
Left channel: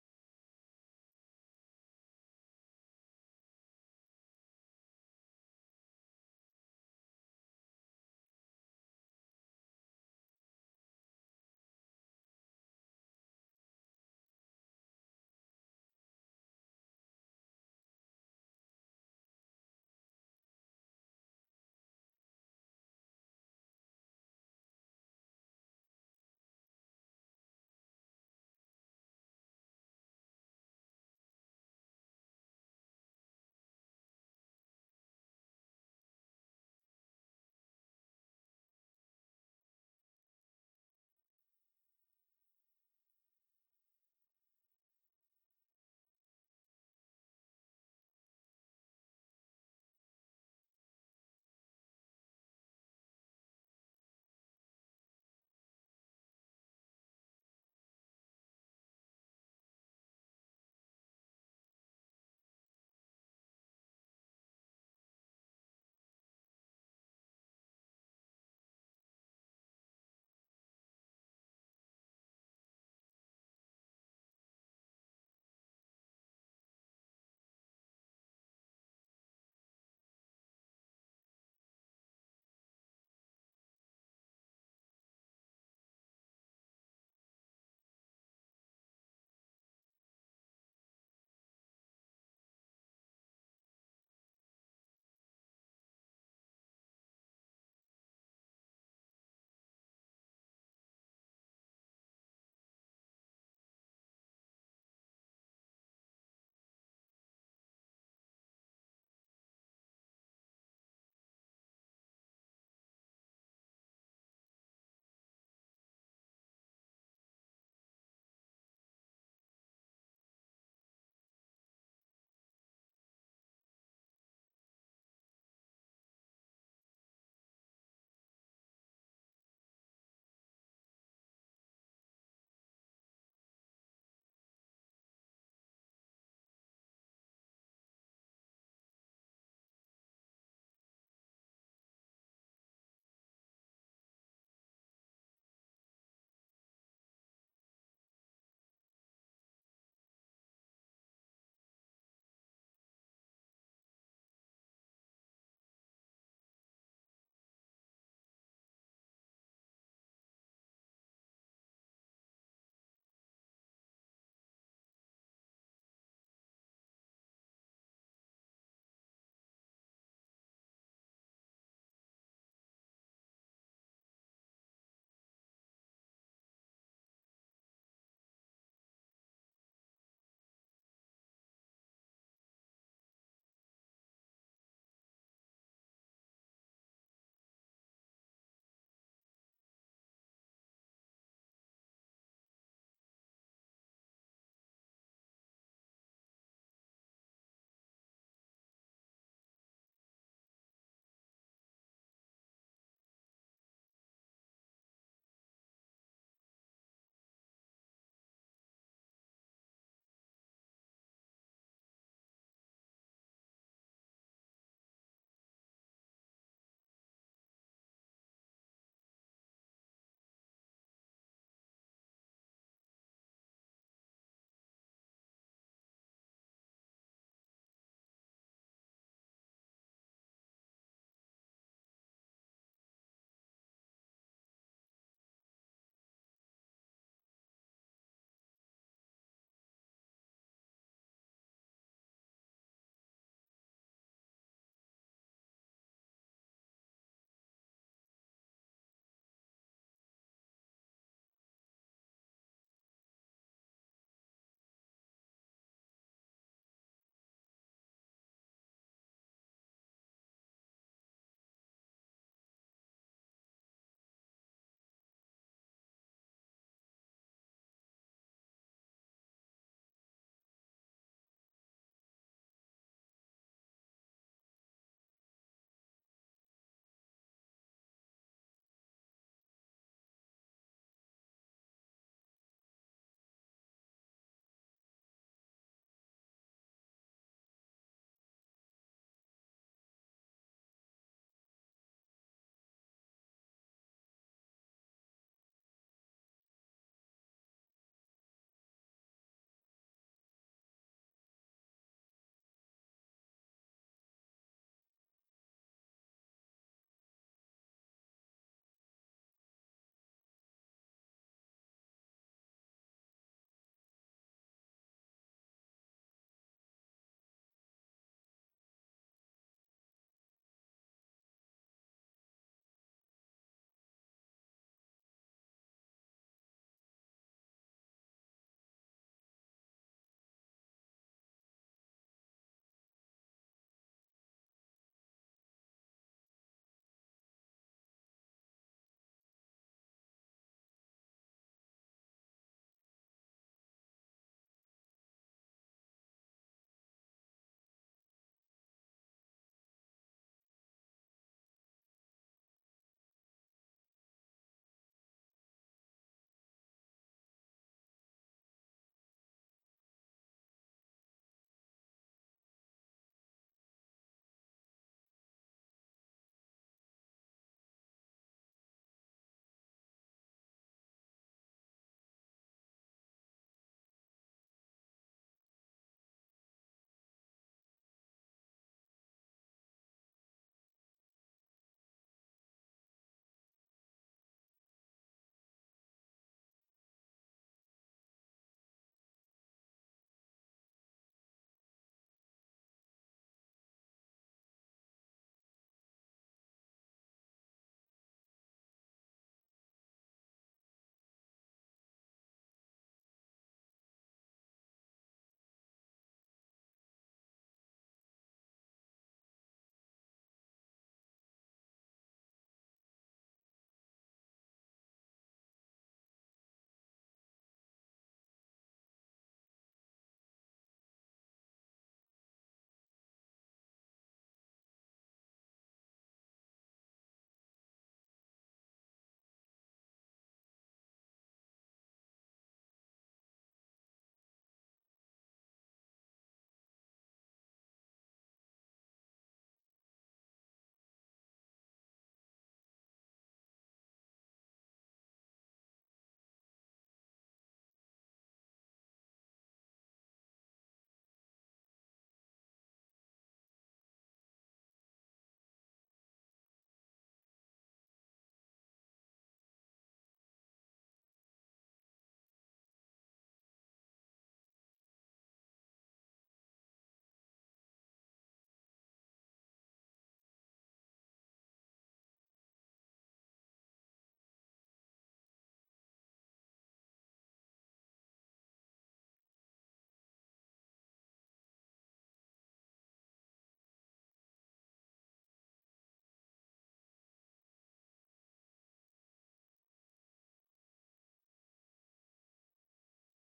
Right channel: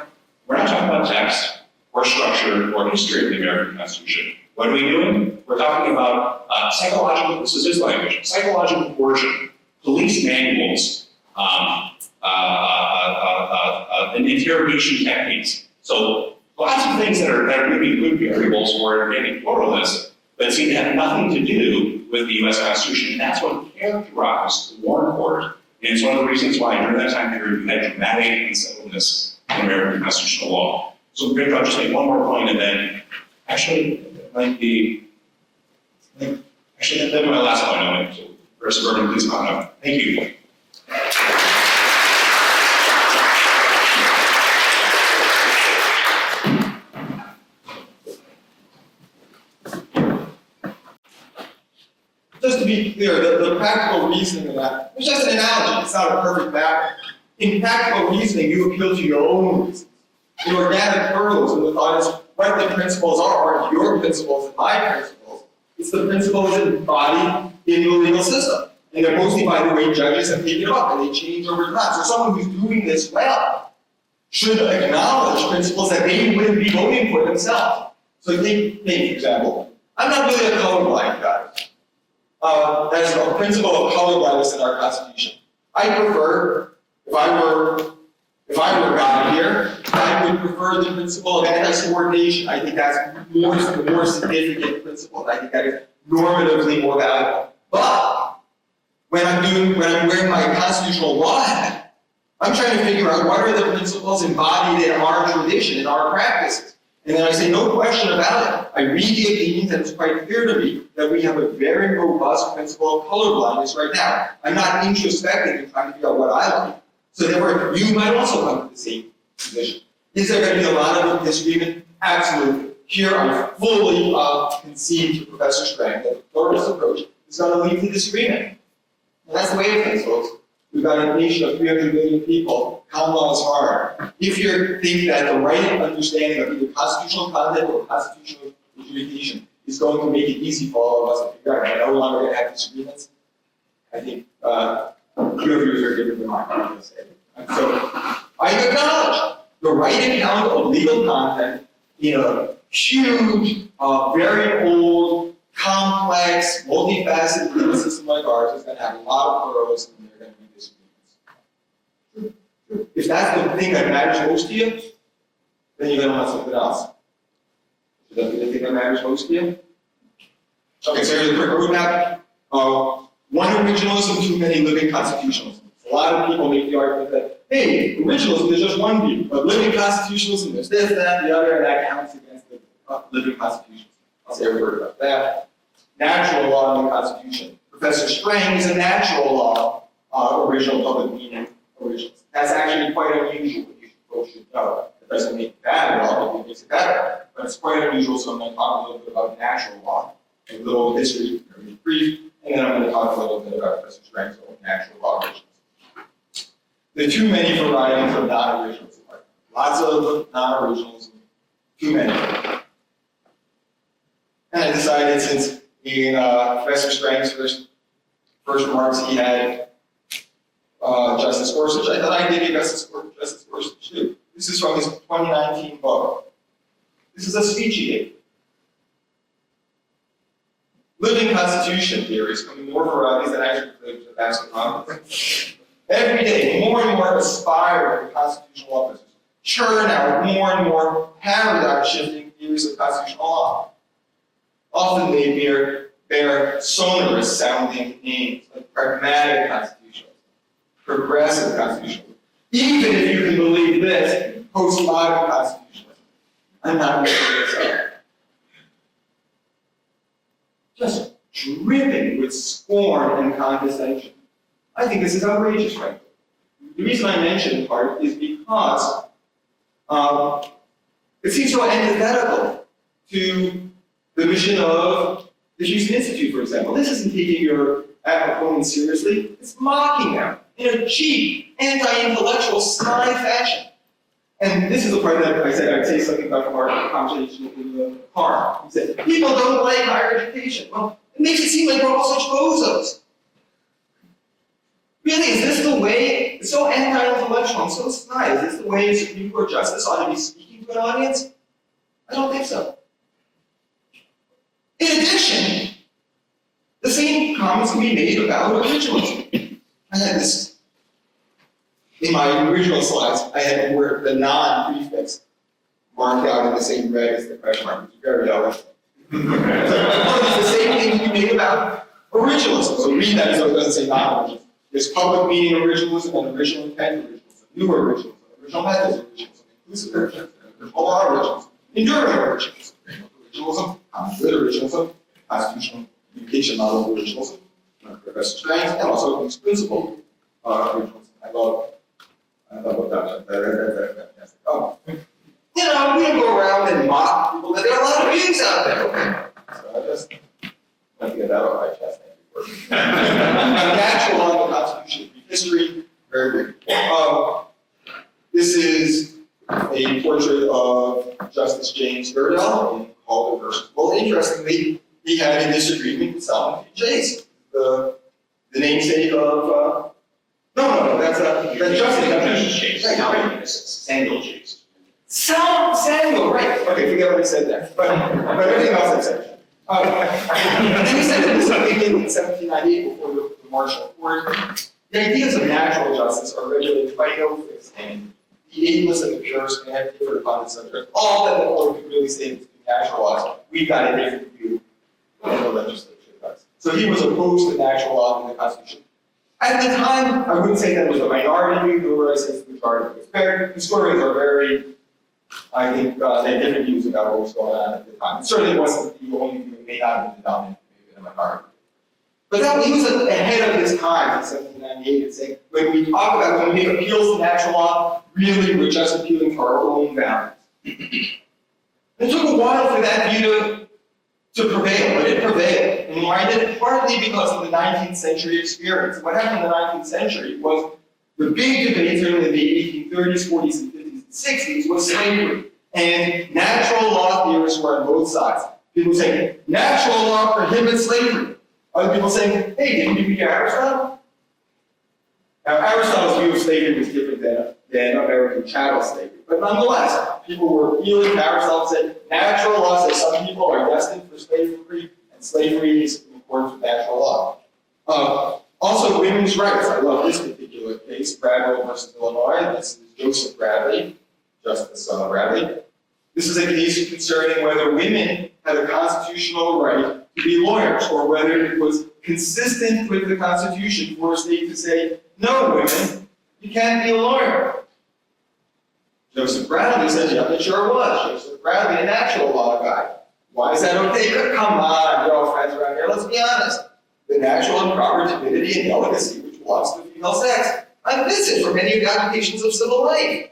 we're not talking about text or structure or history of the American Constitution. What are we doing? We're talking about psychological, this is his language, psychological coercion, police manuals, and interrogation techniques. So lots of things that are maybe good variables for organic pluralists, but seem to have nothing to do with the U.S. Constitution. And that's what characterized the Warren Court. And it's one of the reasons why during that time period you had dramatic unsettledness in American constitutional law. So maybe I'll just make one more point and then actually that'd be my last point on it. So Professor Berman, please come up. Thank you. Just to be clear, the practical reasoning of that, it's just an analogy, it's not a perfect map. In practical reasoning, you appeal to your own reasons. In organic pluralism, the thought is what the principles are your principles and my principles. It's the principles embodied in the legal system. And they're mostly, by the way, judges have taken it up and they change over time. So someone who's doing this well should acknowledge principles that they wouldn't be voting for themselves. So take, for example, I'm not really a colorblind guy. That's a principle of colorblindness in our Constitution. I prefer, if I were God here, I would prefer the principle of anti-subordination. I think that's the more significant principle. I think that is normatively more valuable. But when I'm wearing my constitutional law hat, I'm trying to figure out what are the principles embodied in our tradition, in our practices. And then I say, no question about it. I read the opinions, and it's quite clear to me that we have a very robust principle of colorblindness right now. I'm not introspecting and trying to figure out what I like. So therefore, you might also come to the same position. Is there going to be a lot of disagreement? Absolutely. Here I fully concede to Professor Strang that the pluralist approach is going to lead to disagreement. And that's the way of things, folks. We've got a nation of 300 million people. Common law is hard. If you think that the right understanding of either constitutional content or constitutional adjudication is going to make it easy for all of us to figure out and no longer going to have disagreements, I think your views are different than mine. So I acknowledge the right account of legal content in a huge, very old, complex, multifaceted legal system like ours is going to have a lot of pluralism and there are going to be disagreements. If that's the thing that matters most to you, then you're going to want something else. Is that the thing that matters most to you? Okay, so here's a quick roadmap. One originalism, too many living constitutionalism. A lot of people make the argument that, hey, originalism is just one view, but living constitutionalism, there's this, that, the other, and that counts against the living constitutionalism. I'll say a word about that. Natural law in the Constitution. Professor Strang is a natural law original public meaning originalist. That's actually quite unusual, you folks should know. It doesn't make it bad at all, it makes it better, but it's quite unusual, so I'm going to talk a little bit about natural law, a little history, very brief, and then I'm going to talk a little bit about Professor Strang's own natural law originalism. There are too many varieties of non-originalism. Lots of non-originalism, too many. And I decided, since in Professor Strang's first remarks he had Justice Gorsuch, I thought I'd give you Justice Gorsuch too. This is from his 2019 book. This is a speech he gave. Living constitution theories come in more varieties than actually the Basket Congress. Every day, more and more aspire to constitutional officers churn out more and more paradigm-shifting theories of constitutional law. Often they bear sonorous-sounding names, like pragmatic constitutionalism, progressive constitutionalism. Even if you can believe this, postmodern constitutionalism. I'm not making this up. Just dripping with scorn and condescension. I think this is outrageous, frankly. The reason I mention it part is because it seems so antithetical to the mission of the Houston Institute, for example. This isn't taking your opponents seriously, it's mocking them in a cheap, anti-intellectual, snide fashion. And this is the part that I said I'd say something about our conversation in the car. He said, people don't like higher education. Well, it makes it seem like we're all such bozos. Really, is this the way? It's so anti-intellectual and so snide. Is this the way a Supreme Court justice ought to be speaking to an audience? I don't think so. In addition, the same comments can be made about originalism. I had this in my original slides. I had the word the non-prefix marked out in the same red as the question mark, which is very elegant. It's the same thing to be made about originalism. So read that so it doesn't say non-originalism. There's public meaning originalism and original intent originalism, new originalism, original methods originalism, inclusive originalism, original law originalism, enduring originalism, originalism, good originalism, constitutional communication model originalism, Professor Strang, and also these principle originalism. I love that. Oh. You know, we don't go around and mock people, but there are a lot of views out there. So I just want to get that off my chest. Natural law in the Constitution, history, very brief. This is a portrait of Justice James Iredell in Calder versus. Well, interestingly, he had a disagreement with Solomon P. Chase, the namesake of. No, that's Justice Chase. Right. Samuel Chase. Samuel, right. Okay, forget what I said there. But everything else I said. And then he said that this began in 1798 before the Marshall Court. The ideas of natural justice are regulated by no fixed end. The ablest and the purest may have different upon the subject. All that the court could really say is natural laws. We've got a different view than the legislature does. So he was opposed to natural law in the Constitution. At the time, I wouldn't say that was a minority view, nor would I say it's the majority. Historians are very, I think, they have different views about what was going on at the time. It certainly wasn't the only view, it may not have been the dominant view in the minority. But that, he was ahead of his time in 1798 and saying, when we talk about, when we make appeals to natural law, really we're just appealing to our own values. It took a while for that view to prevail, but it prevailed. And why did it? Partly because of the 19th century experience. What happened in the 19th century was the big debate during the 1830s, 40s, and 50s, and 60s was slavery. And natural law theorists were on both sides. People saying, natural law prohibits slavery. Other people saying, hey, didn't you read Aristotle? Now, Aristotle's view of slavery was different than American chattel slavery. But nonetheless, people were appealing to Aristotle and said, natural law says some people are destined for slavery, and slavery is in accordance with natural law. Also, women's rights. I love this particular case, Bradwell versus Illinois. This is Joseph Bradley, Justice Bradley. This is a case concerning whether women had a constitutional right to be lawyers, or whether it was consistent with the Constitution for a state to say, no, women, you can't be a lawyer. Joseph Bradley said, yeah, it sure was. Joseph Bradley, a natural law guy. Why is that okay? Come on, you're all friends around here. Let's be honest. The natural and proper timidity and delicacy which belongs to the female sex. Unfit for many of the occupations of civil life.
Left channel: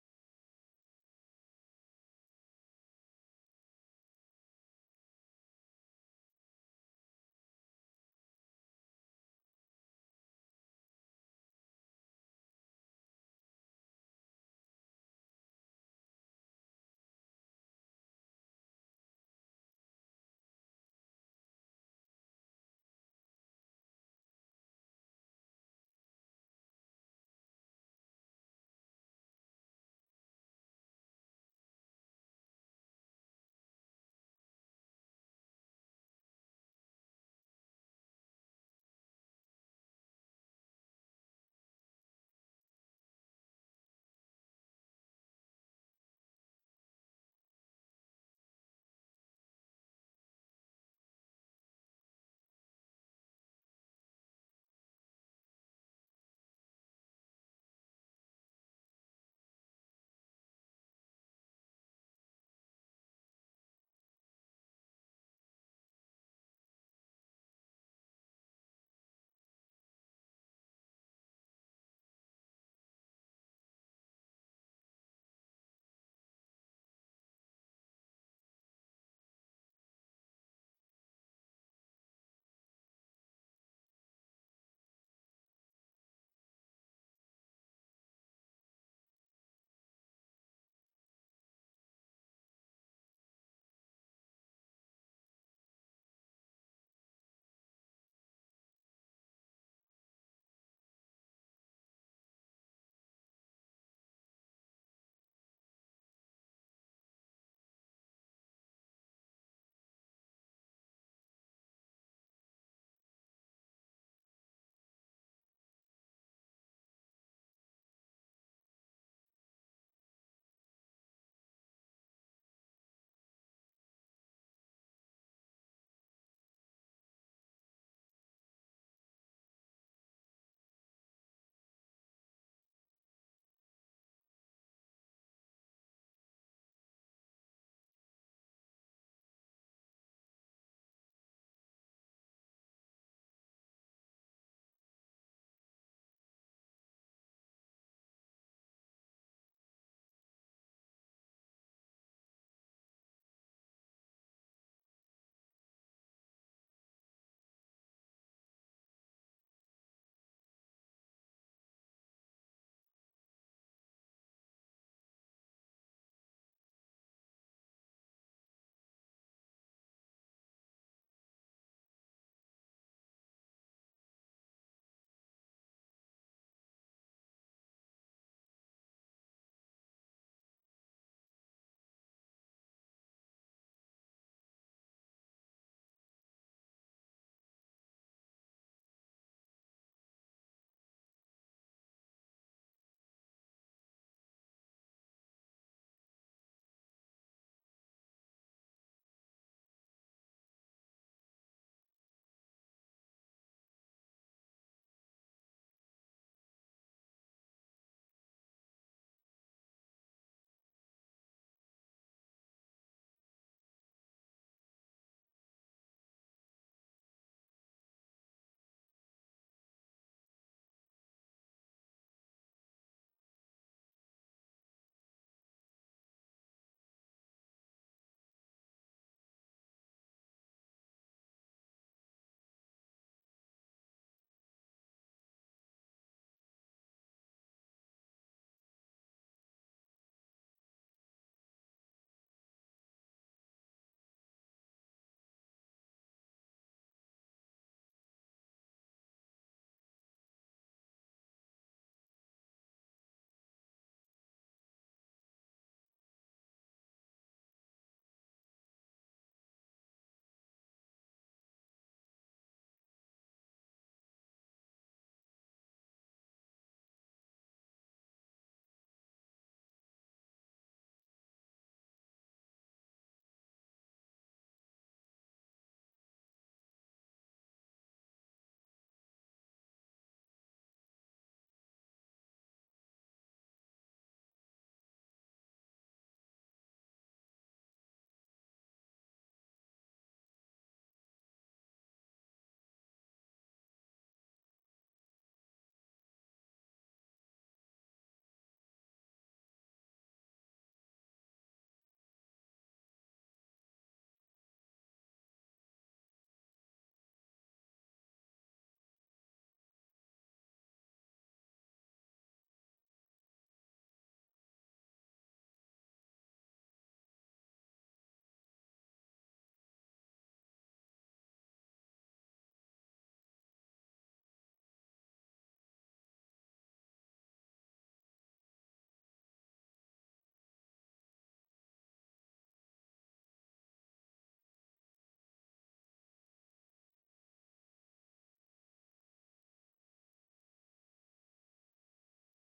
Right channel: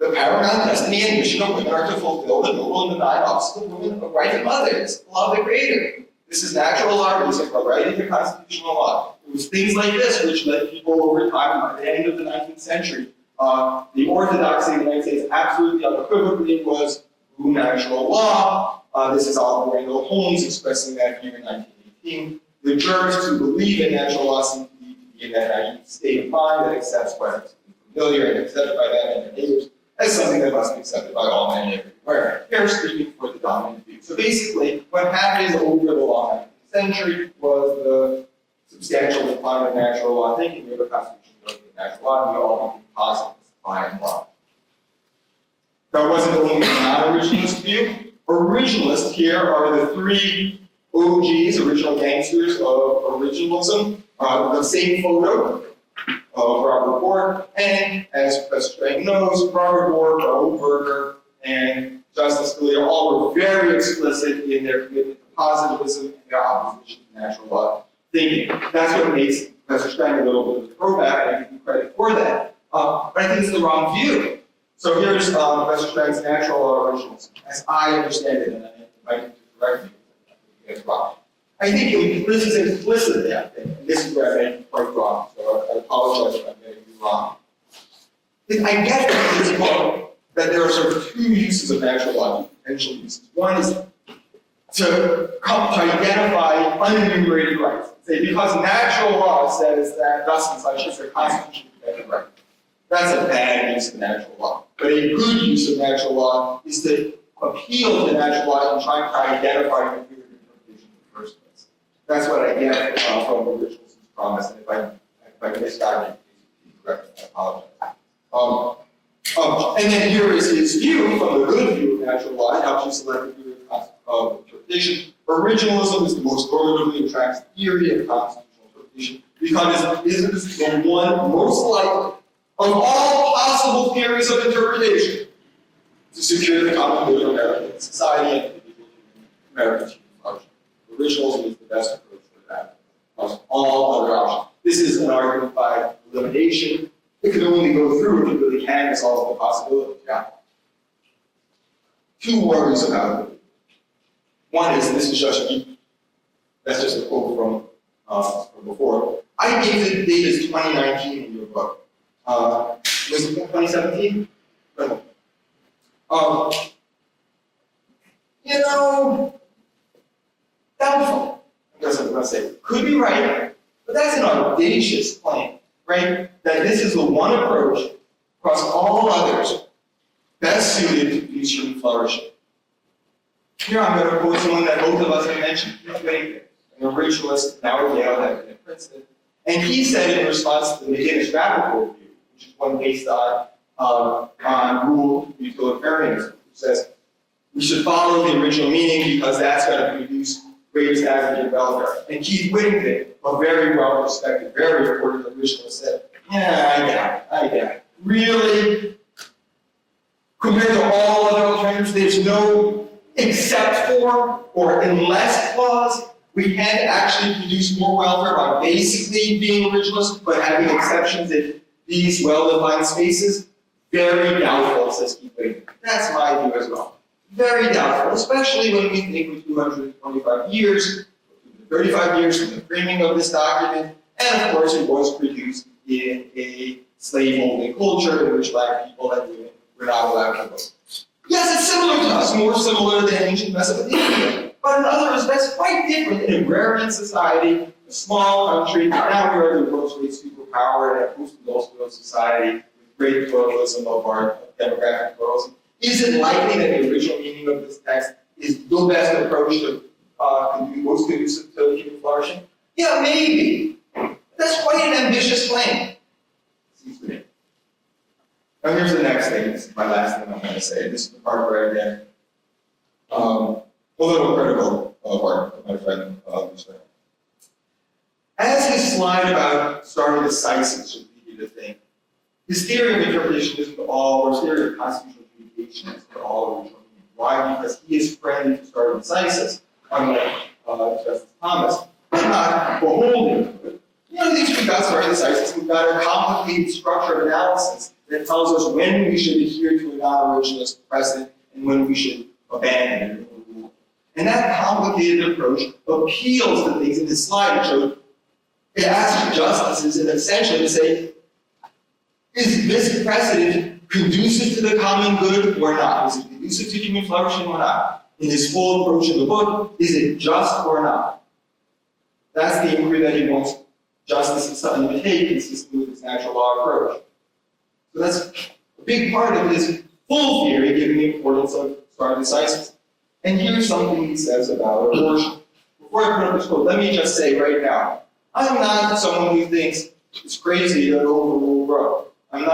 The paramount destiny and mission of women are to fulfill the noble and benign office of women, of wife and mothers, love the Creator. This is natural law reason for writing the constitutional law. It was things like this which led people over time, by the end of the 19th century, the orthodoxy in the United States absolutely unequivocally was natural law. This is Oliver Wendell Holmes expressing that view in 1918. The jurors who believe in natural law seem to be in that naive state of mind that accepts what's familiar and accepted by them and their neighbors as something that must be accepted by all men everywhere. They're speaking for the dominant view. So basically, what happened over the long 19th century was the substantial decline of natural law thinking. We have a constitution of natural law, and we all want to be positive by and large. That wasn't only the non-originalist view. Originalists here are the three OGs, original gangsters of originalism. The same photo of Robert Bork, and as Professor Strang knows, Robert Bork, Raoul Berger, and Justice Scalia all were very explicit in their commitment to positivism and their opposition to natural law thinking. That's what makes Professor Strang a little bit of a throwback, and I give him credit for that. But I think it's the wrong view. So here's Professor Strang's natural law originalism, as I understand it, and I invite you to correct me if I think it's wrong. I think this is implicit, I think, and this is where I may be quite wrong, so I apologize if I'm getting you wrong. I get from this book that there are sort of two uses of natural law, potential uses. One is to identify unenumerated rights. Say, because natural law says that thus and such is a constitutionally protected right. That's a bad use of natural law. But a good use of natural law is to appeal to natural law and try to identify the clear interpretation in the first place. That's what I get from Richardson's promise, and if I misguided you, please correct me, I apologize. And then here is his view from the good view of natural law. It helps you select the theory of interpretation. Originalism is the most normatively attractive theory of constitutional interpretation because it is the one most likely of all possible theories of interpretation to secure the common good of American society and American human function. Originalism is the best approach for that, plus all other options. This is an argument by elimination. It can only go through if it really can solve the possibilities. Yeah. Two worries about it. One is, and this is just that's just a quote from before. I gave the date as 2019 in your book. Was it 2017? No. Doubtful. I guess I'm going to say, could be right, but that's an audacious claim, right? That this is the one approach across all others best suited to produce human flourishing. Here I'm going to quote someone that both of us have mentioned, an originalist, now at Yale, had been at Princeton. And he said in response to the McGinnis-Rappaport view, which is one based on rule utilitarianism, which says we should follow the original meaning because that's going to produce greatest advocate of welfare. And Keith Whittington, a very well-respected, very important originalist, said, yeah, I get it. Really? Compared to all other alternatives, there's no except for or unless clause. We can actually produce more welfare by basically being originalist, but having exceptions in these well-defined spaces. Very doubtful, says Keith Whittington. That's my view as well. Very doubtful, especially when we think of 225 years, 35 years from the framing of this document, and of course it was produced in a slave-holding culture in which black people and women were not allowed to vote. Yes, it's similar to us, more similar than ancient Mesopotamia, but in other respects quite different in agrarian society, a small country. Now we are the world's great superpower in a post-industrial society with great pluralism of our demographic pluralism. Is it likely that the original meaning of this text is the best approach to most conducive to human flourishing? Yeah, maybe. That's quite an ambitious claim. Seems to me. Now here's the next thing. This is my last thing I'm going to say. This is the part where I get a little critical of my friend Strang. As his slide about starting the CISIS should lead you to think, his theory of interpretation isn't all, or his theory of constitutional adjudication isn't all original meaning. Why? Because he is friendly to starting the CISIS, unlike Justice Thomas, but not beholden to it. You know, these we've got starting the CISIS, we've got a complicated structure of analysis that tells us when we should adhere to a non-originalist precedent and when we should abandon it or rule. And that complicated approach appeals to things in this slide. It asks justices and essentially to say, is this precedent conducive to the common good or not? Is it conducive to human flourishing or not? In his full approach in the book, is it just or not? That's the inquiry that he wants justices to undertake consistent with his natural law approach. So that's a big part of his full theory, given the importance of starting the CISIS. And here's something he says about abortion. Before I put up this quote, let me just say right now, I'm not someone who thinks it's crazy to overrule Roe. I'm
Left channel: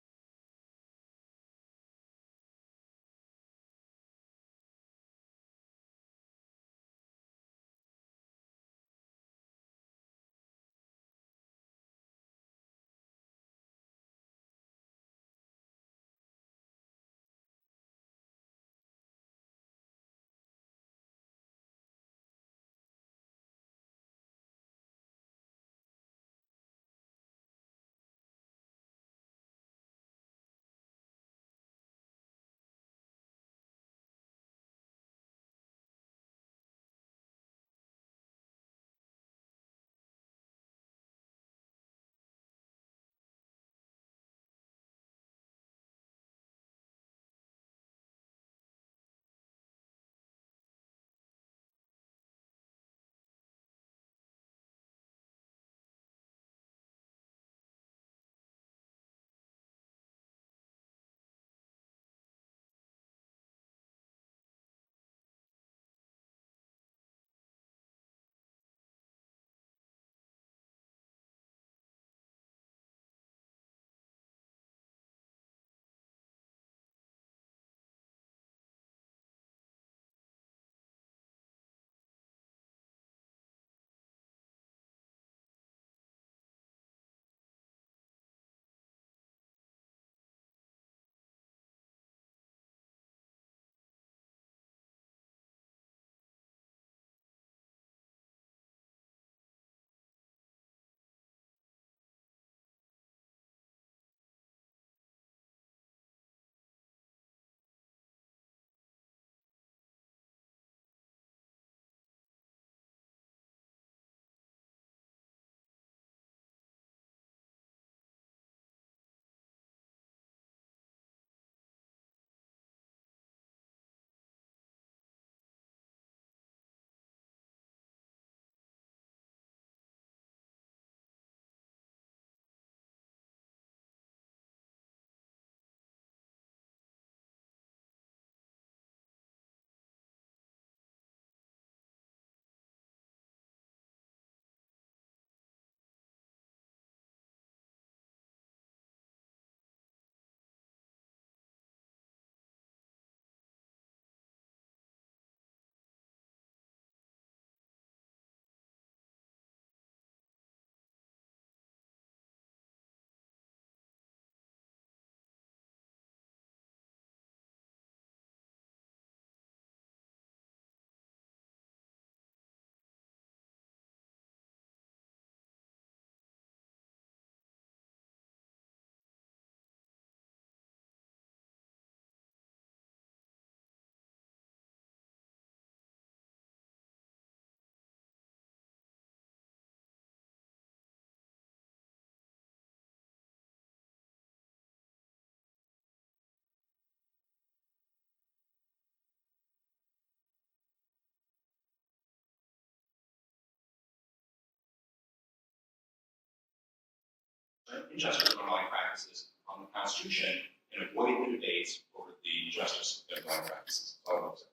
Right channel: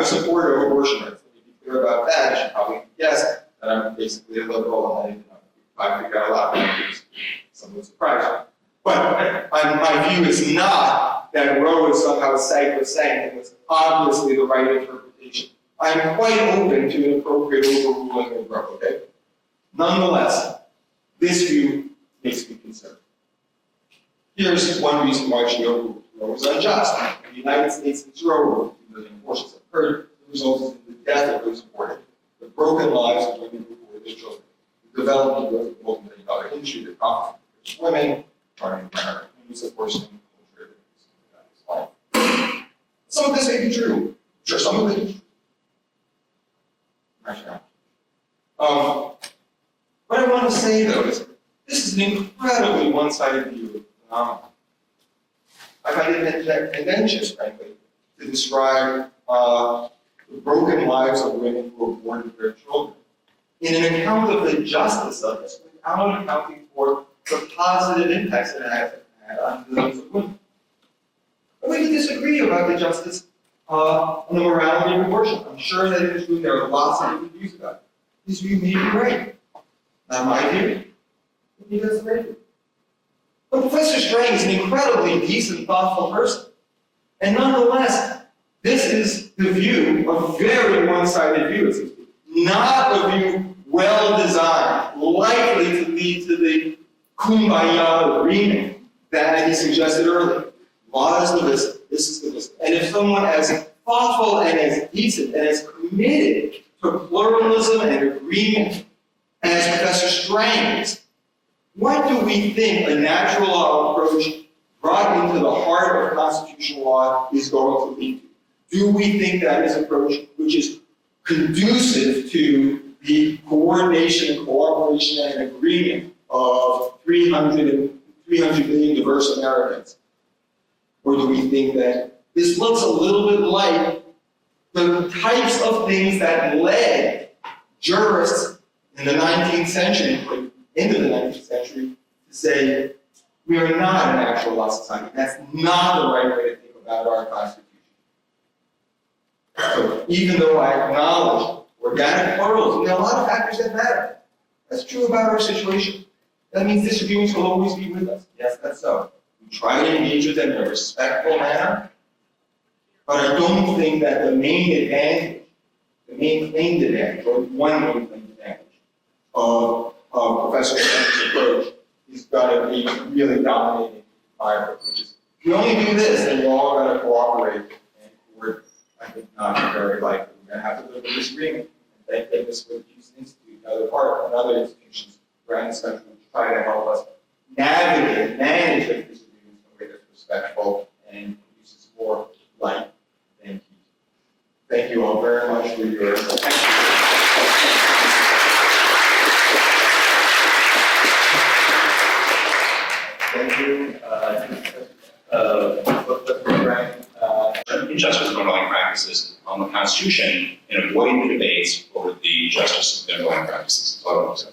a supporter of abortion rights. Let me be clear about that. I should probably guess that I'm basically a liberal and I figure out a lot of things. Somewhat surprising. But my view is not that Roe is somehow sacrosanct and was obviously the right interpretation. I'm quite open to an appropriate overruling of Roe, okay? Nonetheless, this view makes me concerned. Here's one reason why she overruled Roe was unjust. In the United States, since Roe, over 2 million abortions have occurred, the result is the death of those aborted, the broken lives of women who bore their children, the development of a multi-million-dollar industry that profits from women, trying to use abortion culture. Some of this may be true. Sure, some of it is true. What I want to say, though, is this is an incredibly one-sided view of the phenomenon. I find it tendentious, frankly, to describe the broken lives of women who aborted their children in an account of the justice of this, without accounting for the positive impacts that it has had on millions of women. But we can disagree about the justice on the morality of abortion. I'm sure that in this room there are lots of different views about it. This view may be right. Not my view. Maybe that's the right view. But Professor Strang is an incredibly decent, thoughtful person. And nonetheless, this is the view, a very one-sided view. It's not a view well-designed, likely to lead to the kumbaya agreement that he suggested earlier. Law is the wisdom. This is the wisdom. And if someone as thoughtful and as decent and as committed to pluralism and agreement as Professor Strang is, what do we think a natural law approach brought into the heart of constitutional law is going to lead to? Do we think that is an approach which is conducive to the coordination and cooperation and agreement of 300 million diverse Americans? Or do we think that this looks a little bit like the types of things that led jurists in the 19th century, into the 19th century, to say, we are not an actual law society. That's not the right way to think about our Constitution. So even though I acknowledge organic pluralism, there are a lot of factors that matter. That's true about our situation. That means disagreements will always be with us. Yes, that's so. We try to engage with them in a respectful manner, but I don't think that the main advantage, the main claimed advantage, or one main claimed advantage of Professor Strang's approach is going to be really dominating my approach, which is, if you only do this, then we're all going to cooperate, and we're, I think, not very likely. We're going to have to live with disagreement. And thank goodness for the Houston Institute, another institutions around this country which try to help us navigate, manage those disagreements in a way that's respectful and produces more light than heat. Thank you all very much for your attention. Thank you. Injustice of underlying practices on the Constitution and avoid the debates over the justice of the underlying practices. That's all I want to say.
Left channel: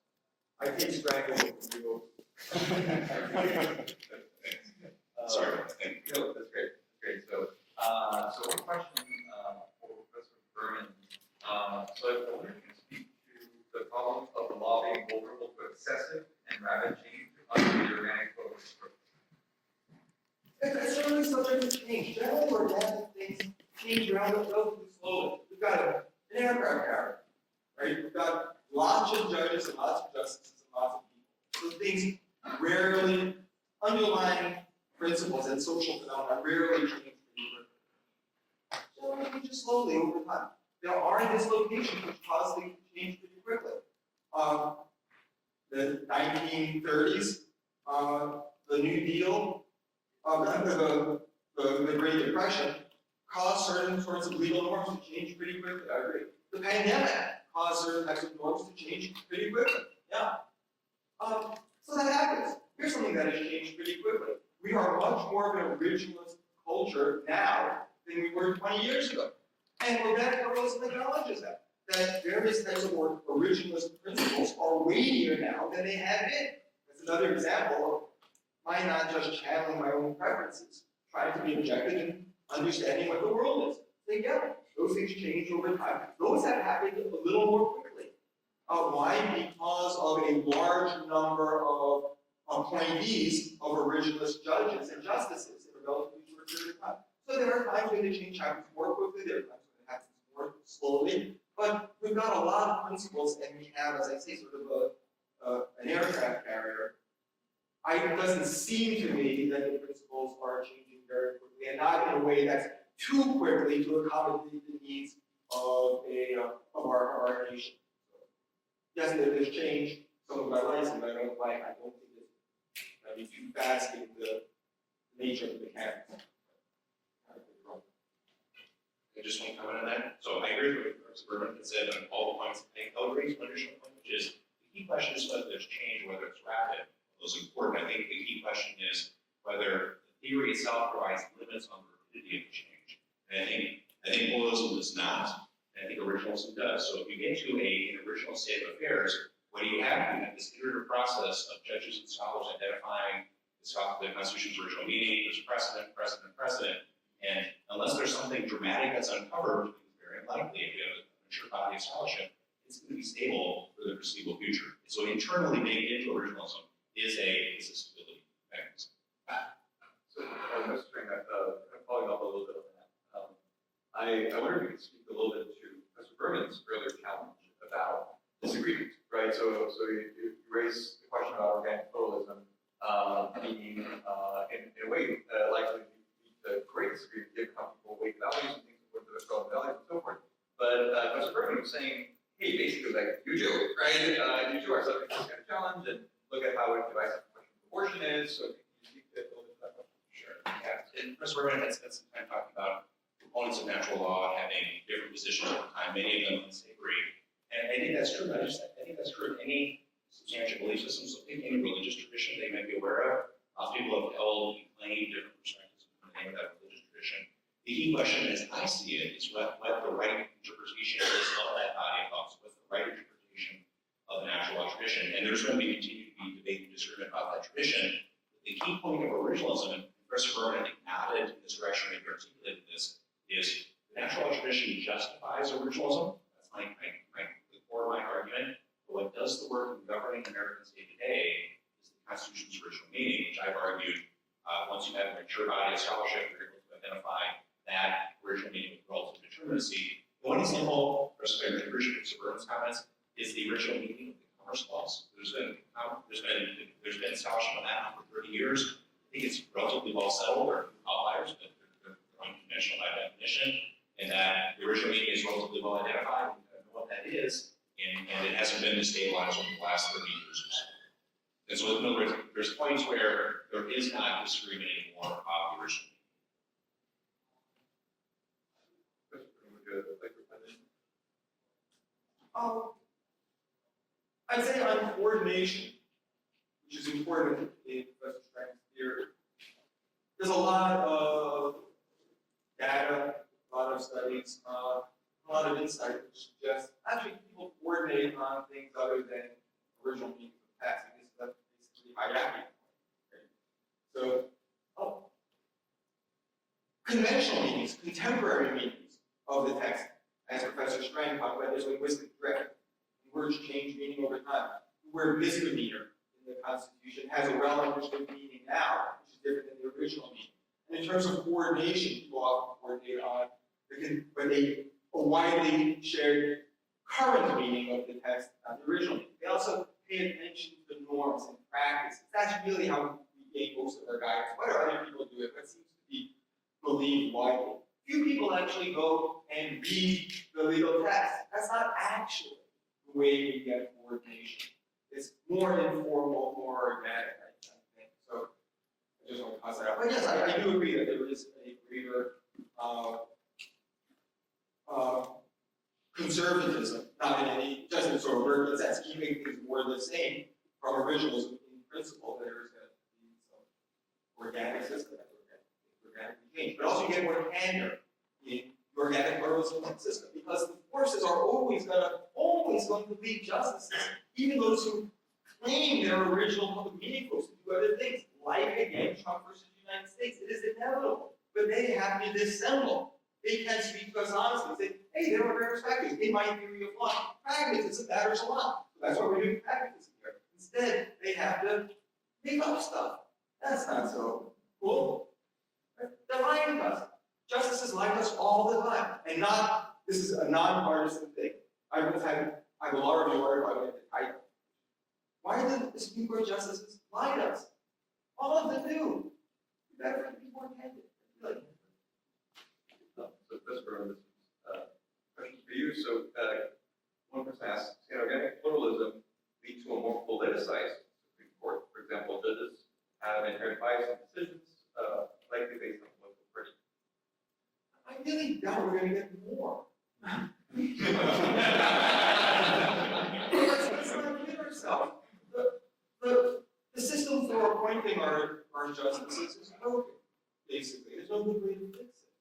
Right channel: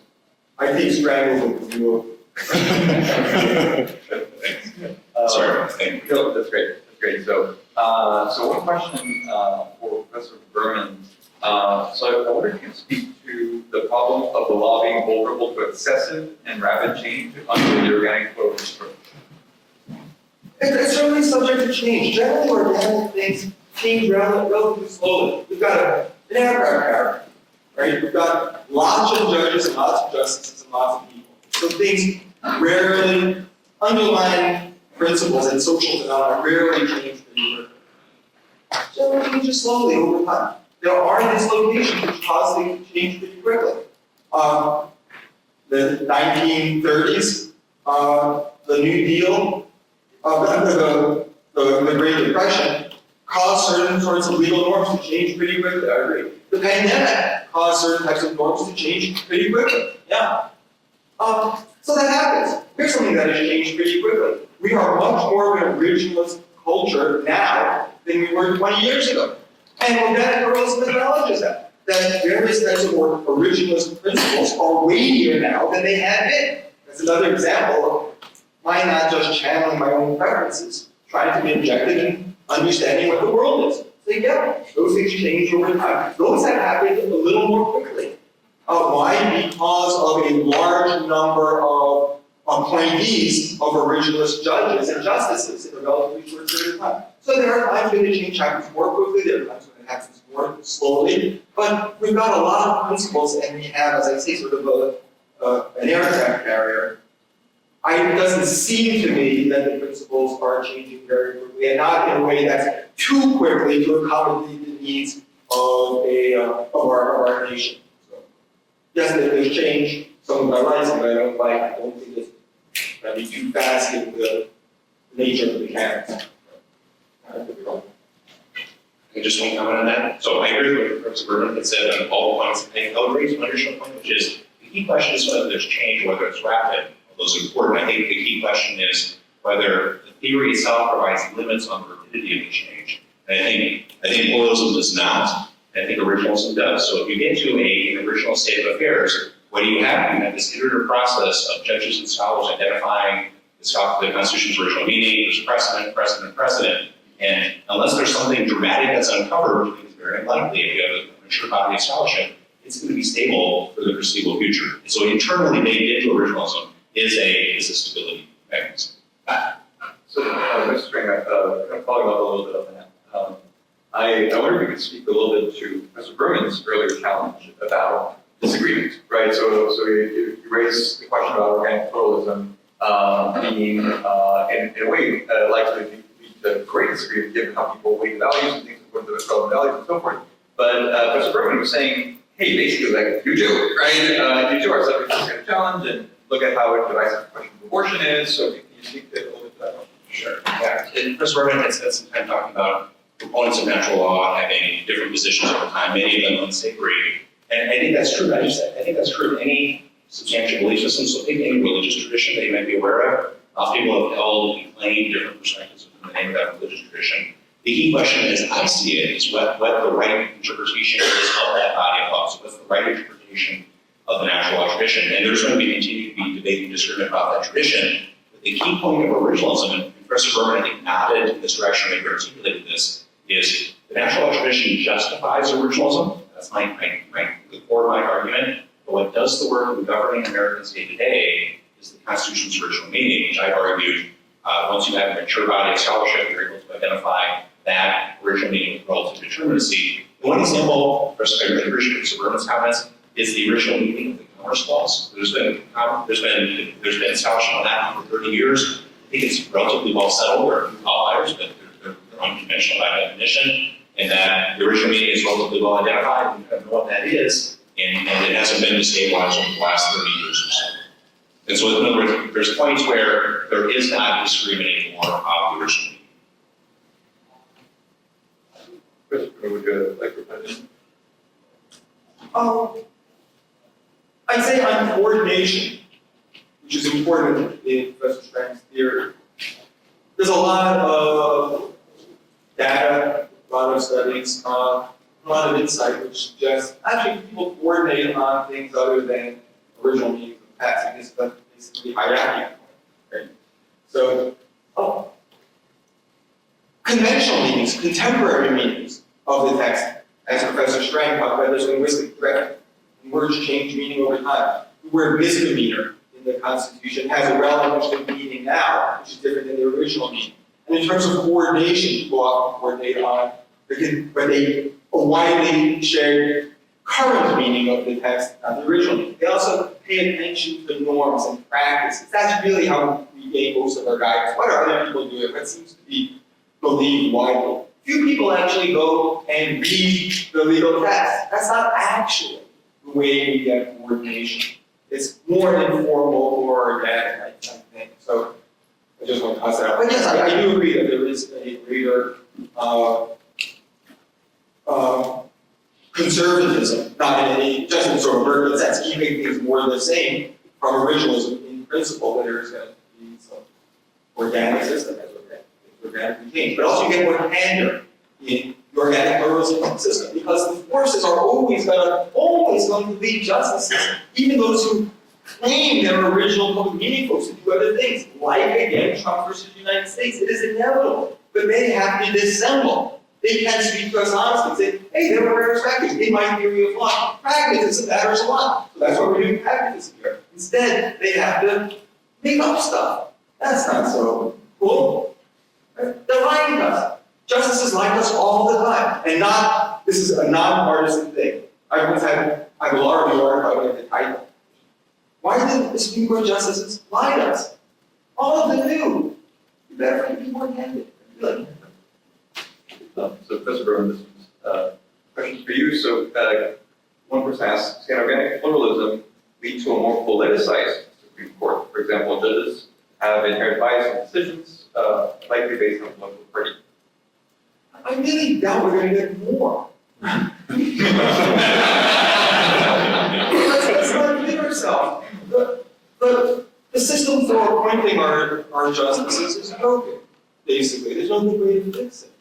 I think Strang will do. Sorry, thank you. No, that's great. That's great. So one question for Professor Berman. So I wonder if you can speak to the problem of the law being vulnerable to excessive and rapid change under the organic flow approach. It's certainly subject to change. Generally, organic things change relatively slowly. We've got an aircraft, right? We've got lots of judges and lots of justices and lots of people. So things rarely, underlying principles and social phenomena rarely change pretty quickly. Generally changes slowly over time. There are dislocations which cause things to change pretty quickly. The 1930s, the New Deal, the Great Depression caused certain sorts of legal norms to change pretty quickly. I agree. The pandemic caused certain types of norms to change pretty quickly. Yeah. So that happens. Here's something that has changed pretty quickly. We are much more of an originalist culture now than we were 20 years ago. And organic pluralism acknowledges that various types of originalist principles are weightier now than they had been. That's another example of my not just channeling my own preferences, trying to be objective and understanding what the world is. So yeah, those things change over time. Those have happened a little more quickly. Why? Because of a large number of appointees of originalist judges and justices in a relatively short period of time. So there are times when the change happens more quickly, there are times when it happens more slowly, but we've got a lot of principles and we have, as I say, sort of an aircraft carrier. It doesn't seem to me that the principles are changing very quickly, and not in a way that's too quickly to accommodate the needs of our nation. So, yes, there's change. Some of I like, some I don't like. I don't think it's going to be too fast in the nature of the mechanics. I could be wrong. I just want to comment on that. So I agree with what Professor Berman had said on all the points. I'll raise one additional point, which is the key question is whether there's change, whether it's rapid. Those are important. I think the key question is whether the theory itself provides limits on the rapidity of the change. And I think pluralism does not. I think originalism does. So if you get to an original state of affairs, what do you have? You have this iterative process of judges and scholars identifying the Constitution's original meaning. There's precedent. And unless there's something dramatic that's uncovered, which I think is very unlikely if you have a mature body of scholarship, it's going to be stable for the foreseeable future. So internally baked into originalism is a stability mechanism. So, Mr. Strang, kind of following up a little bit on that. I wonder if you could speak a little bit to Professor Berman's earlier challenge about disagreement, right? So you raised the question about organic pluralism being, in a way, likely to lead to great disagreement given how people weigh values and things according to their relevant values and so forth. But Professor Berman was saying, hey, basically, like, you do, right? You do are subject to this kind of challenge, and look at how divisive the question of abortion is. So can you speak a little bit to that one? Sure. Yeah. And Professor Berman had spent some time talking about proponents of natural law having different positions over time, many of them unsavory. And I think that's true. I think that's true in any substantial belief system. So take any religious tradition that you might be aware of. People have held and claimed different perspectives within the name of that religious tradition. The key question, as I see it, is what the right interpretation is of that body of law. So what's the right interpretation of the natural law tradition? And there's going to continue to be debate and disagreement about that tradition. But the key point of originalism, and Professor Berman, I think, nodded in this direction when he articulated this, is the natural law tradition justifies originalism. That's the core of my argument. But what does the work of the governing American state today is Constitution's original meaning, which I argued, once you have a mature body of scholarship, you're able to identify that original meaning of relative determinacy. One example, for Richard Suburban's comments, is the original meaning of the Commerce Clause. There's been scholarship on that for 30 years. I think it's relatively well settled. There are a few outliers, but they're unconventional by definition, and that the original meaning is relatively well identified. We kind of know what that is, and it hasn't been destabilized over the last 30 years or so. And so, in other words, there's points where there is not disagreement anymore about the original meaning. Christopher, would you like to reply? I'd say on coordination, which is important in Professor Strang's theory. There's a lot of data, a lot of studies, a lot of insight which suggests actually people coordinate on things other than original meanings of the text. It's basically hierarchy, right? So, conventional meanings, contemporary meanings of the text, as Professor Strang talked about, there's linguistic threat. Words change meaning over time. The word misdemeanor in the Constitution has a relative meaning now, which is different than the original meaning. And in terms of coordination, people often coordinate on a widely shared current meaning of the text, not the original meaning. They also pay attention to norms and practices. That's really how we gain most of our guidance. What are other people doing? What seems to be believed widely? Few people actually go and read the legal text. That's not actually the way we get coordination. It's more informal, more organic, I think. So I just want to toss that out. But yes, I do agree that there is a greater conservatism, not in just in sort of urban sense, keeping things more the same from originalism in principle, that there's going to be some organic system as organically changed. But also you get more candor in the organic pluralism system, because the forces are always going to be justices, even those who claim their original public meaning folks to do other things, like again Trump versus the United States. It is inevitable, but they have to dissemble. They can speak to us honestly and say, hey, there were rare factors in my theory of law. Pragmatism matters a lot. So that's why we're doing pragmatism here. Instead, they have to make up stuff. That's not so cool. They're lying to us. Justices lie to us all the time. And this is a nonpartisan thing. I once had a law review article, I went to title. Why did the Supreme Court justices lie to us? All of them knew. You better be more candid. So Professor Berman, this is a question for you. So one person asks, can organic pluralism lead to a more politicized Supreme Court? For example, judges have inherent bias in decisions, likely based on political party. I really doubt we're going to get more. Let's not kid ourselves. The system for appointing our justices is broken, basically. There's no good way to fix it.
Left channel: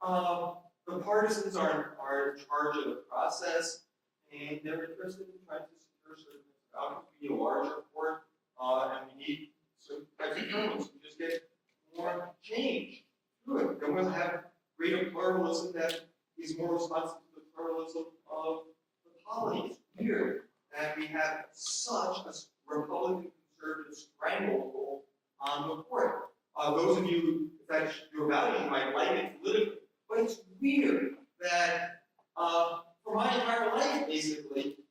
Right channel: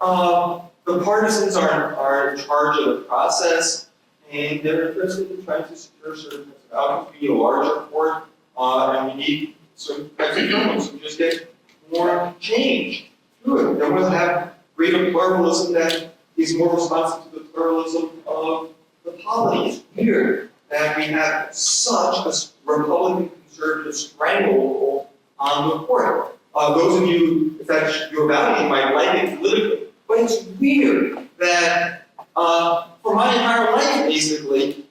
The partisans are in charge of the process, and they're interested in trying to secure certain outcomes. We need a larger court, and we need certain types of governments who just get more change through it. Then we'll have greater pluralism that is more responsive to the pluralism of the polity. It's weird that we have such a Republican conservative stranglehold on the court. Those of you, if that's your value, might like it politically. But it's weird that for my entire life, basically,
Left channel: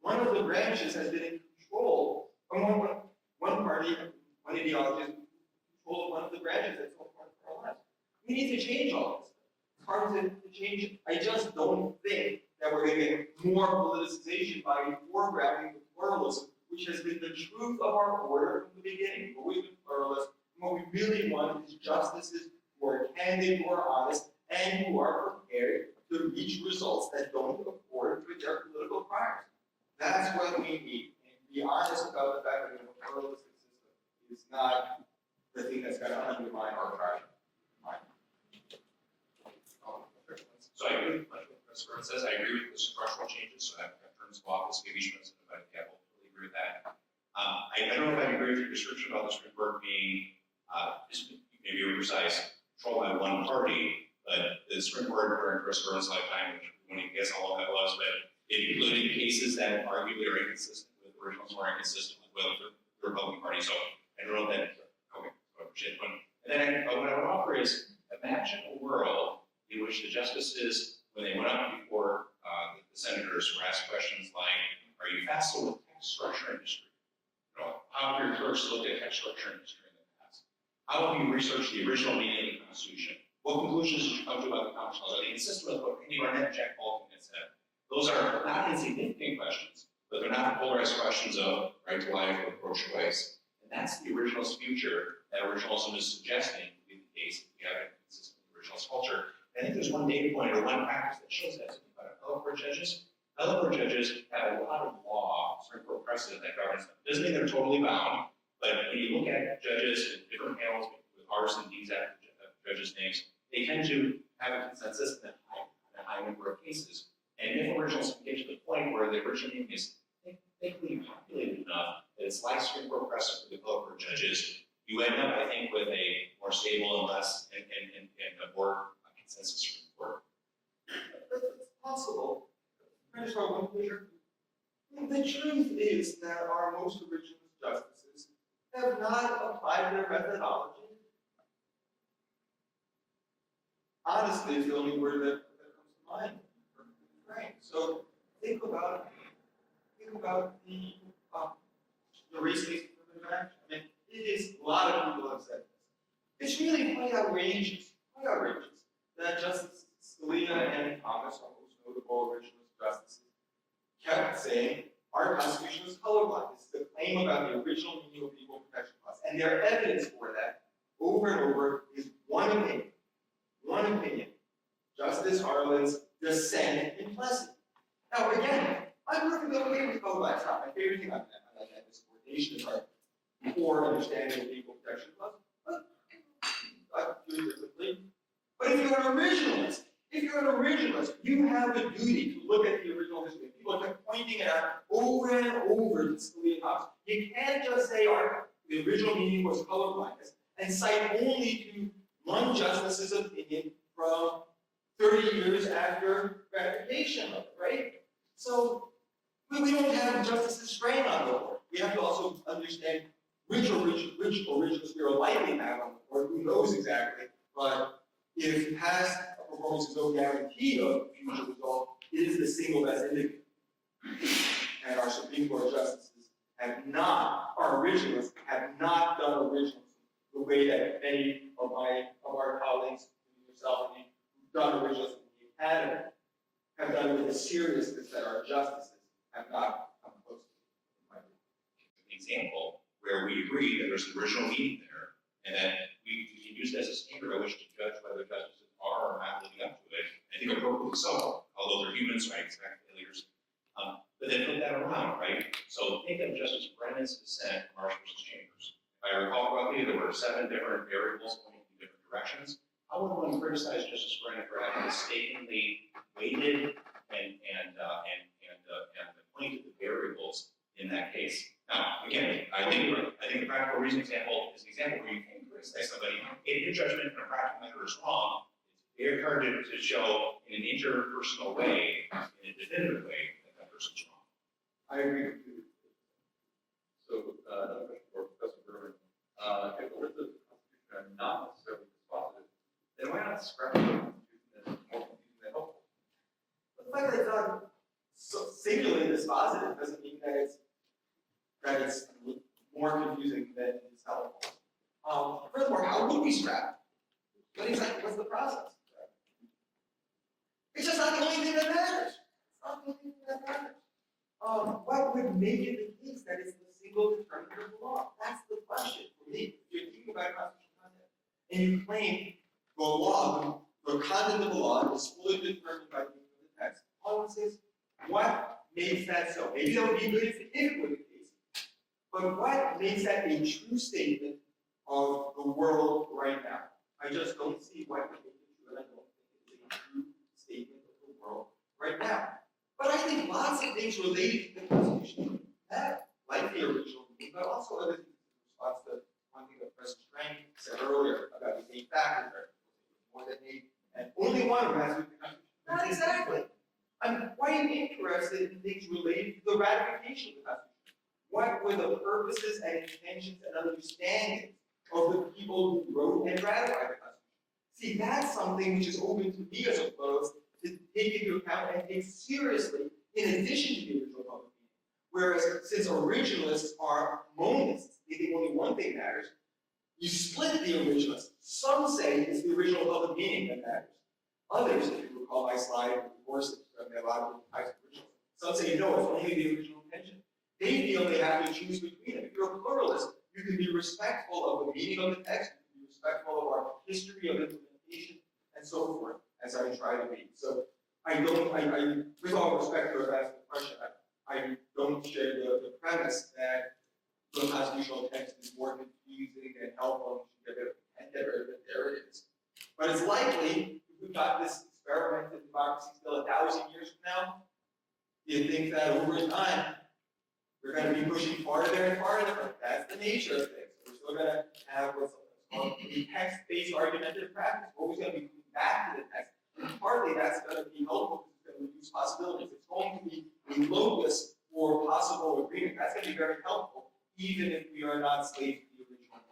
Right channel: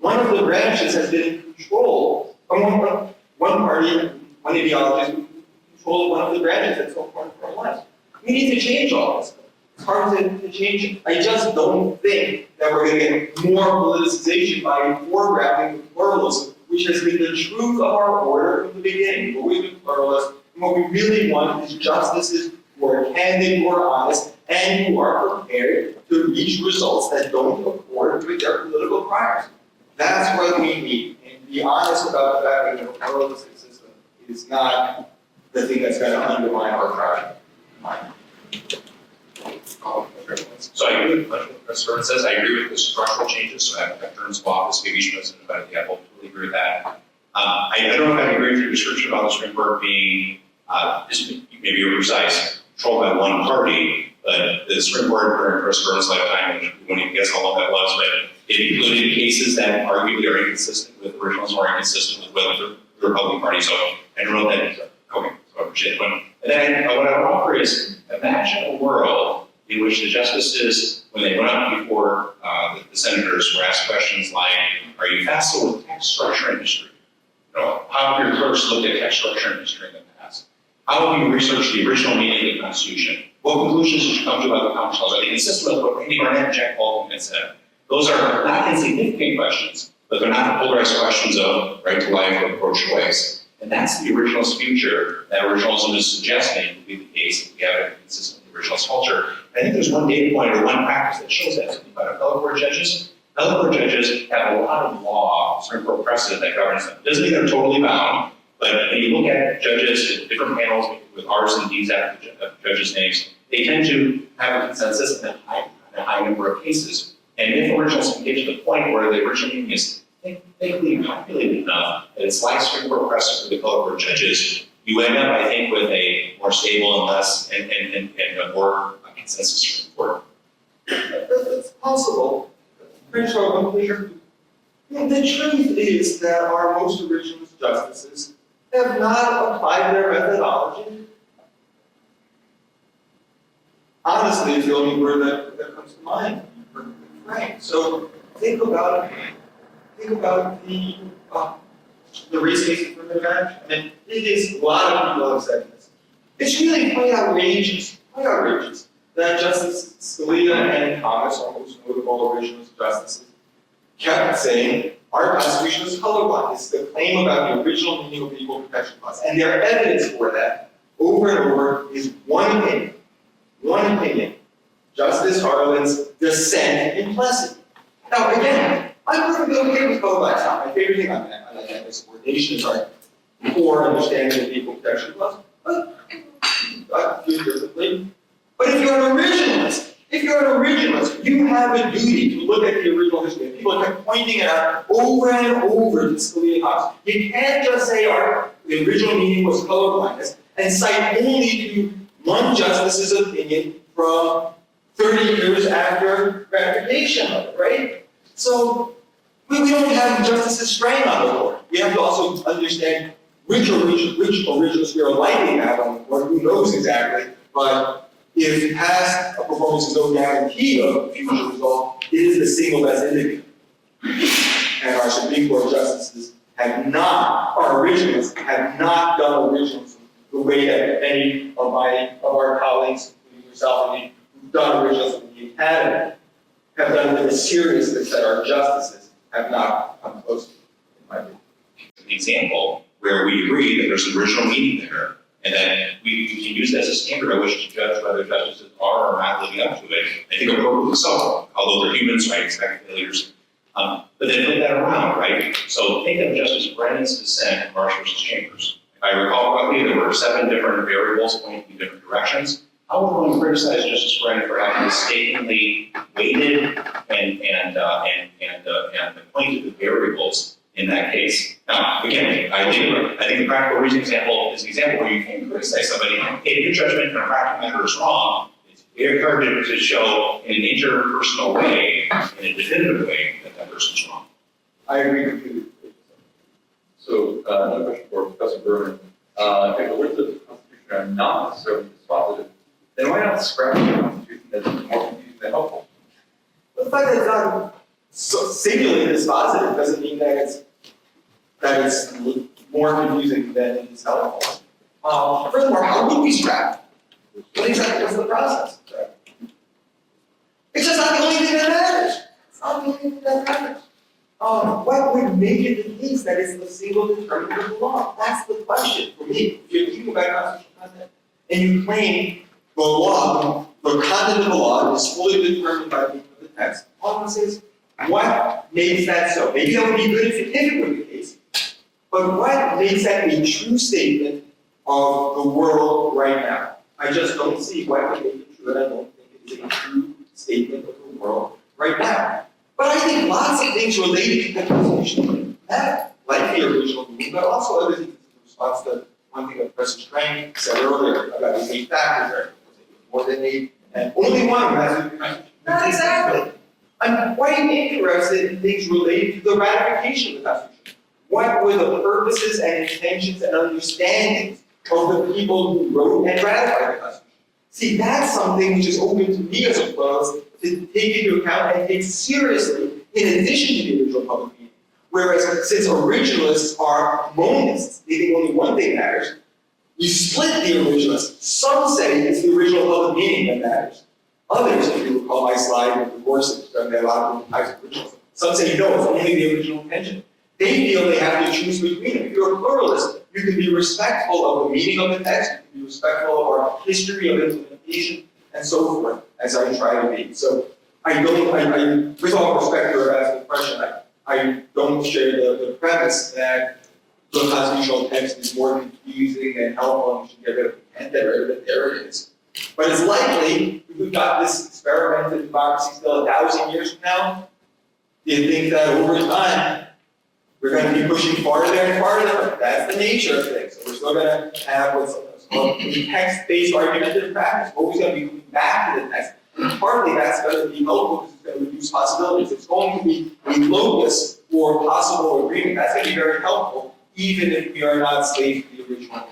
one of the branches has been in control. One party, one ideology has been in control of one of the branches that's so far from our lives. We need to change all this. It's hard to change it. I just don't think that we're going to get more politicization by foregrounding the pluralism, which has been the truth of our order from the beginning. We've always been pluralist, and what we really want is justices who are candid, who are honest, and who are prepared to reach results that don't accord with their political priors. That's what we need. And be honest about the fact that the pluralistic system is not the thing that's going to undermine our project. So I agree with what Professor Berman says. I agree with the structural changes. So that terms of office, maybe shows in the example. Totally agree with that. I don't know if I agree with your description about the Supreme Court being, maybe you're precise, controlled by one party, but the Supreme Court during Professor Berman's lifetime, when he gets how long that was, but it included cases that arguably are inconsistent with originals or inconsistent with what the the Republican Party. So I wrote that. Okay, so I appreciate the point. And then what I would offer is imagine a world in which the justices, when they went up before the senators, were asked questions like, "Are you facile with text structure and history? You know, how have your clerks looked at text structure and history in the past? How have you researched the original meaning of the Constitution? What conclusions did you come to about the Congress laws? Are they consistent with what Randy Barnett and Jack Baldwin had said?" Those are not insignificant questions, but they're not polarized questions of right to life or pro-choice. And that's the originalist future that originalism is suggesting would be the case if we have a consistent originalist culture. I think there's one data point or one practice that shows that. About appellate court judges. Appellate court judges have a lot of law, Supreme Court precedent that governs them. Doesn't mean they're totally bound, but when you look at judges, different panels with R's and D's after the judges' names, they tend to have a consensus in a high number of cases. And if originals can get to the point where the original meaning is thickly populated enough that it's like Supreme Court precedent for the appellate court judges, you end up, I think, with a more stable and less and a more consensus Supreme Court. It's possible. The truth is that our most originalist justices have not applied their methodology. Honestly, it's the only word that comes to mind. Right. So think about the race case for the judge. I mean, it is a lot of people have said this. It's really quite outrageous that Justice Scalia and Thomas, our most notable originalist justices, kept saying our Constitution is colorblind. It's the claim about the original meaning of the Equal Protection Clause. And their evidence for that, over and over, is one opinion. Justice Harlan's dissent in Plessy. Now, again, I'm perfectly okay with colorblind. It's not my favorite thing on that. I like that subordinations are poor understanding of the Equal Protection Clause. But I feel differently. But if you're an originalist, you have a duty to look at the original history. People kept pointing it out over and over to Scalia and Thomas. You can't just say the original meaning was colorblindness and cite only to one justice's opinion from 30 years after ratification of it, right? So we don't have Justices Strang on the board. We have to also understand which originals we are likely to have on the board. Who knows exactly? But if past performance is no guarantee of future result, it is the single best indicator. And our Supreme Court justices have not, our originalists have not done originalism the way that many of our colleagues, including yourself and me, who've done originalism in the academy, have done it with a seriousness that our justices have not come close to, in my view. An example where we agree that there's an original meaning there, and that we can use that as a standard by which to judge whether justices are or not living up to it. I think appropriately so, although they're humans, right, expect failures. But then flip that around, right? So think of Justice Brennan's dissent in Marsh versus Chambers. If I recall correctly, there were 7 different variables pointing in different directions. How would one criticize Justice Brennan for having mistakenly weighted and pointed the variables in that case? Now, again, I think the practical reason example is an example where you can criticize somebody. Hey, your judgment in a practical matter is wrong. It's very hard to show in an interpersonal way, in a definitive way, that person's wrong. I agree with you. So, another question for Professor Berman. If the words of the Constitution are not necessarily dispositive, then why not scrap the Constitution that's more confusing than helpful? The fact that it's not singularly dispositive doesn't mean that it's more confusing than it is helpful. Furthermore, how would we scrap it? What exactly was the process? It's just not the only thing that matters. It's not the only thing that matters. What would make it the case that it's the single determinant of the law? That's the question for me. If you're thinking about constitutional content and you claim the law, the content of the law is fully determined by the text, all I'm going to say is, what makes that so? Maybe that would be good if it were the case, but what makes that a true statement of the world right now? I just don't see why would make it true, and I don't think it is a true statement of the world right now. But I think lots of things related to the Constitution matter, like the original meaning, but also other things in response to one thing that Professor Strang said earlier about the 8 factors, more than 8, and only one of them has to be Constitution. Not exactly. I'm quite interested in things related to the ratification of the Constitution. What were the purposes and intentions and understandings of the people who wrote and ratified the Constitution? See, that's something which is open to me as a pluralist to take into account and take seriously in addition to the original public meaning. Whereas, since originalists are monists, they think only one thing matters, you split the originalists. Some say it's the original public meaning that matters. Others, if you recall my slide with the Gorsuch, there are a lot of types of originals. Some say no, it's only the original intention. They feel they have to choose between them. If you're a pluralist, you can be respectful of the meaning of the text, you can be respectful of our history of implementation, and so forth, as I try to be. So with all respect to your asking the question, I don't share the premise that the constitutional text is more confusing and helpful and you should get rid of it. And get rid of it, there it is. But it's likely, if we've got this experiment in democracy still 1,000 years from now, do you think that over time, we're going to be pushing farther and farther? That's the nature of things. So we're still going to have what's called text-based argumentative practice. Always going to be coming back to the text. And partly that's going to be helpful because it's going to reduce possibilities. It's going to be a locus for possible agreement. That's going to be very helpful, even if we are not slaves to the original.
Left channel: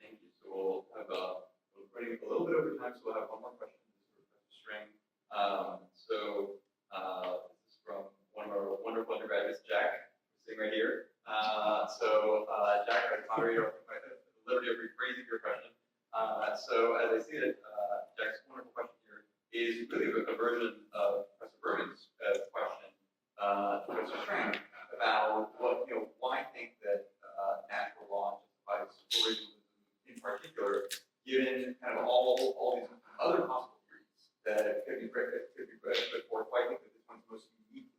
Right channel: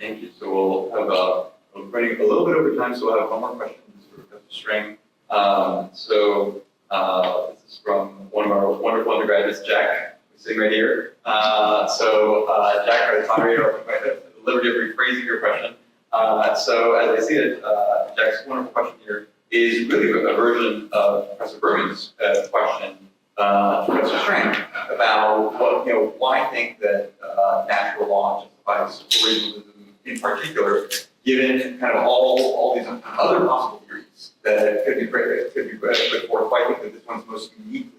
Thank you. So we'll have, we're running a little bit over time, so we'll have one more question for Professor Strang. This is from one of our wonderful undergraduates, Jack, who's sitting right here. Jack, I have the liberty of rephrasing your question. So as I see it, Jack's wonderful question here is really a version of Professor Berman's question to Professor Strang about why think that natural law justifies originalism in particular, given kind of all these other possible theories that could be put forth. Why think that this one's most uniquely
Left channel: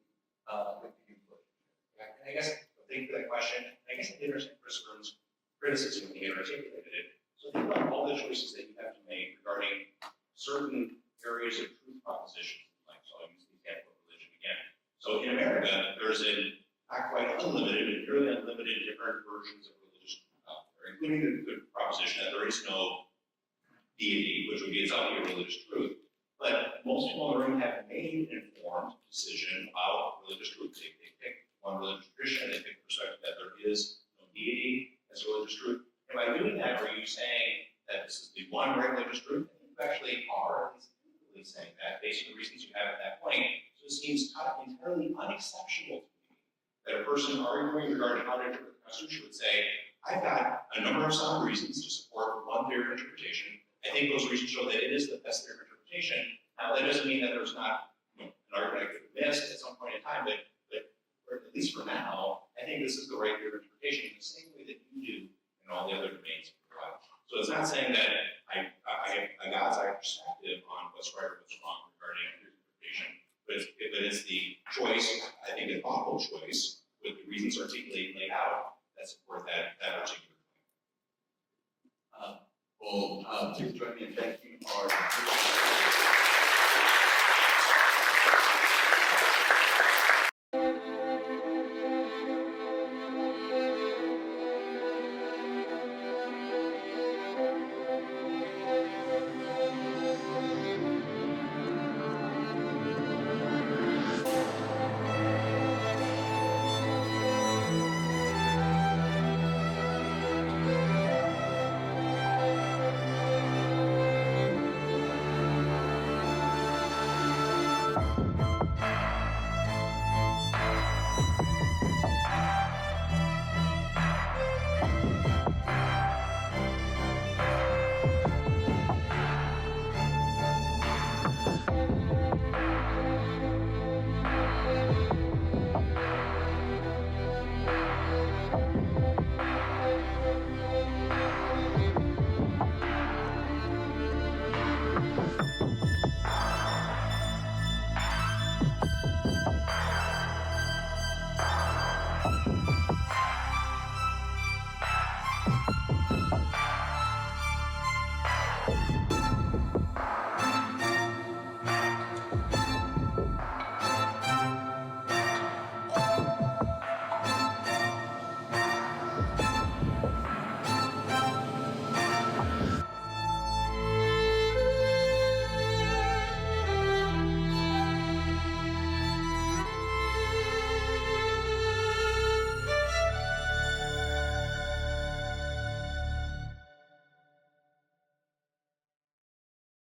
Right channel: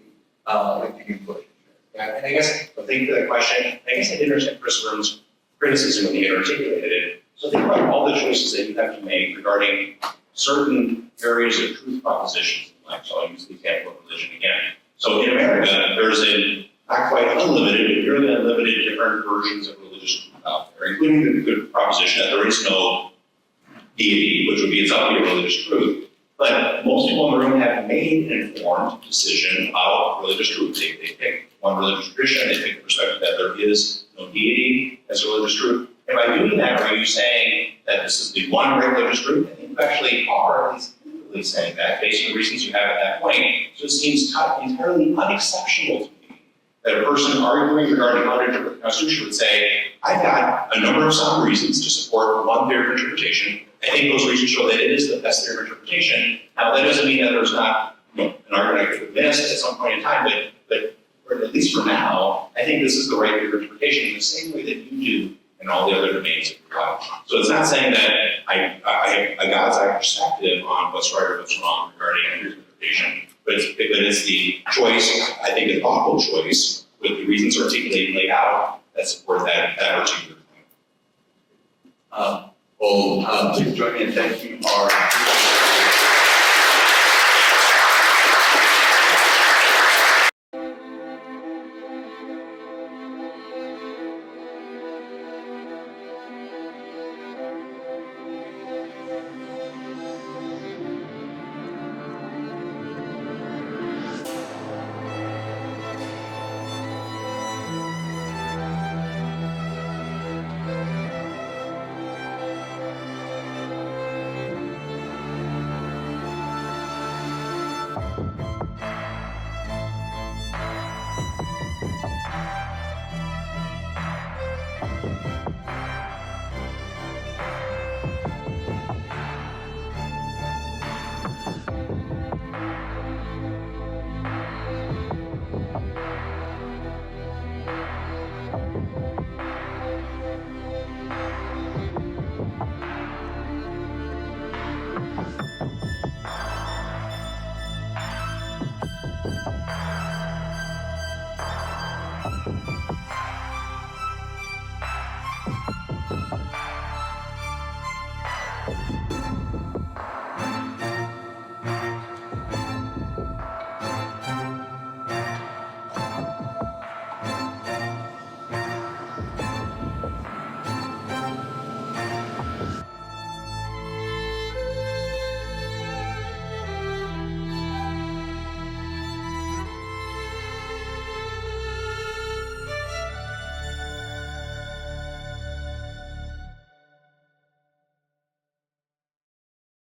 linked to human relationship? Yeah, and I guess, thank you for that question. I guess I did understand Chris Burns' criticism when he had articulated it. So think about all the choices that you have to make regarding certain areas of truth propositions in life. So I'll use the example of religion again. So in America, there's not quite unlimited, but nearly unlimited different versions of religious truth out there, including the proposition that there is no deity, which would be itself a religious truth. But most people in the room have made an informed decision about religious truth. They pick one religious tradition, they take the perspective that there is no deity as a religious truth. And by doing that, are you saying that this is the one great religious truth? I think you actually are at least literally saying that based on the reasons you have at that point. So it seems entirely unexceptional to me that a person arguing regarding how to interpret the Constitution would say, I've got a number of sound reasons to support one theory of interpretation. I think those reasons show that it is the best theory of interpretation. Now, that doesn't mean that there's not an argument I could have missed at some point in time, but or at least for now, I think this is the right theory of interpretation in the same way that you do in all the other domains of your life. So it's not saying that I have a God's eye perspective on what's right or what's wrong regarding interpretation, but it's the choice, I think a thoughtful choice, with the reasons articulated and laid out that support that particular claim. Please join me in thanking our